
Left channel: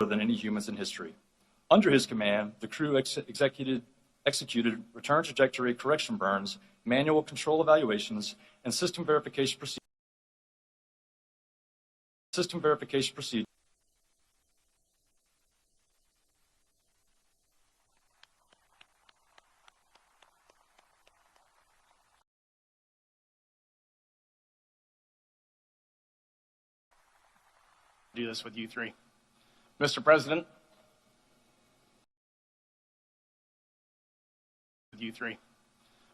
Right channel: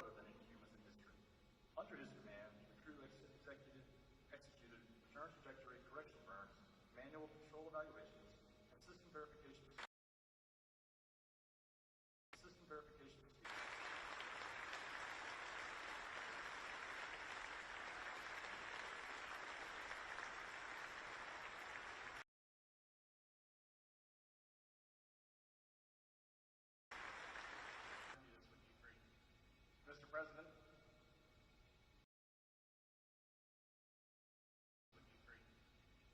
than any humans in history. Under his command, the crew executed return trajectory correction burns, manual control evaluations, and system verification procedures. Do this with you three. Mr. President,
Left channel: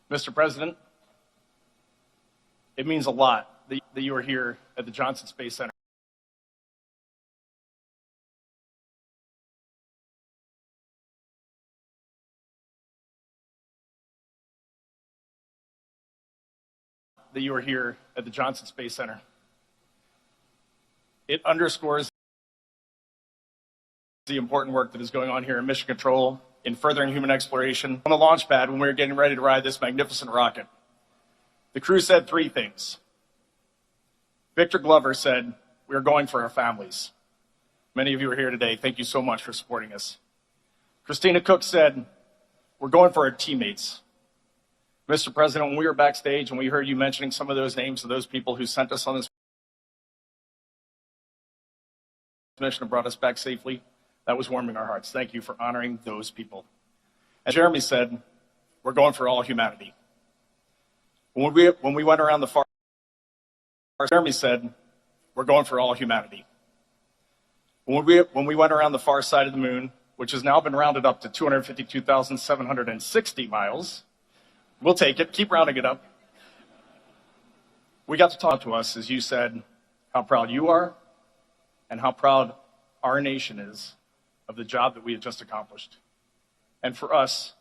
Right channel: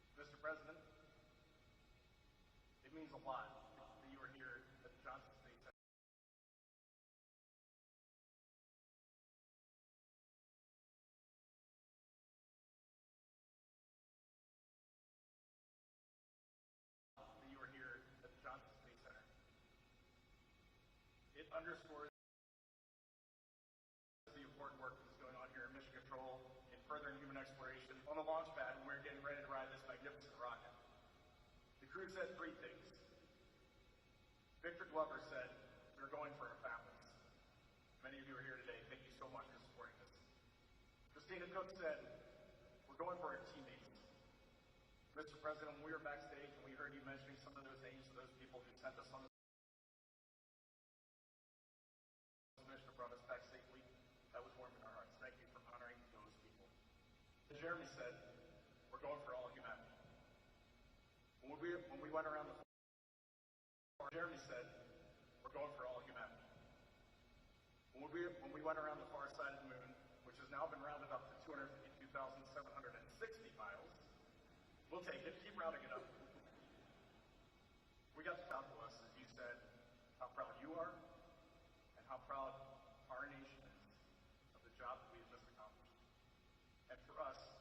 Mr. President, it means a lot that you are here at the Johnson Space Center. That you are here at the Johnson Space Center. It underscores the important work that is going on here in mission control, in furthering human exploration. On the launch pad, when we were getting ready to ride this magnificent rocket, the crew said three things. Victor Glover said, "We are going for our families." Many of you are here today. Thank you so much for supporting us. Christina Cook said, "We're going for our teammates." Mr. President, when we were backstage and we heard you mentioning some of those names of those people who sent us on this mission and brought us back safely, that was warming our hearts. Thank you for honoring those people. As Jeremy said, we're going for all humanity. When we went around the far, Jeremy said, we're going for all humanity. When we went around the far side of the moon, which has now been rounded up to 252,760 miles, we'll take it, keep rounding it up. We got to talk to us, as you said, how proud you are and how proud our nation is of the job that we have just accomplished. And for us,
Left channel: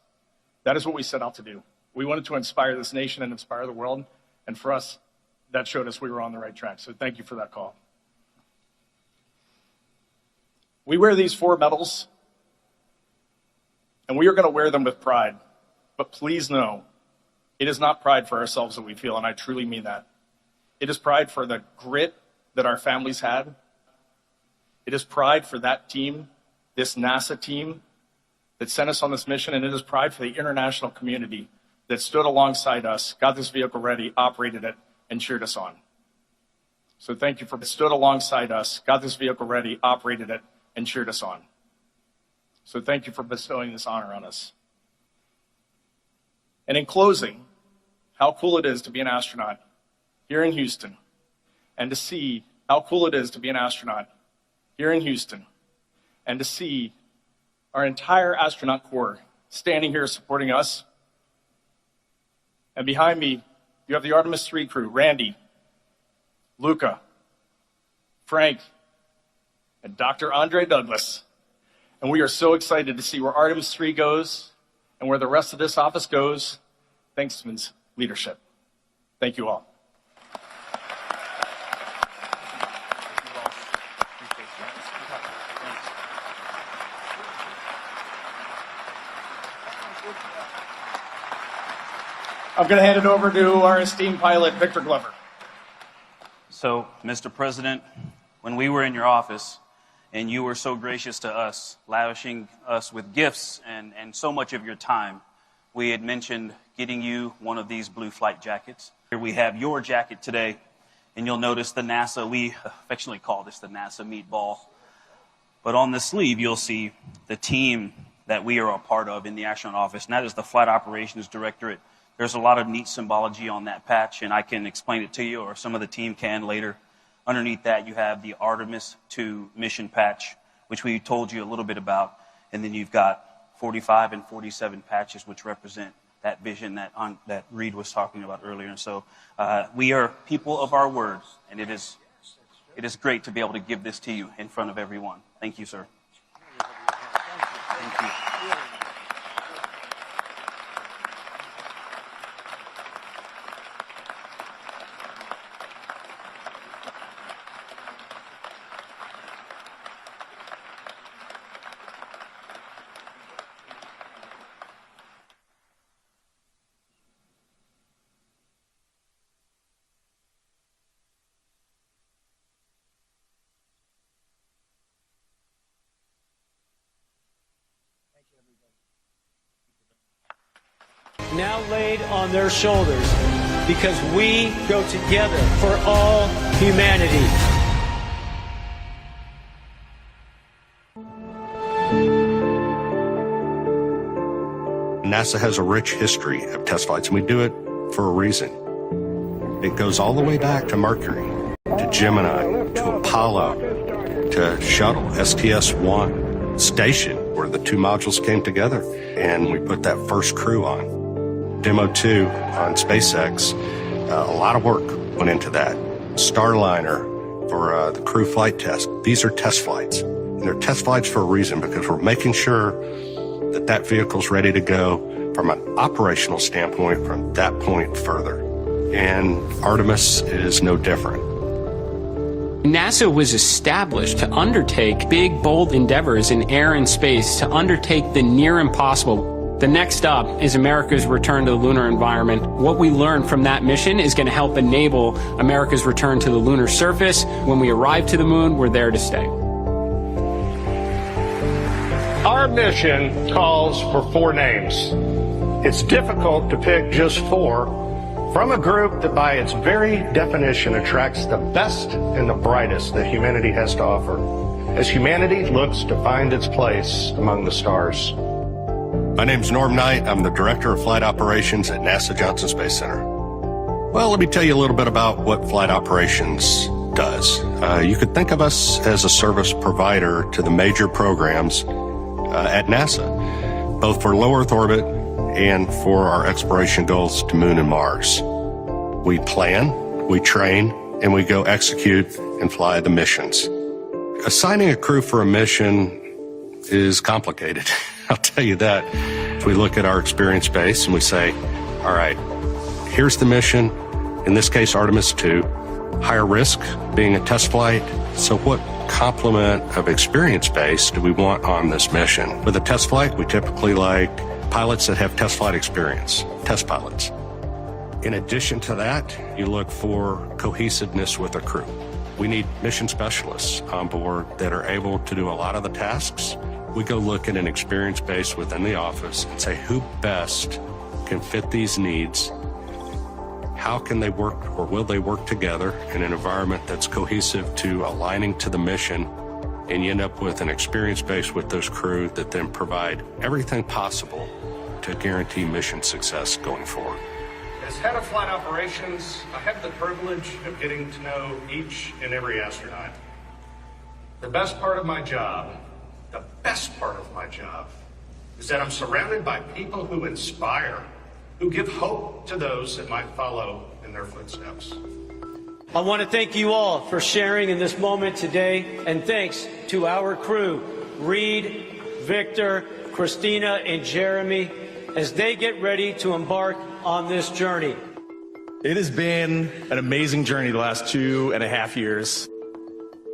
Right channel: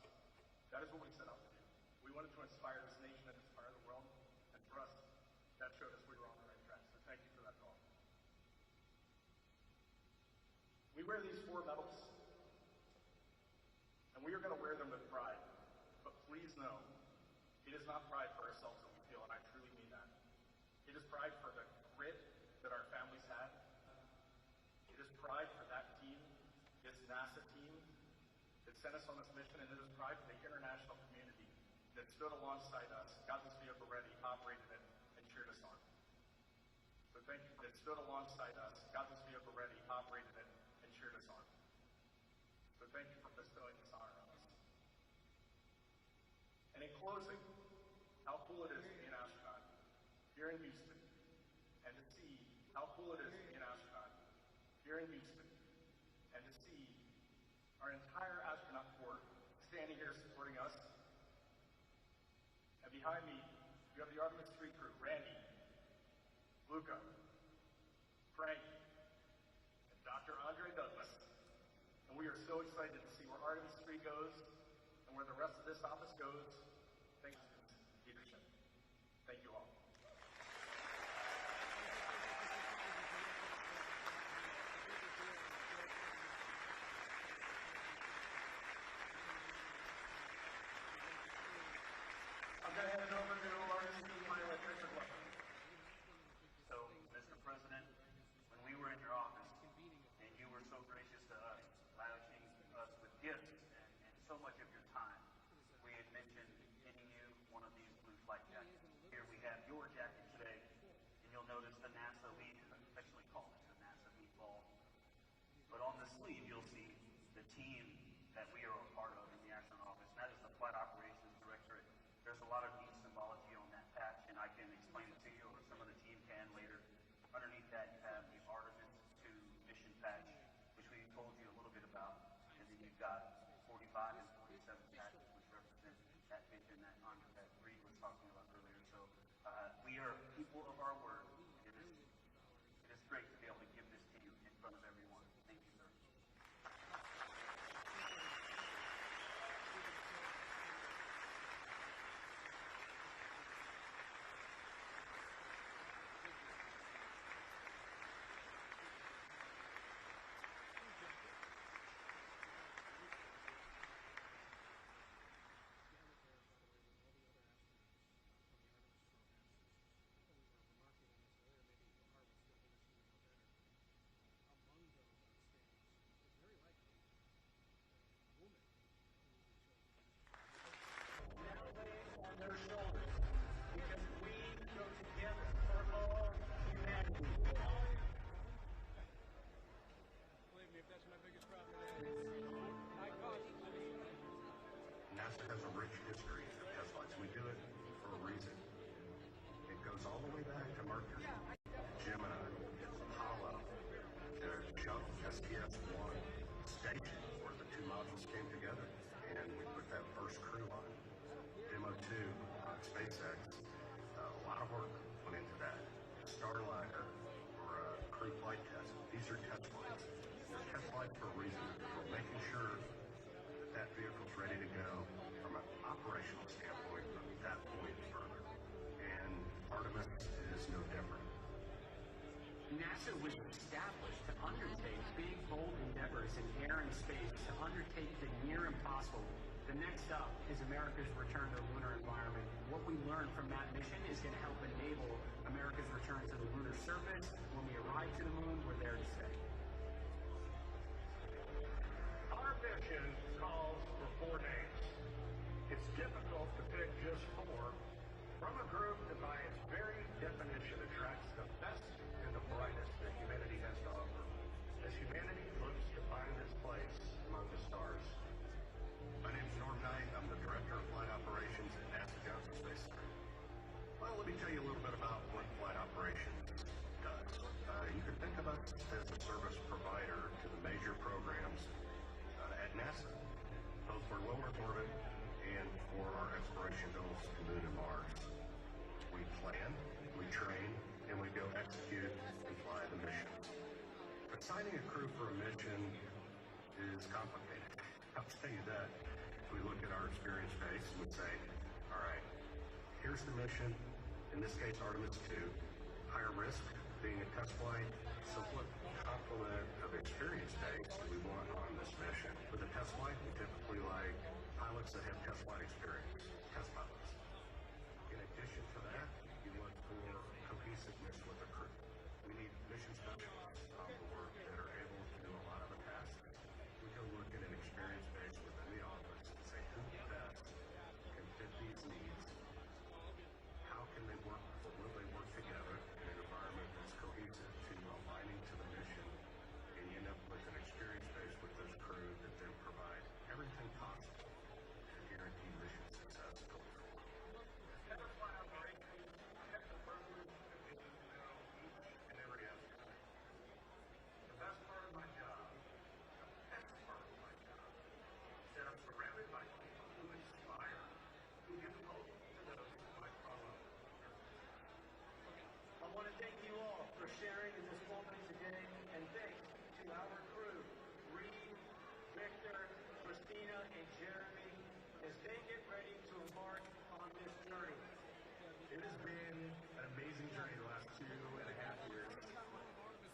that is what we set out to do. We wanted to inspire this nation and inspire the world. And for us, that showed us we were on the right track. So thank you for that call. We wear these 4 medals, and we are going to wear them with pride. But please know, it is not pride for ourselves that we feel, and I truly mean that. It is pride for the grit that our families had. It is pride for that team, this NASA team that sent us on this mission, and it is pride for the international community that stood alongside us, got this vehicle ready, operated it, and cheered us on. So thank you for stood alongside us, got this vehicle ready, operated it, and cheered us on. So thank you for bestowing this honor on us. And in closing, how cool it is to be an astronaut here in Houston, and to see how cool it is to be an astronaut here in Houston, and to see our entire astronaut corps standing here supporting us. And behind me, you have the Artemis II crew, Randy, Luca, Frank, and Dr. Andre Douglas. And we are so excited to see where Artemis III goes and where the rest of this office goes, thanks to Ms. leadership. Thank you all. I'm going to hand it over to our esteemed pilot, Victor Glover. So, Mr. President, when we were in your office, and you were so gracious to us, lavishing us with gifts and so much of your time, we had mentioned getting you one of these blue flight jackets. Here we have your jacket today, and you'll notice the NASA, we affectionately call this the NASA meatball. But on the sleeve, you'll see the team that we are a part of in the astronaut office, and that is the Flight Operations Directorate. There's a lot of neat symbology on that patch, and I can explain it to you, or some of the team can later. Underneath that, you have the Artemis II mission patch, which we told you a little bit about, and then you've got 45 and 47 patches, which represent that vision that Reed was talking about earlier. And so we are people of our word, and it is great to be able to give this to you in front of everyone. Thank you, sir. Thank you. Now laid on their shoulders, because we go together for all humanity. NASA has a rich history of test flights, and we do it for a reason. It goes all the way back to Mercury, to Gemini, to Apollo, to Shuttle, STS-1, Station, where the 2 modules came together, and we put that first crew on. Demo 2 on SpaceX, a lot of work went into that. Starliner for the crew flight test. These are test flights, and they're test flights for a reason, because we're making sure that that vehicle's ready to go from an operational standpoint from that point further. And Artemis is no different. NASA was established to undertake big, bold endeavors in air and space, to undertake the near impossible. The next up is America's return to the lunar environment. What we learned from that mission is going to help enable America's return to the lunar surface. When we arrive to the moon, we're there to stay. Our mission calls for 4 names. It's difficult to pick just 4 from a group that by its very definition attracts the best and the brightest that humanity has to offer, as humanity looks to find its place among the stars. My name's Norm Knight. I'm the Director of Flight Operations at NASA Johnson Space Center. Well, let me tell you a little bit about what Flight Operations does. You could think of us as a service provider to the major programs at NASA, both for low Earth orbit and for our exploration goals to Moon and Mars. We plan, we train, and we go execute and fly the missions. Assigning a crew for a mission is complicated. I'll tell you that. We look at our experience base and we say, all right, here's the mission, In this case, Artemis II, higher risk being a test flight. So what complement of experience base do we want on this mission? With a test flight, we typically like pilots that have test flight experience, test pilots. In addition to that, you look for cohesiveness with a crew. We need mission specialists on board that are able to do a lot of the tasks. We go look at an experience base within the office and say who best can fit these needs. How can they work, or will they work together in an environment that's cohesive to aligning to the mission, and you end up with an experience base with those crew that then provide everything possible to guarantee mission success going forward. As head of flight operations, I have the privilege of getting to know each and every astronaut. The best part of my job, is that I'm surrounded by people who inspire, who give hope to those that might follow in their footsteps. I want to thank you all for sharing in this moment today, and thanks to our crew, Reed, Victor, Christina, and Jeremy, as they get ready to embark on this journey. It has been an amazing journey the last 2.5 years.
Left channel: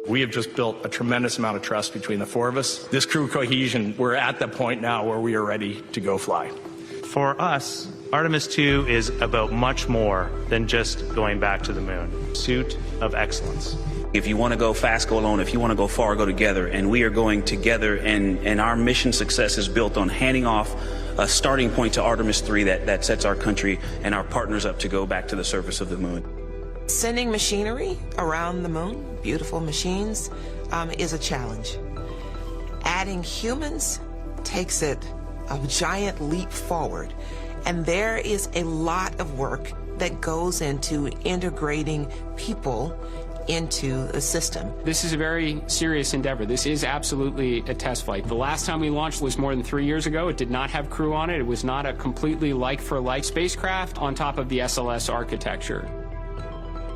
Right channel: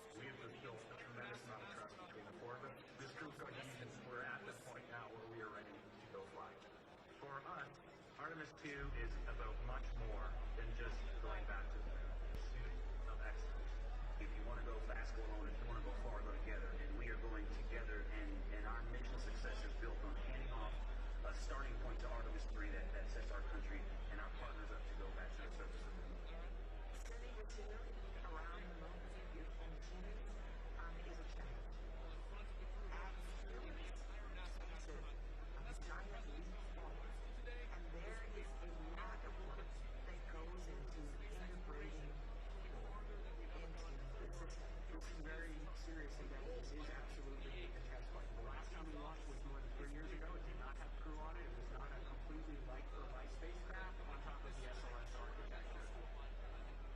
We have just built a tremendous amount of trust between the four of us. This crew cohesion, we're at the point now where we are ready to go fly. For us, Artemis II is about much more than just going back to the moon. Pursuit of excellence. If you want to go fast, go alone. If you want to go far, go together. And we are going together, and our mission success is built on handing off a starting point to Artemis III that sets our country and our partners up to go back to the surface of the moon. Sending machinery around the moon, beautiful machines, is a challenge. Adding humans takes it a giant leap forward. And there is a lot of work that goes into integrating people into the system. This is a very serious endeavor. This is absolutely a test flight. The last time we launched was more than 3 years ago. It did not have crew on it. It was not a completely like-for-like spacecraft on top of the SLS architecture.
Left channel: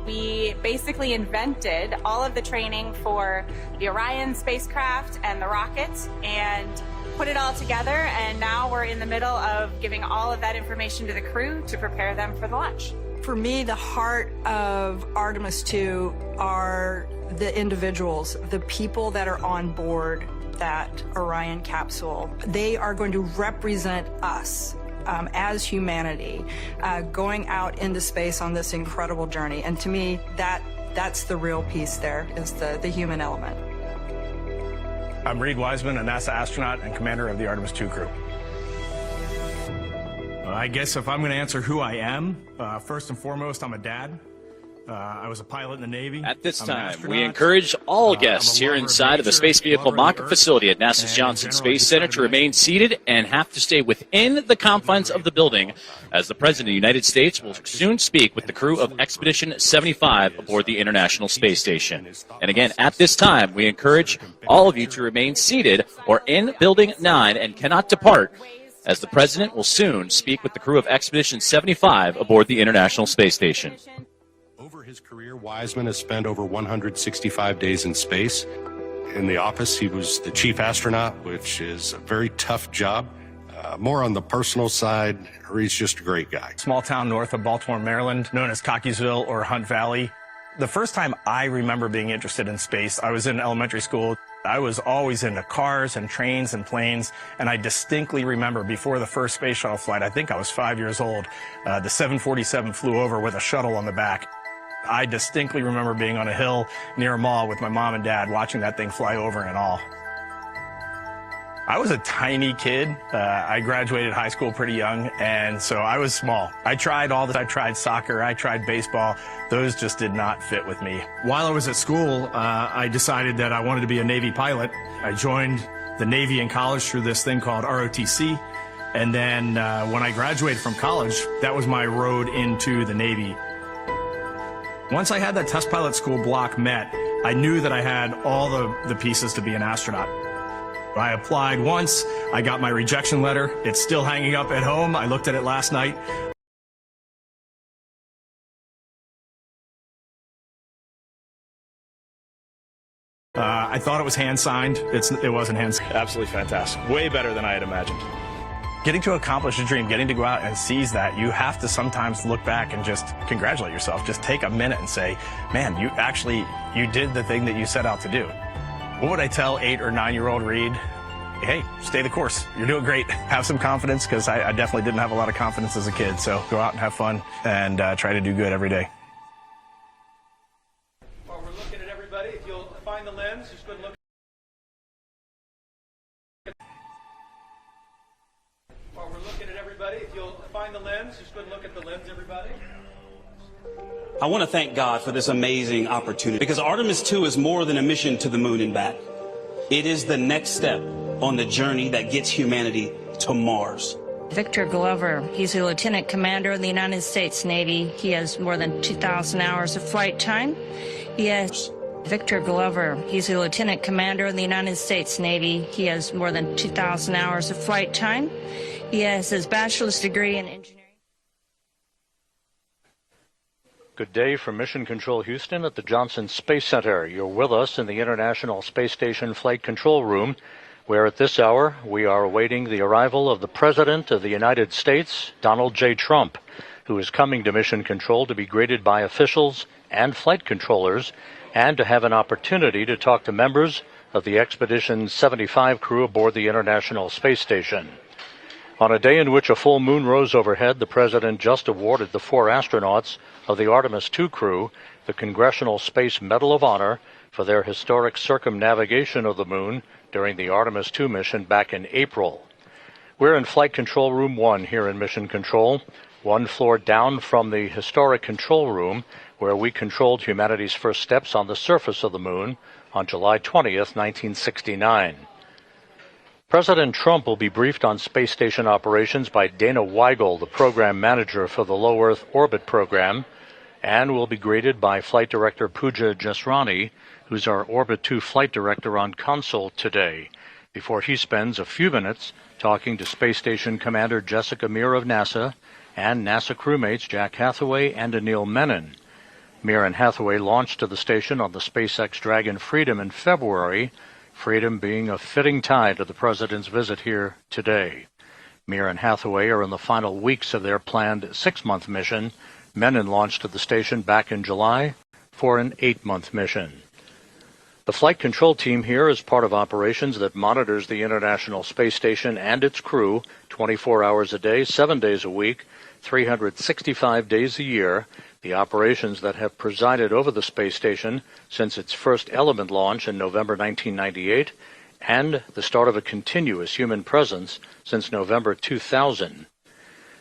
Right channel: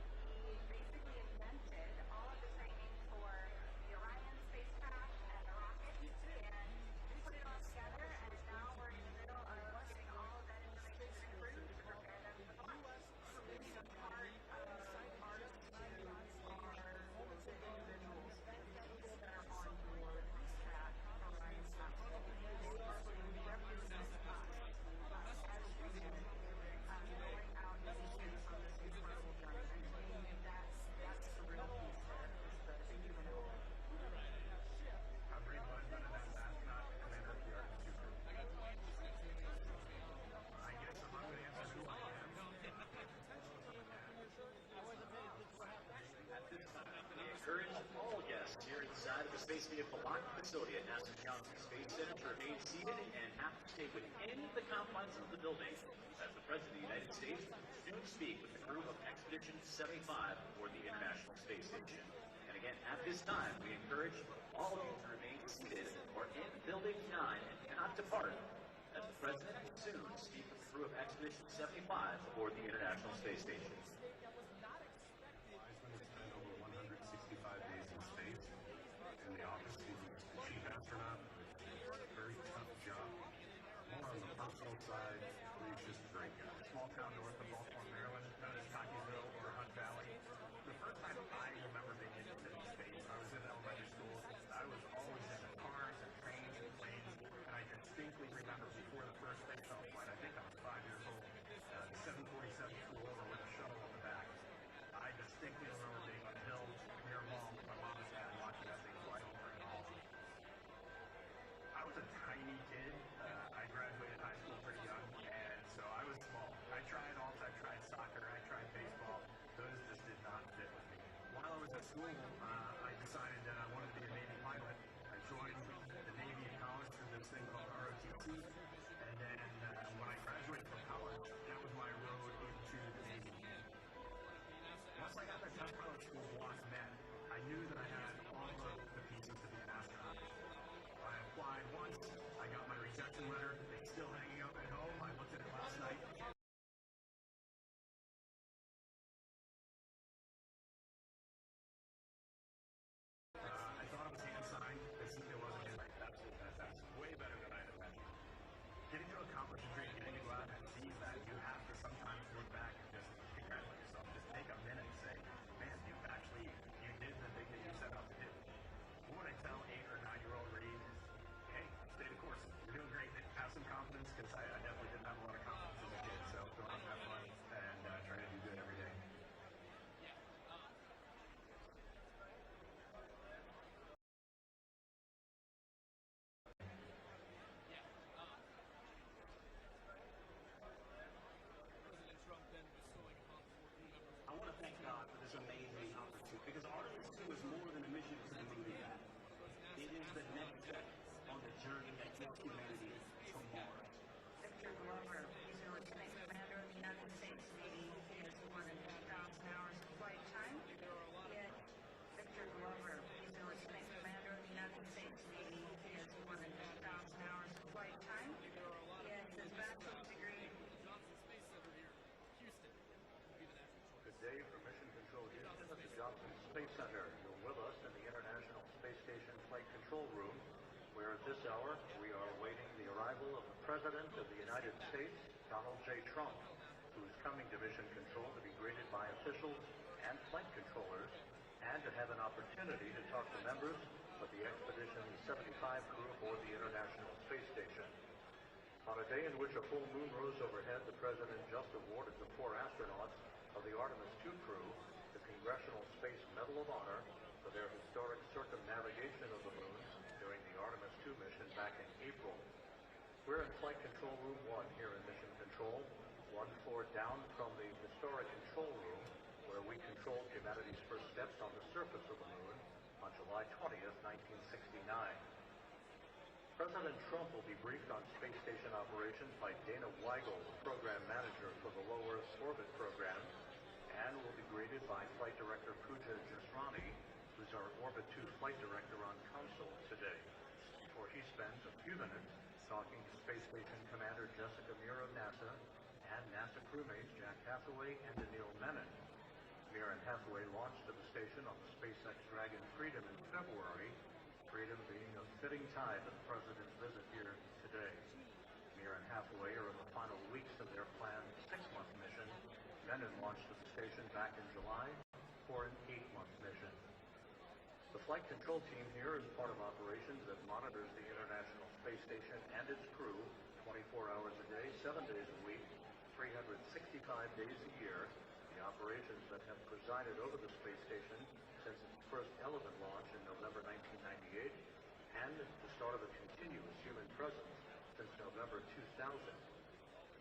We basically invented all of the training for the Orion spacecraft and the rocket and put it all together, and now we're in the middle of giving all of that information to the crew to prepare them for the launch. For me, the heart of Artemis II are the individuals, the people that are on board that Orion capsule. They are going to represent us as humanity going out into space on this incredible journey. And to me, that's the real piece there, is the human element. I'm Reed Wiseman, a NASA astronaut and commander of the Artemis II crew. I guess if I'm going to answer who I am, first and foremost, I'm a dad. I was a pilot in the Navy. At this time, we encourage all guests here inside of the Space Vehicle Mock-up facility at NASA's Johnson Space Center to remain seated and have to stay within the confines of the building, as the President of the United States will soon speak with the crew of Expedition 75 aboard the International Space Station. And again, at this time, we encourage all of you to remain seated or in Building 9 and cannot depart, as the President will soon speak with the crew of Expedition 75 aboard the International Space Station. His career, Wiseman has spent over 165 days in space. In the office, he was the chief astronaut, which is a very tough job. More on the personal side, he's just a great guy. Small town north of Baltimore, Maryland, known as Cockeysville or Hunt Valley. The first time I remember being interested in space, I was in elementary school. I was always into cars and trains and planes, and I distinctly remember before the first space shuttle flight, I think I was 5 years old, the 747 flew over with a shuttle on the back. I distinctly remember being on a hill near a mall with my mom and dad watching that thing fly over and all. I was a tiny kid. I graduated high school pretty young, and so I was small. I tried all this. I tried soccer. I tried baseball. Those just did not fit with me. While I was at school, I decided that I wanted to be a Navy pilot. I joined the Navy in college through this thing called ROTC. And then when I graduated from college, that was my road into the Navy. Once I had that test pilot school block met, I knew that I had all the pieces to be an astronaut. I applied once, I got my rejection letter. It's still hanging up at home. I looked at it last night. I thought it was hand-signed. It wasn't hand-signed. Absolutely fantastic. Way better than I had imagined. getting to accomplish a dream, getting to go out and seize that, you have to sometimes look back and just congratulate yourself. Just take a minute and say, man, you did the thing that you set out to do. What would I tell 8 or 9-year-old Reed? Hey, stay the course. You're doing great. Have some confidence, because I definitely didn't have a lot of confidence as a kid. So go out and have fun and try to do good every day. While we're looking at everybody, if you'll find the lens, just go and look. While we're looking at everybody, if you'll find the lens, just go and look at the lens, everybody. I want to thank God for this amazing opportunity, because Artemis II is more than a mission to the moon and back. It is the next step on the journey that gets humanity to Mars. Victor Glover, he's a lieutenant commander in the United States Navy. He has more than 2,000 hours of flight time. Victor Glover, he's a lieutenant commander in the United States Navy. He has more than 2,000 hours of flight time. He has his bachelor's degree in engineering. Good day from Mission Control Houston at the Johnson Space Center. You're with us in the International Space Station Flight Control Room, where at this hour we are awaiting the arrival of the President of the United States, Donald J. Trump, who is coming to Mission Control to be greeted by officials and flight controllers, and to have an opportunity to talk to members of the Expedition 75 crew aboard the International Space Station. On a day in which a full moon rose overhead, the President just awarded the 4 astronauts of the Artemis II crew the Congressional Space Medal of Honor for their historic circumnavigation of the moon during the Artemis II mission back in April. We're in Flight Control Room 1 here in Mission Control, 1 floor down from the historic control room where we controlled humanity's first steps on the surface of the moon on July 20th, 1969. President Trump will be briefed on space station operations by Dana Weigel, the program manager for the Low Earth Orbit program, and will be greeted by Flight Director Pooja Jasrani, who's our Orbit 2 flight director on console today, before he spends a few minutes talking to Space Station Commander Jessica Meir of NASA and NASA crewmates Jack Hathaway and Anil Menon. Meir and Hathaway launched to the station on the SpaceX Dragon Freedom in February, Freedom being a fitting tie to the President's visit here today. Meir and Hathaway are in the final weeks of their planned 6-month mission. Menon launched to the station back in July for an 8-month mission. The flight control team here is part of operations that monitors the International Space Station and its crew 24 hours a day, 7 days a week, 365 days a year, the operations that have presided over the space station since its first Element launch in November 1998, and the start of a continuous human presence since November 2000.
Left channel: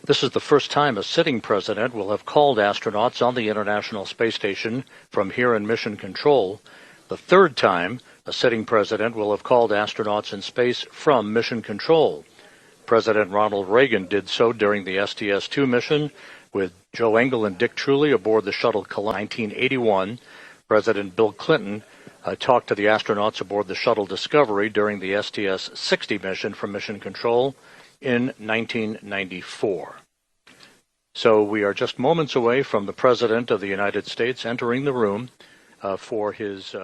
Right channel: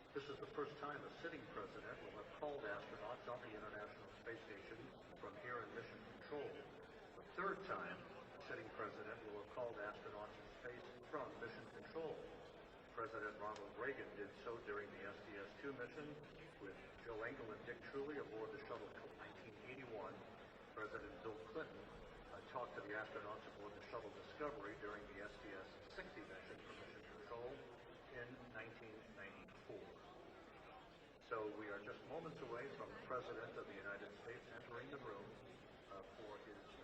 This is the first time a sitting president will have called astronauts on the International Space Station from here in Mission Control, the third time a sitting president will have called astronauts in space from Mission Control. President Ronald Reagan did so during the STS-2 mission, with Joe Engle and Dick Truly aboard the shuttle Columbia. 1981, President Bill Clinton talked to the astronauts aboard the shuttle Discovery during the STS-60 mission from Mission Control in 1994. So we are just moments away from the President of the United States entering the room for his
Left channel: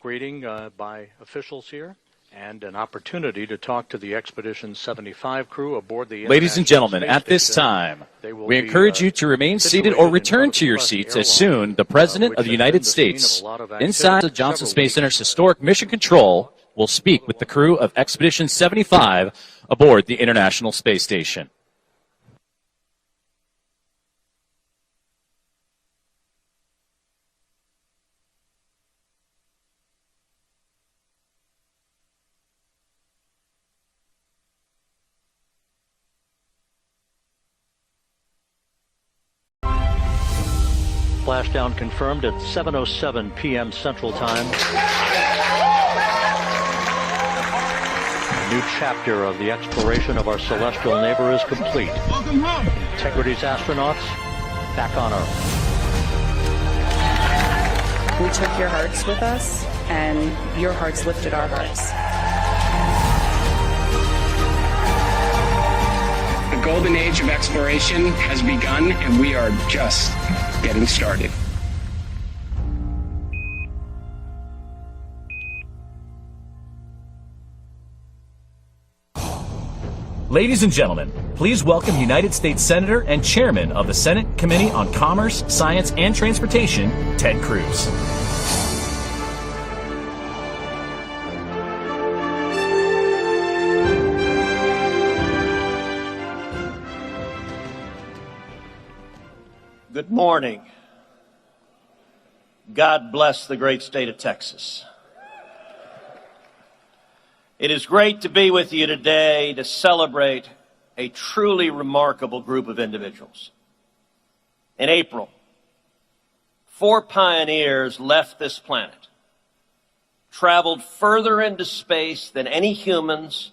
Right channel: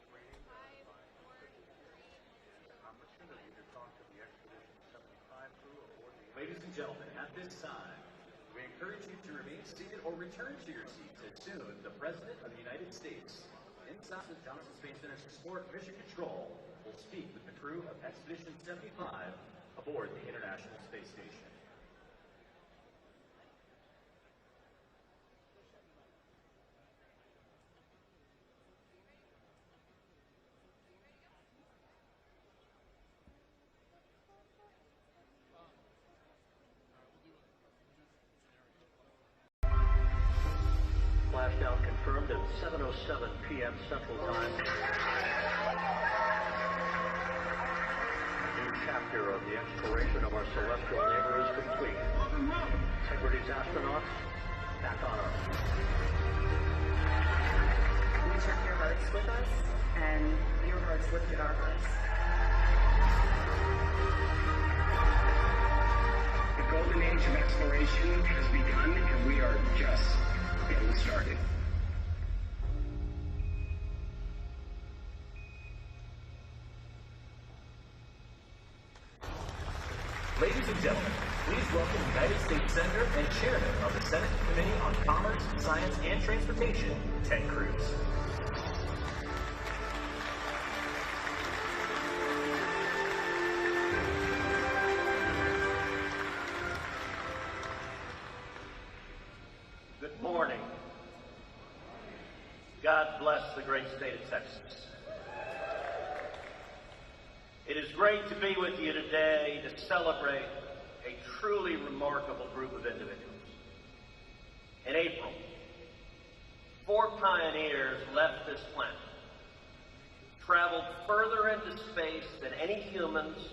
greeting by officials here, and an opportunity to talk to the Expedition 75 crew aboard the Ladies and gentlemen, at this time, we encourage you to remain seated or return to your seats as soon the President of the United States, inside the Johnson Space Center's historic Mission Control, will speak with the crew of Expedition 75 aboard the International Space Station. Splashdown confirmed at 7:07 p.m. Central Time. A new chapter of the exploration of our celestial neighbor is complete. Welcome home. Integrity's astronauts back on Earth. We took your hearts with us, and your hearts lifted our hearts. The golden age of exploration has begun, and we are just getting started. Ladies and gentlemen, please welcome United States Senator and Chairman of the Senate Committee on Commerce, Science, and Transportation, Ted Cruz. Good morning. God bless the great state of Texas. It is great to be with you today to celebrate a truly remarkable group of individuals. In April, 4 pioneers left this planet, traveled further into space than any humans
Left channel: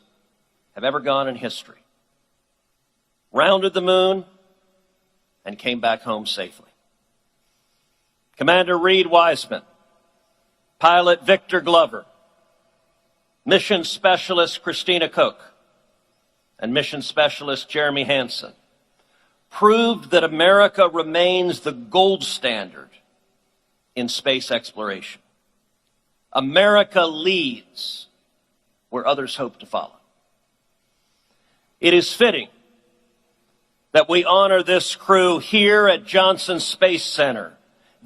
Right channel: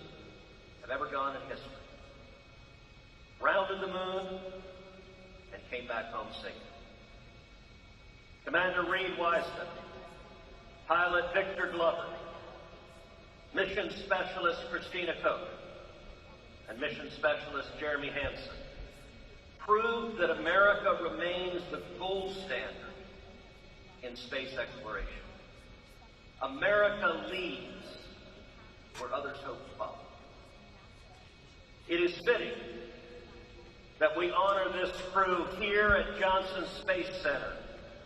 have ever gone in history, rounded the moon, and came back home safely. Commander Reed Wiseman, pilot Victor Glover, mission specialist Christina Cook, and mission specialist Jeremy Hansen proved that America remains the gold standard in space exploration. America leads where others hope to follow. It is fitting that we honor this crew here at Johnson Space Center,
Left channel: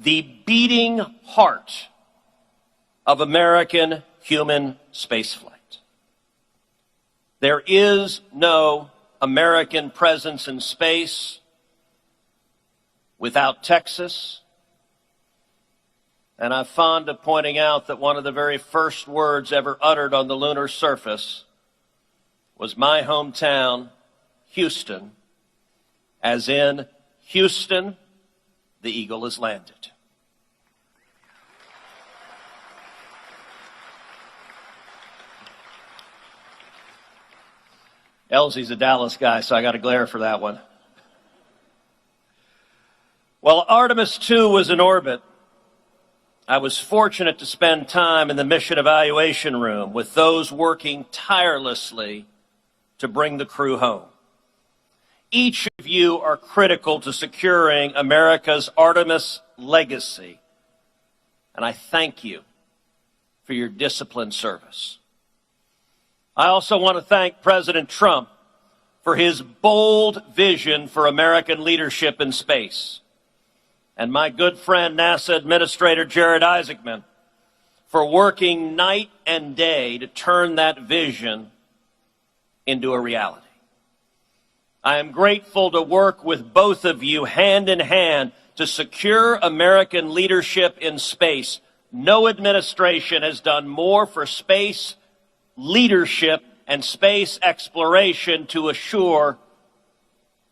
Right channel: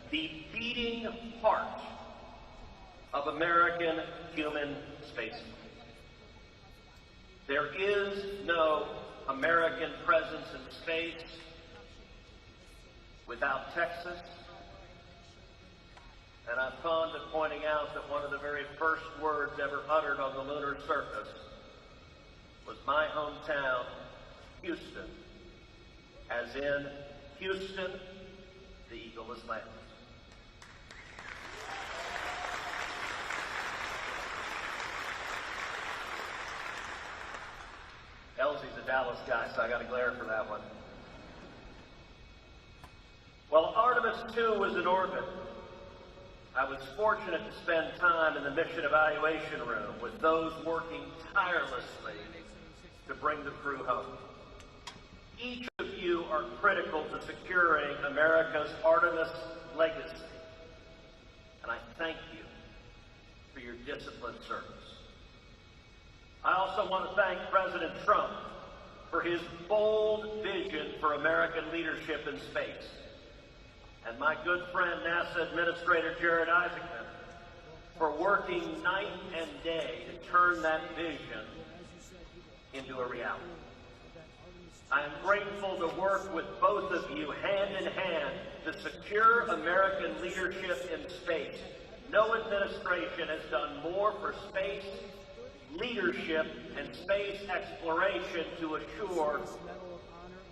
the beating heart of American human spaceflight. There is no American presence in space without Texas. And I'm fond of pointing out that one of the very first words ever uttered on the lunar surface was my hometown, Houston, as in, Houston, the eagle has landed. Elsie's a Dallas guy, so I got to glare for that one. While Artemis II was in orbit, I was fortunate to spend time in the mission evaluation room with those working tirelessly to bring the crew home. Each of you are critical to securing America's Artemis legacy, and I thank you for your disciplined service. I also want to thank President Trump for his bold vision for American leadership in space, and my good friend NASA Administrator Jared Isaacman for working night and day to turn that vision into a reality. I am grateful to work with both of you hand in hand to secure American leadership in space. No administration has done more for space leadership and space exploration to assure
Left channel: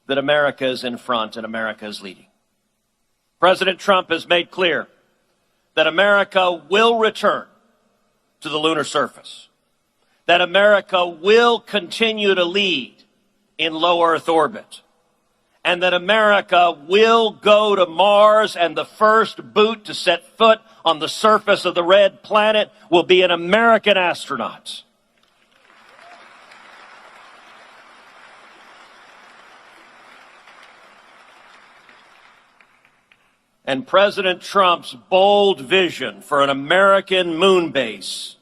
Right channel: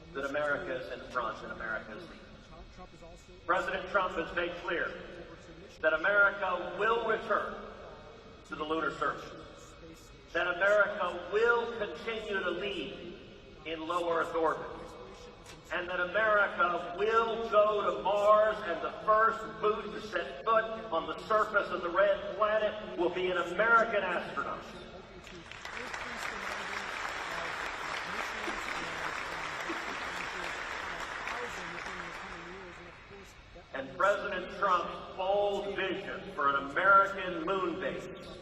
that America is in front and America is leading. President Trump has made clear that America will return to the lunar surface, that America will continue to lead in low Earth orbit, and that America will go to Mars, and the first boot to set foot on the surface of the red planet will be an American astronaut. And President Trump's bold vision for an American moon base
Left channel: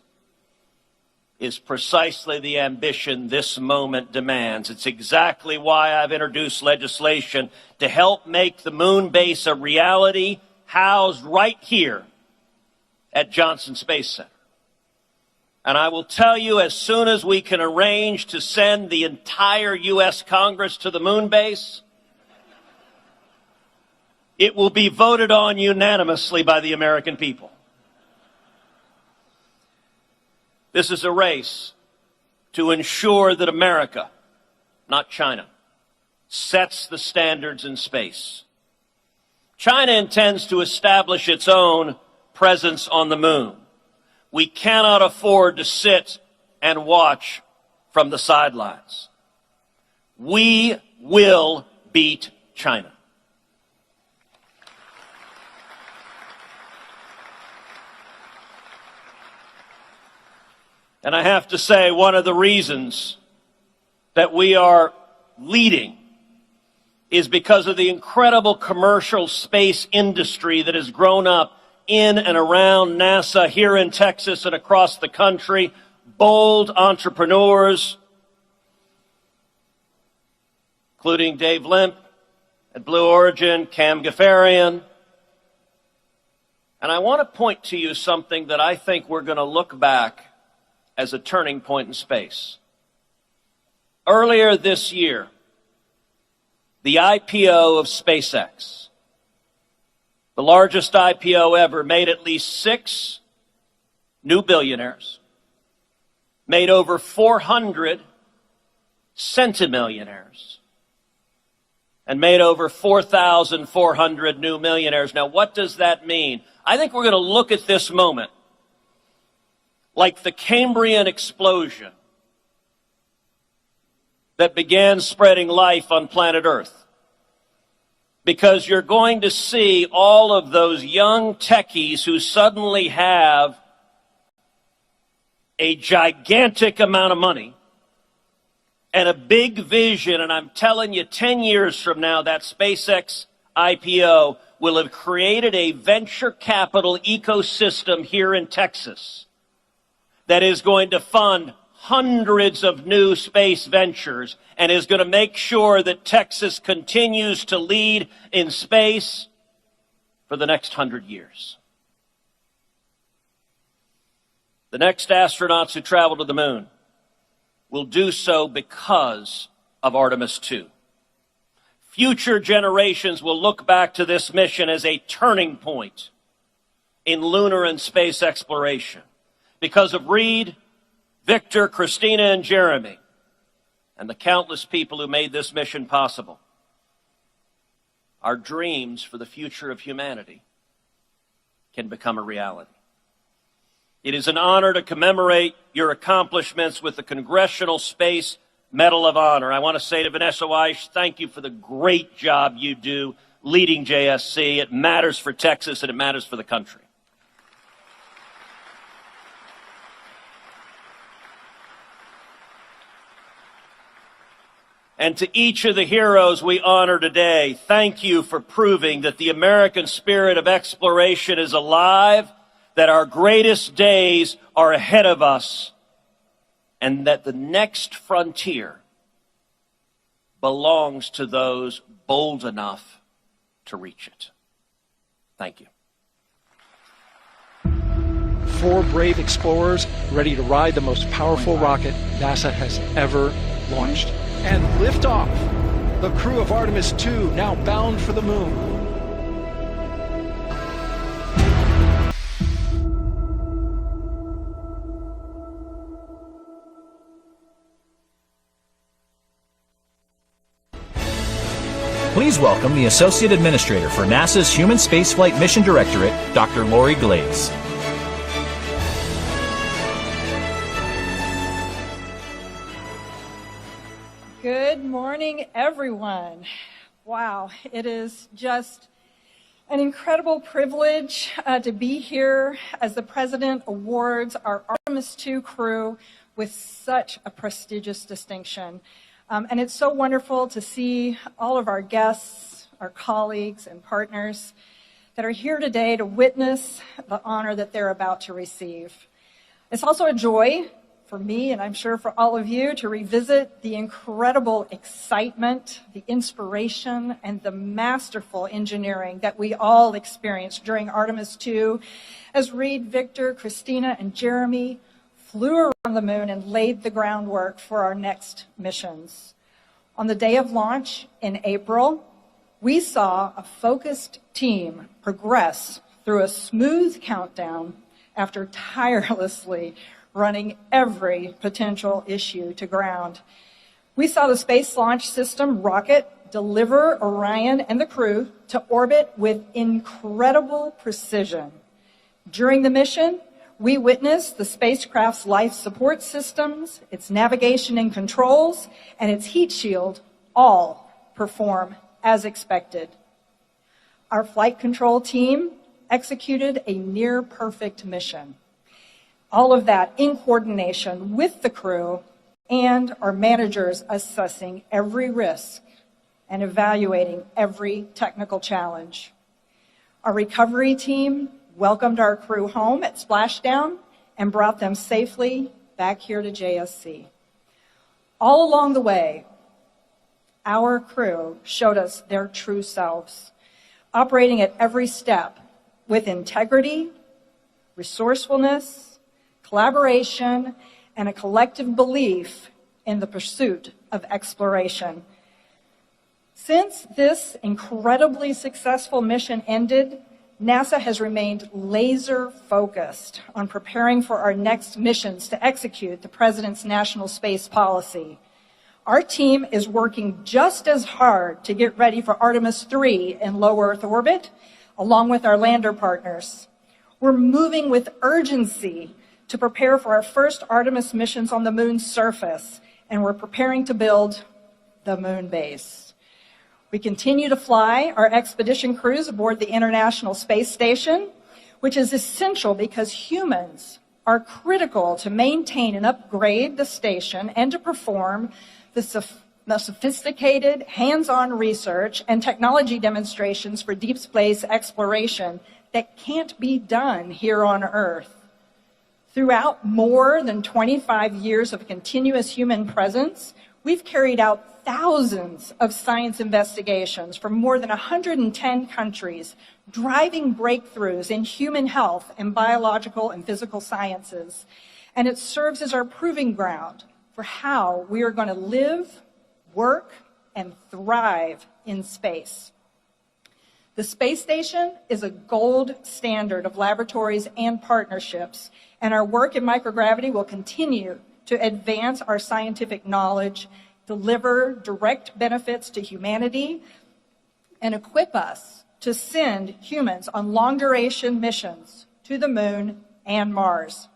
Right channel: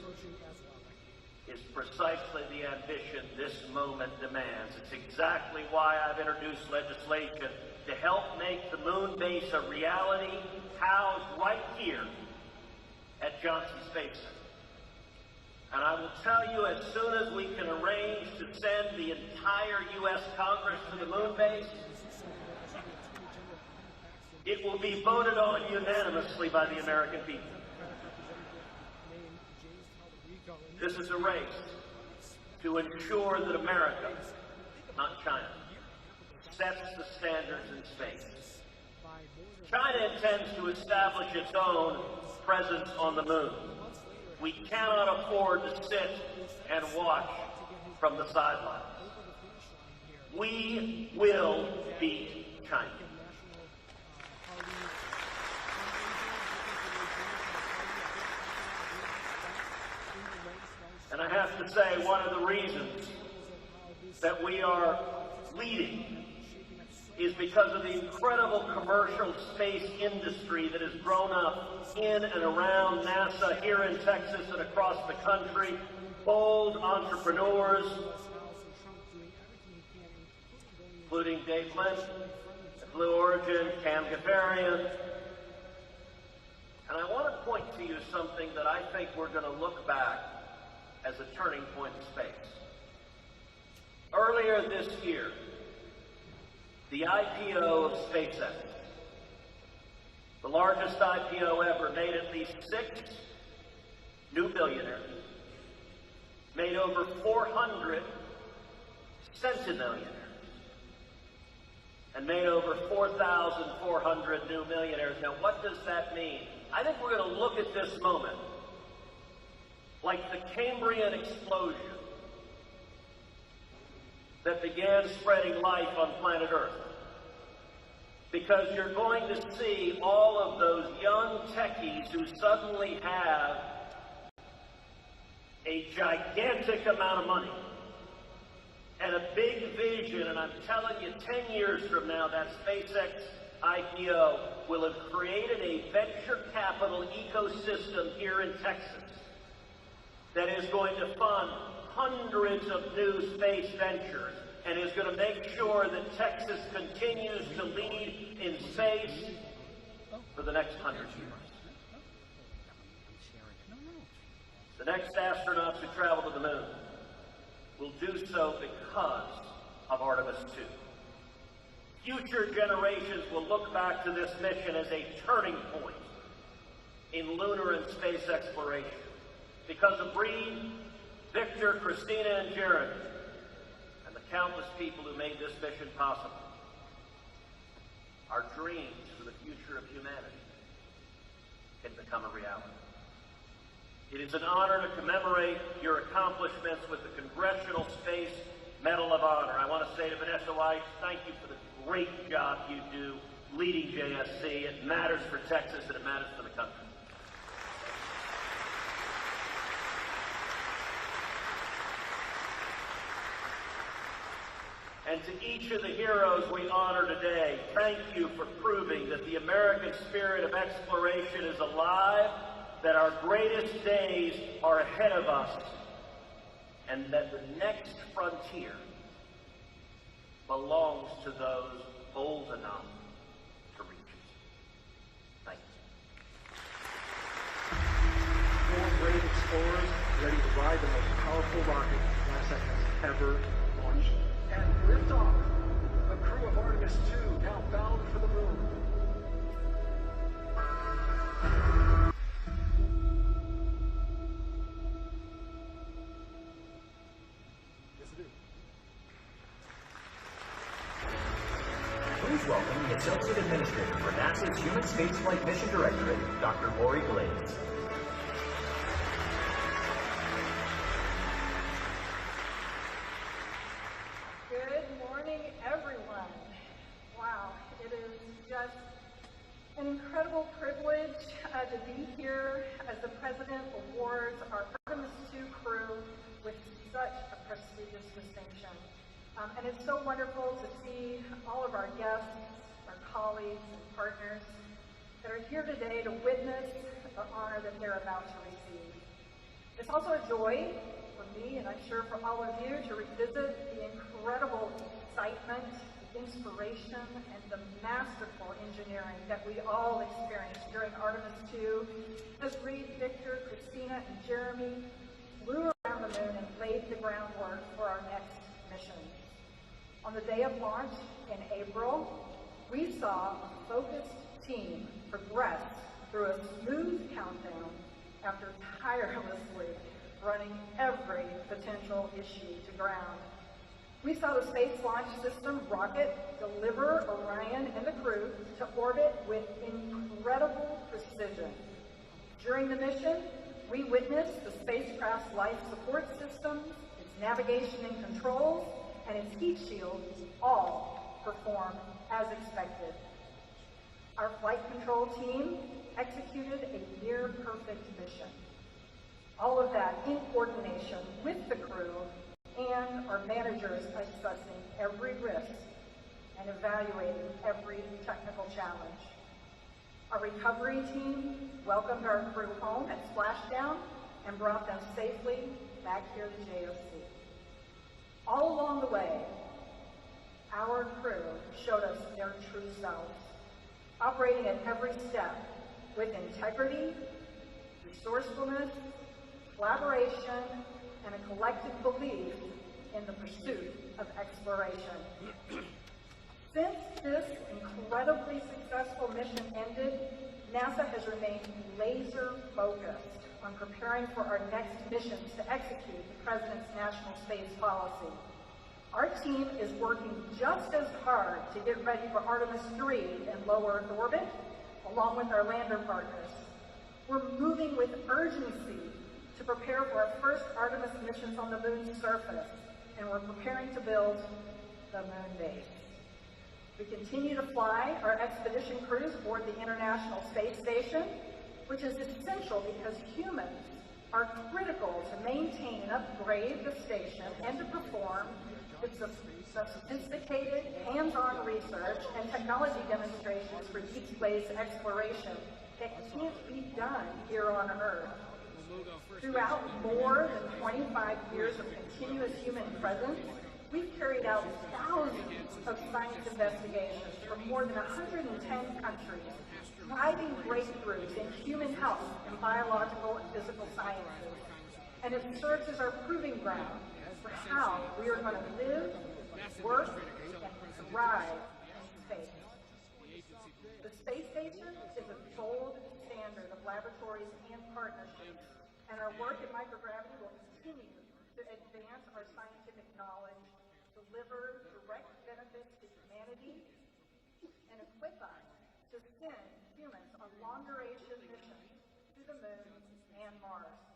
is precisely the ambition this moment demands. It's exactly why I've introduced legislation to help make the moon base a reality, housed right here at Johnson Space Center. And I will tell you, as soon as we can arrange to send the entire U.S. Congress to the moon base, it will be voted on unanimously by the American people. This is a race to ensure that America, not China, sets the standards in space. China intends to establish its own presence on the moon. We cannot afford to sit and watch from the sidelines. We will beat China. And I have to say, one of the reasons that we are leading is because of the incredible commercial space industry that has grown up in and around NASA here in Texas and across the country. Bold entrepreneurs including Dave Limp at Blue Origin, Cam Gafarian. And I want to point to you something that I think we're going to look back as a turning point in space. Earlier this year, the IPO of SpaceX, the largest IPO ever, made at least 6 new billionaires, made over 400 centimillionaires, and made over 4,400 new millionaires. Now, what does that mean? I think we're going to look at this moment like the Cambrian explosion that began spreading life on planet Earth. Because you're going to see all of those young techies who suddenly have a gigantic amount of money and a big vision, and I'm telling you, 10 years from now, that SpaceX IPO will have created a venture capital ecosystem here in Texas that is going to fund hundreds of new space ventures and is going to make sure that Texas continues to lead in space for the next 100 years. The next astronauts who travel to the moon will do so because of Artemis II. Future generations will look back to this mission as a turning point in lunar and space exploration because of Reed, Victor, Christina, and Jeremy, and the countless people who made this mission possible. Our dreams for the future of humanity can become a reality. It is an honor to commemorate your accomplishments with the Congressional Space Medal of Honor. I want to say to Vanessa Weiss, thank you for the great job you do leading JSC. It matters for Texas and it matters for the country. And to each of the heroes we honor today, thank you for proving that the American spirit of exploration is alive, that our greatest days are ahead of us, and that the next frontier belongs to those bold enough to reach it. Thank you. 4 brave explorers ready to ride the most powerful rocket NASA has ever launched. And liftoff. The crew of Artemis II now bound for the moon. Please welcome the Associate Administrator for NASA's Human Spaceflight Mission Directorate, Dr. Lori Glaze. Good morning, everyone. Wow, it is just an incredible privilege to be here as the President awards our Artemis II crew with such a prestigious distinction. And it's so wonderful to see all of our guests, our colleagues, and partners that are here today to witness the honor that they're about to receive. It's also a joy for me, and I'm sure for all of you, to revisit the incredible excitement, the inspiration, and the masterful engineering that we all experienced during Artemis II as Reed, Victor, Christina, and Jeremy flew around the moon and laid the groundwork for our next missions. On the day of launch in April, we saw a focused team progress through a smooth countdown after tirelessly running every potential issue to ground. We saw the Space Launch System rocket deliver Orion and the crew to orbit with incredible precision. During the mission, we witnessed the spacecraft's life support systems, its navigation and controls, and its heat shield all perform as expected. Our flight control team executed a near-perfect mission. All of that in coordination with the crew and our managers assessing every risk and evaluating every technical challenge. Our recovery team welcomed our crew home at splashdown and brought them safely back here to JSC. All along the way, our crew showed us their true selves, operating at every step with integrity, resourcefulness, collaboration, and a collective belief in the pursuit of exploration. Since this incredibly successful mission ended, NASA has remained laser focused on preparing for our next missions to execute the President's national space policy. Our team is working just as hard to get ready for Artemis II in low Earth orbit, along with our lander partners. We're moving with urgency to prepare for our first Artemis missions on the moon's surface, and we're preparing to build the moon base. We continue to fly our expedition crews aboard the International Space Station, which is essential because humans are critical to maintain and upgrade the station and to perform the sophisticated, hands-on research and technology demonstrations for deep space exploration that can't be done here on Earth. Throughout more than 25 years of continuous human presence, we've carried out thousands of science investigations from more than 110 countries, driving breakthroughs in human health and biological and physical sciences. And it serves as our proving ground for how we are going to live, work, and thrive in space. The space station is a gold standard of laboratories and partnerships, and our work in microgravity will continue to advance our scientific knowledge, deliver direct benefits to humanity, and equip us to send humans on long-duration missions to the moon and Mars.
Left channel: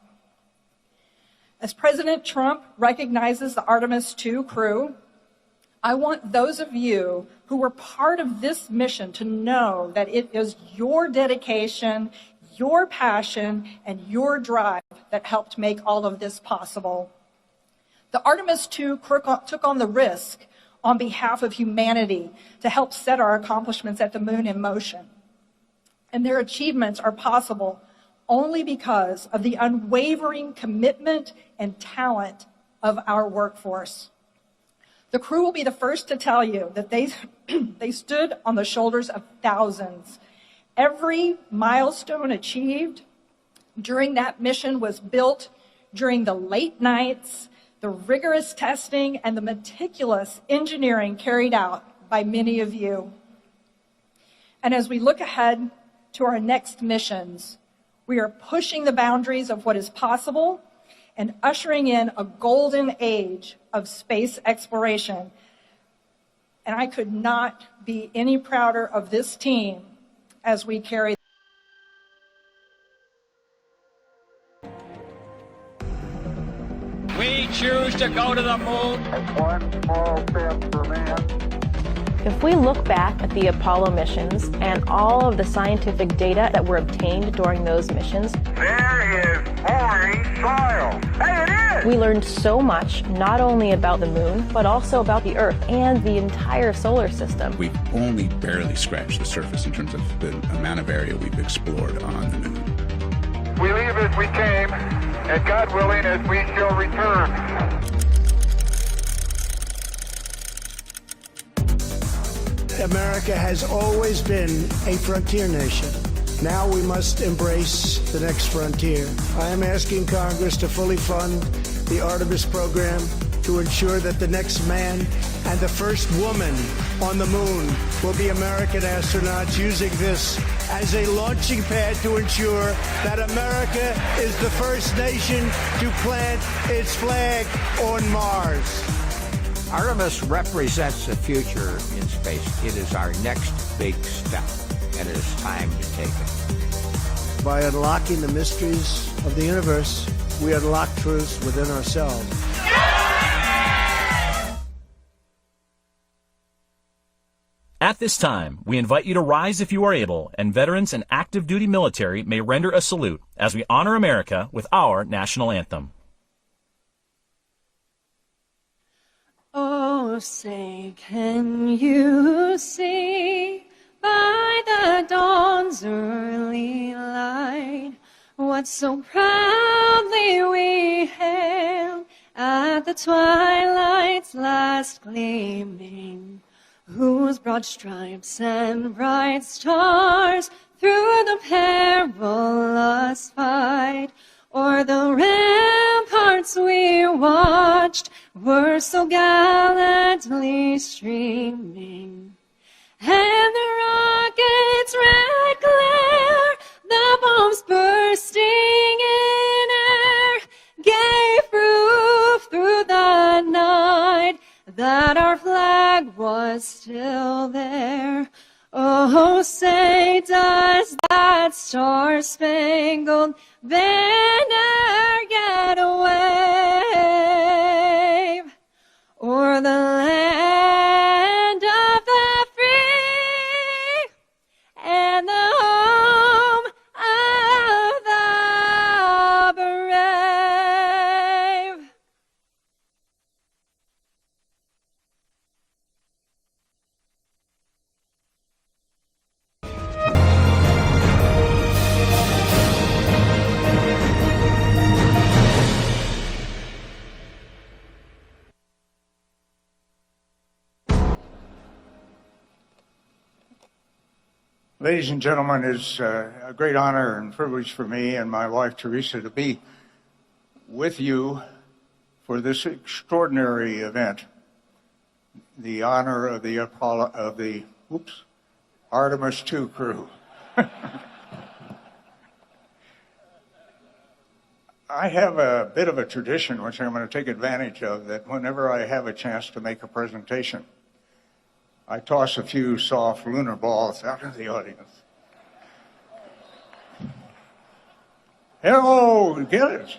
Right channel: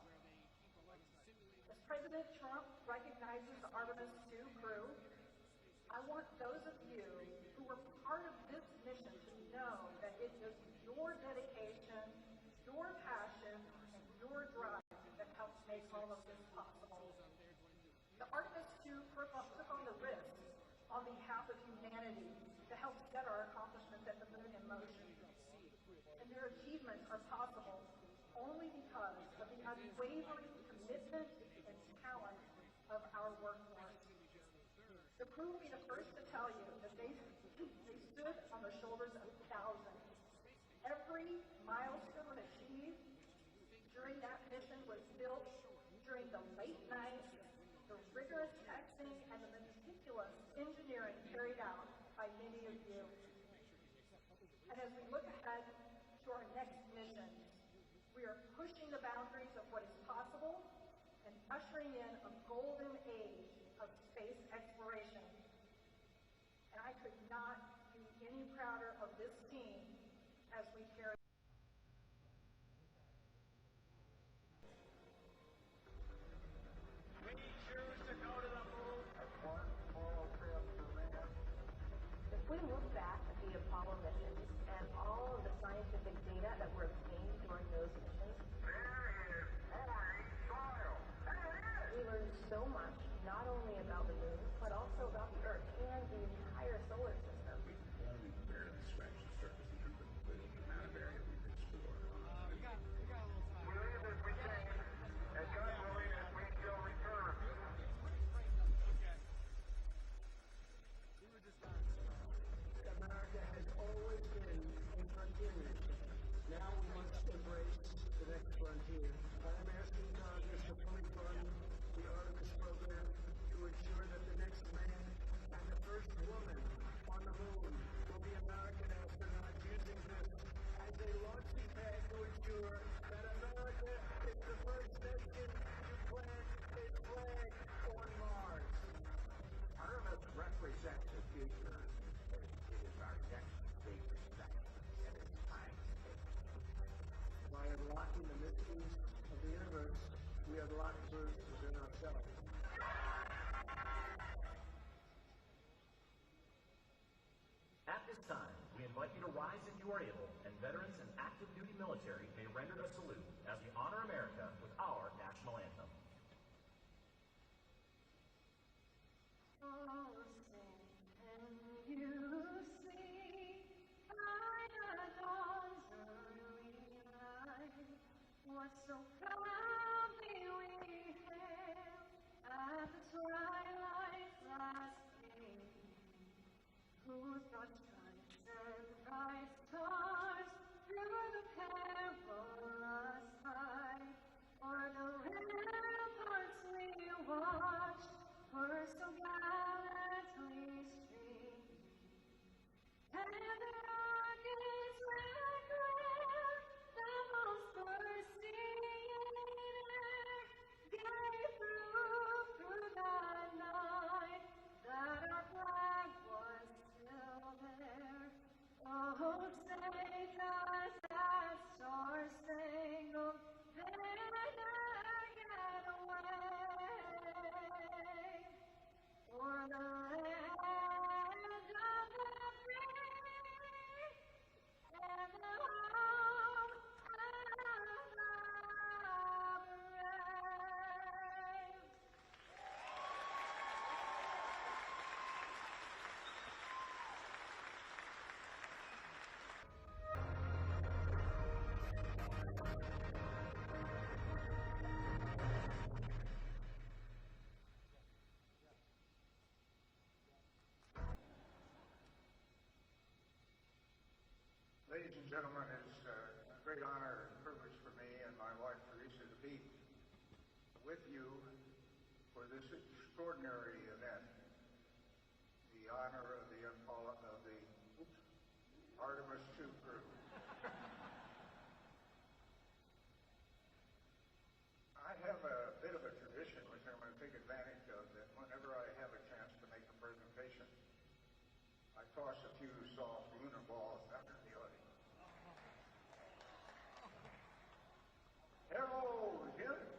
As President Trump recognizes the Artemis II crew, I want those of you who were part of this mission to know that it is your dedication, your passion, and your drive that helped make all of this possible. The Artemis II took on the risk on behalf of humanity to help set our accomplishments at the moon in motion. And their achievements are possible only because of the unwavering commitment and talent of our workforce. The crew will be the first to tell you that they stood on the shoulders of thousands. Every milestone achieved during that mission was built during the late nights, the rigorous testing, and the meticulous engineering carried out by many of you. And as we look ahead to our next missions, we are pushing the boundaries of what is possible and ushering in a golden age of space exploration. And I could not be any prouder of this team as we carry. We choose to go to the moon. One small step for man. If we look back at the Apollo missions and all of the scientific data that were obtained during those missions, there is boring soil. Hey, it is! We learned so much, not only about the moon, but also about the Earth and the entire solar system. We've only barely scratched the surface in terms of the amount of area we've explored on the moon. We leave as we came, and God willing, as we shall return. America has always been a frontier nation. Now we must embrace the next frontier. I am asking Congress to fully fund the Artemis program to ensure that the next man and the first woman on the moon will be American astronauts, using this as a launching pad to ensure that America is the first nation to plant its flag on Mars. Artemis represents the future in space. It is our next big step, and it is time to take it. By unlocking the mysteries of the universe, we unlock truths within ourselves. At this time, we invite you to rise if you are able, and veterans and active duty military may render a salute as we honor America with our national anthem. Oh, say, can you see by the dawn's early light what so proudly we hailed at the the twilight's last gleaming, whose broad stripes and bright stars through the perilous fight o'er the ramparts we watched were so gallantly streaming. And the rocket's red glare, the bombs bursting in air, gave proof through the night that our flag was still there. Oh, say does that star-spangled banner yet wave o'er the land of the free and the home of the brave? Ladies and gentlemen, it's a great honor and privilege for me and my wife Teresa to be with you for this extraordinary event, the honor of the Artemis II crew. I have a bit of a tradition, which I'm going to take advantage of, that whenever I have a chance to make a presentation, I toss a few soft lunar balls out into the audience. Hello, get it?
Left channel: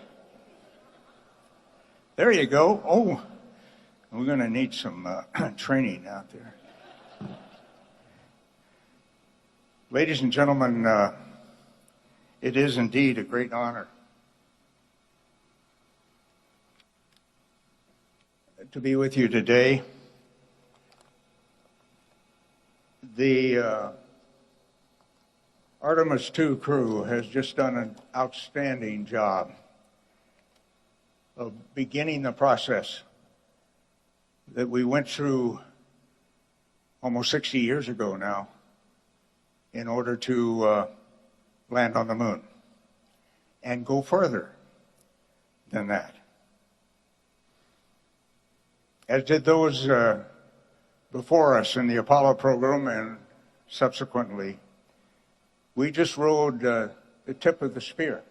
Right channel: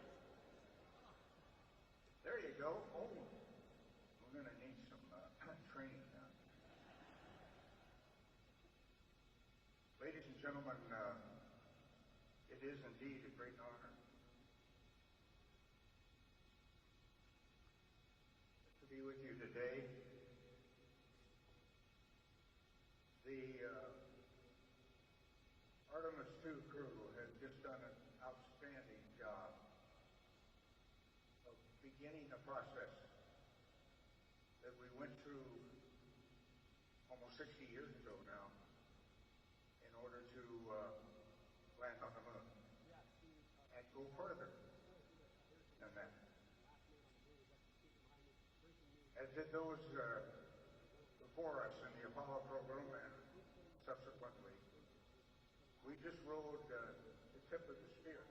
There you go. Oh, we're going to need some training out there. Ladies and gentlemen, it is indeed a great honor to be with you today. The Artemis II crew has just done an outstanding job of beginning the process that we went through almost 60 years ago now in order to land on the moon and go further than that. As did those before us in the Apollo program and subsequently, we just rode the tip of the spear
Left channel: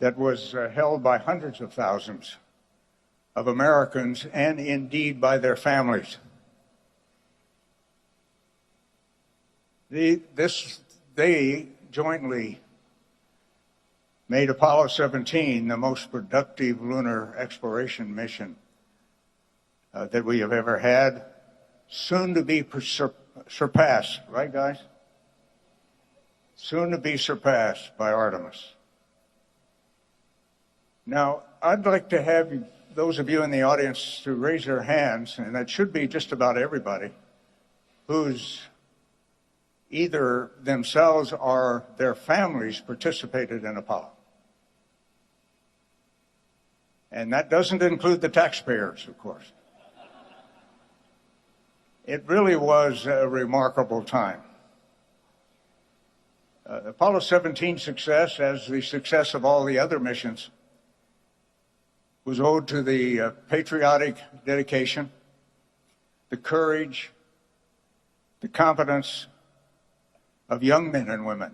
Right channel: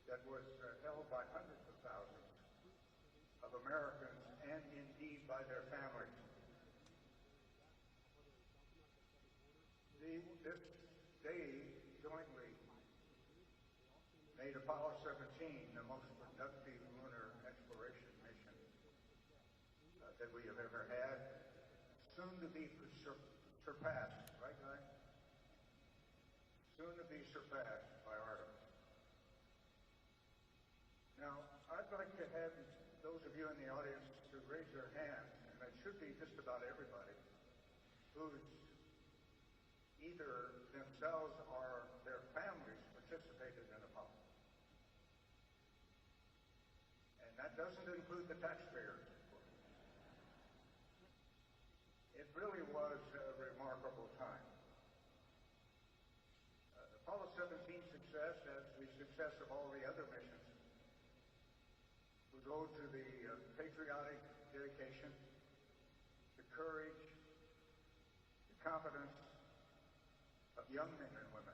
that was held by hundreds of thousands of Americans and indeed by their families. They jointly made Apollo 17 the most productive lunar exploration mission that we have ever had, soon to be surpassed, right guys? Soon to be surpassed by Artemis. Now, I'd like to have those of you in the audience to raise their hands, and that should be just about everybody, who's either themselves or their families participated in Apollo. And that doesn't include the taxpayers, of course. It really was a remarkable time. Apollo 17 success, as the success of all the other missions, was owed to the patriotic dedication, the courage, the competence of young men and women,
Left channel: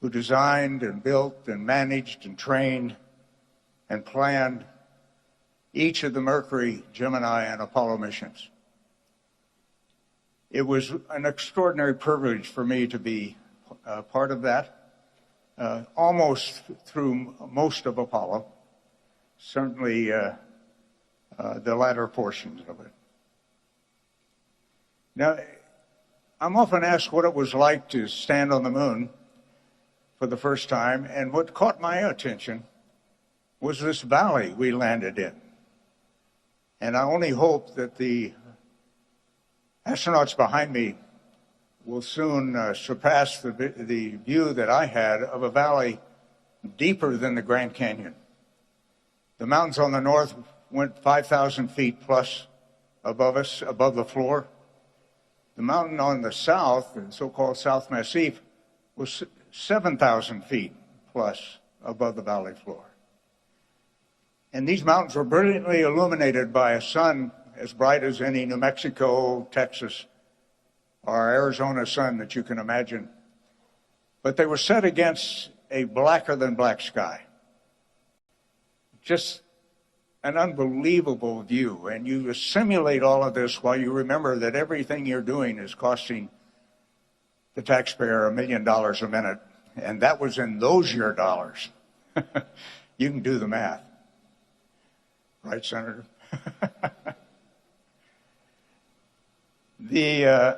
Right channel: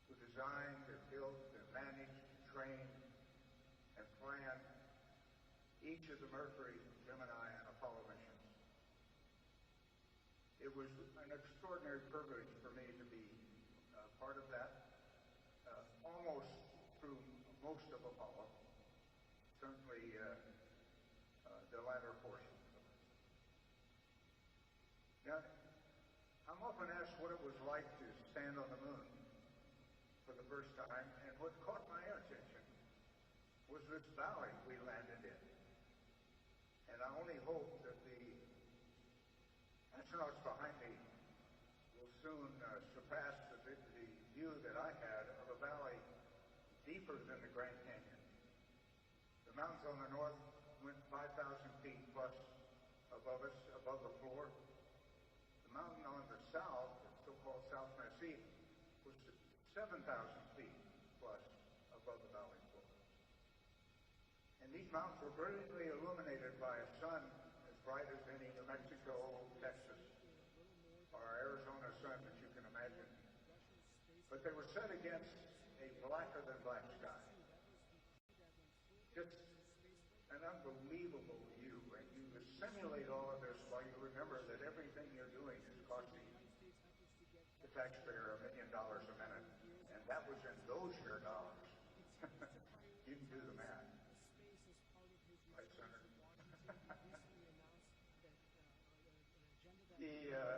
who designed and built and managed and trained and planned each of the Mercury, Gemini, and Apollo missions. It was an extraordinary privilege for me to be part of that, almost through most of Apollo, certainly the latter portions of it. Now, I'm often asked what it was like to stand on the moon for the first time, and what caught my attention was this valley we landed in. And I only hope that the astronauts behind me will soon surpass the view that I had of a valley deeper than the Grand Canyon, The mountains on the north went 5,000 feet plus above us, above the floor. The mountain on the south, the so-called South Massif, was 7,000 feet plus above the valley floor. And these mountains were brilliantly illuminated by a sun as bright as any New Mexico, Texas, or Arizona sun that you can imagine. But they were set against a blacker than black sky. Just an unbelievable view. And you assimilate all of this while you remember that everything you're doing is costing the taxpayer $1 million a minute. And that was in those year dollars. You can do the math. Right, Senator? The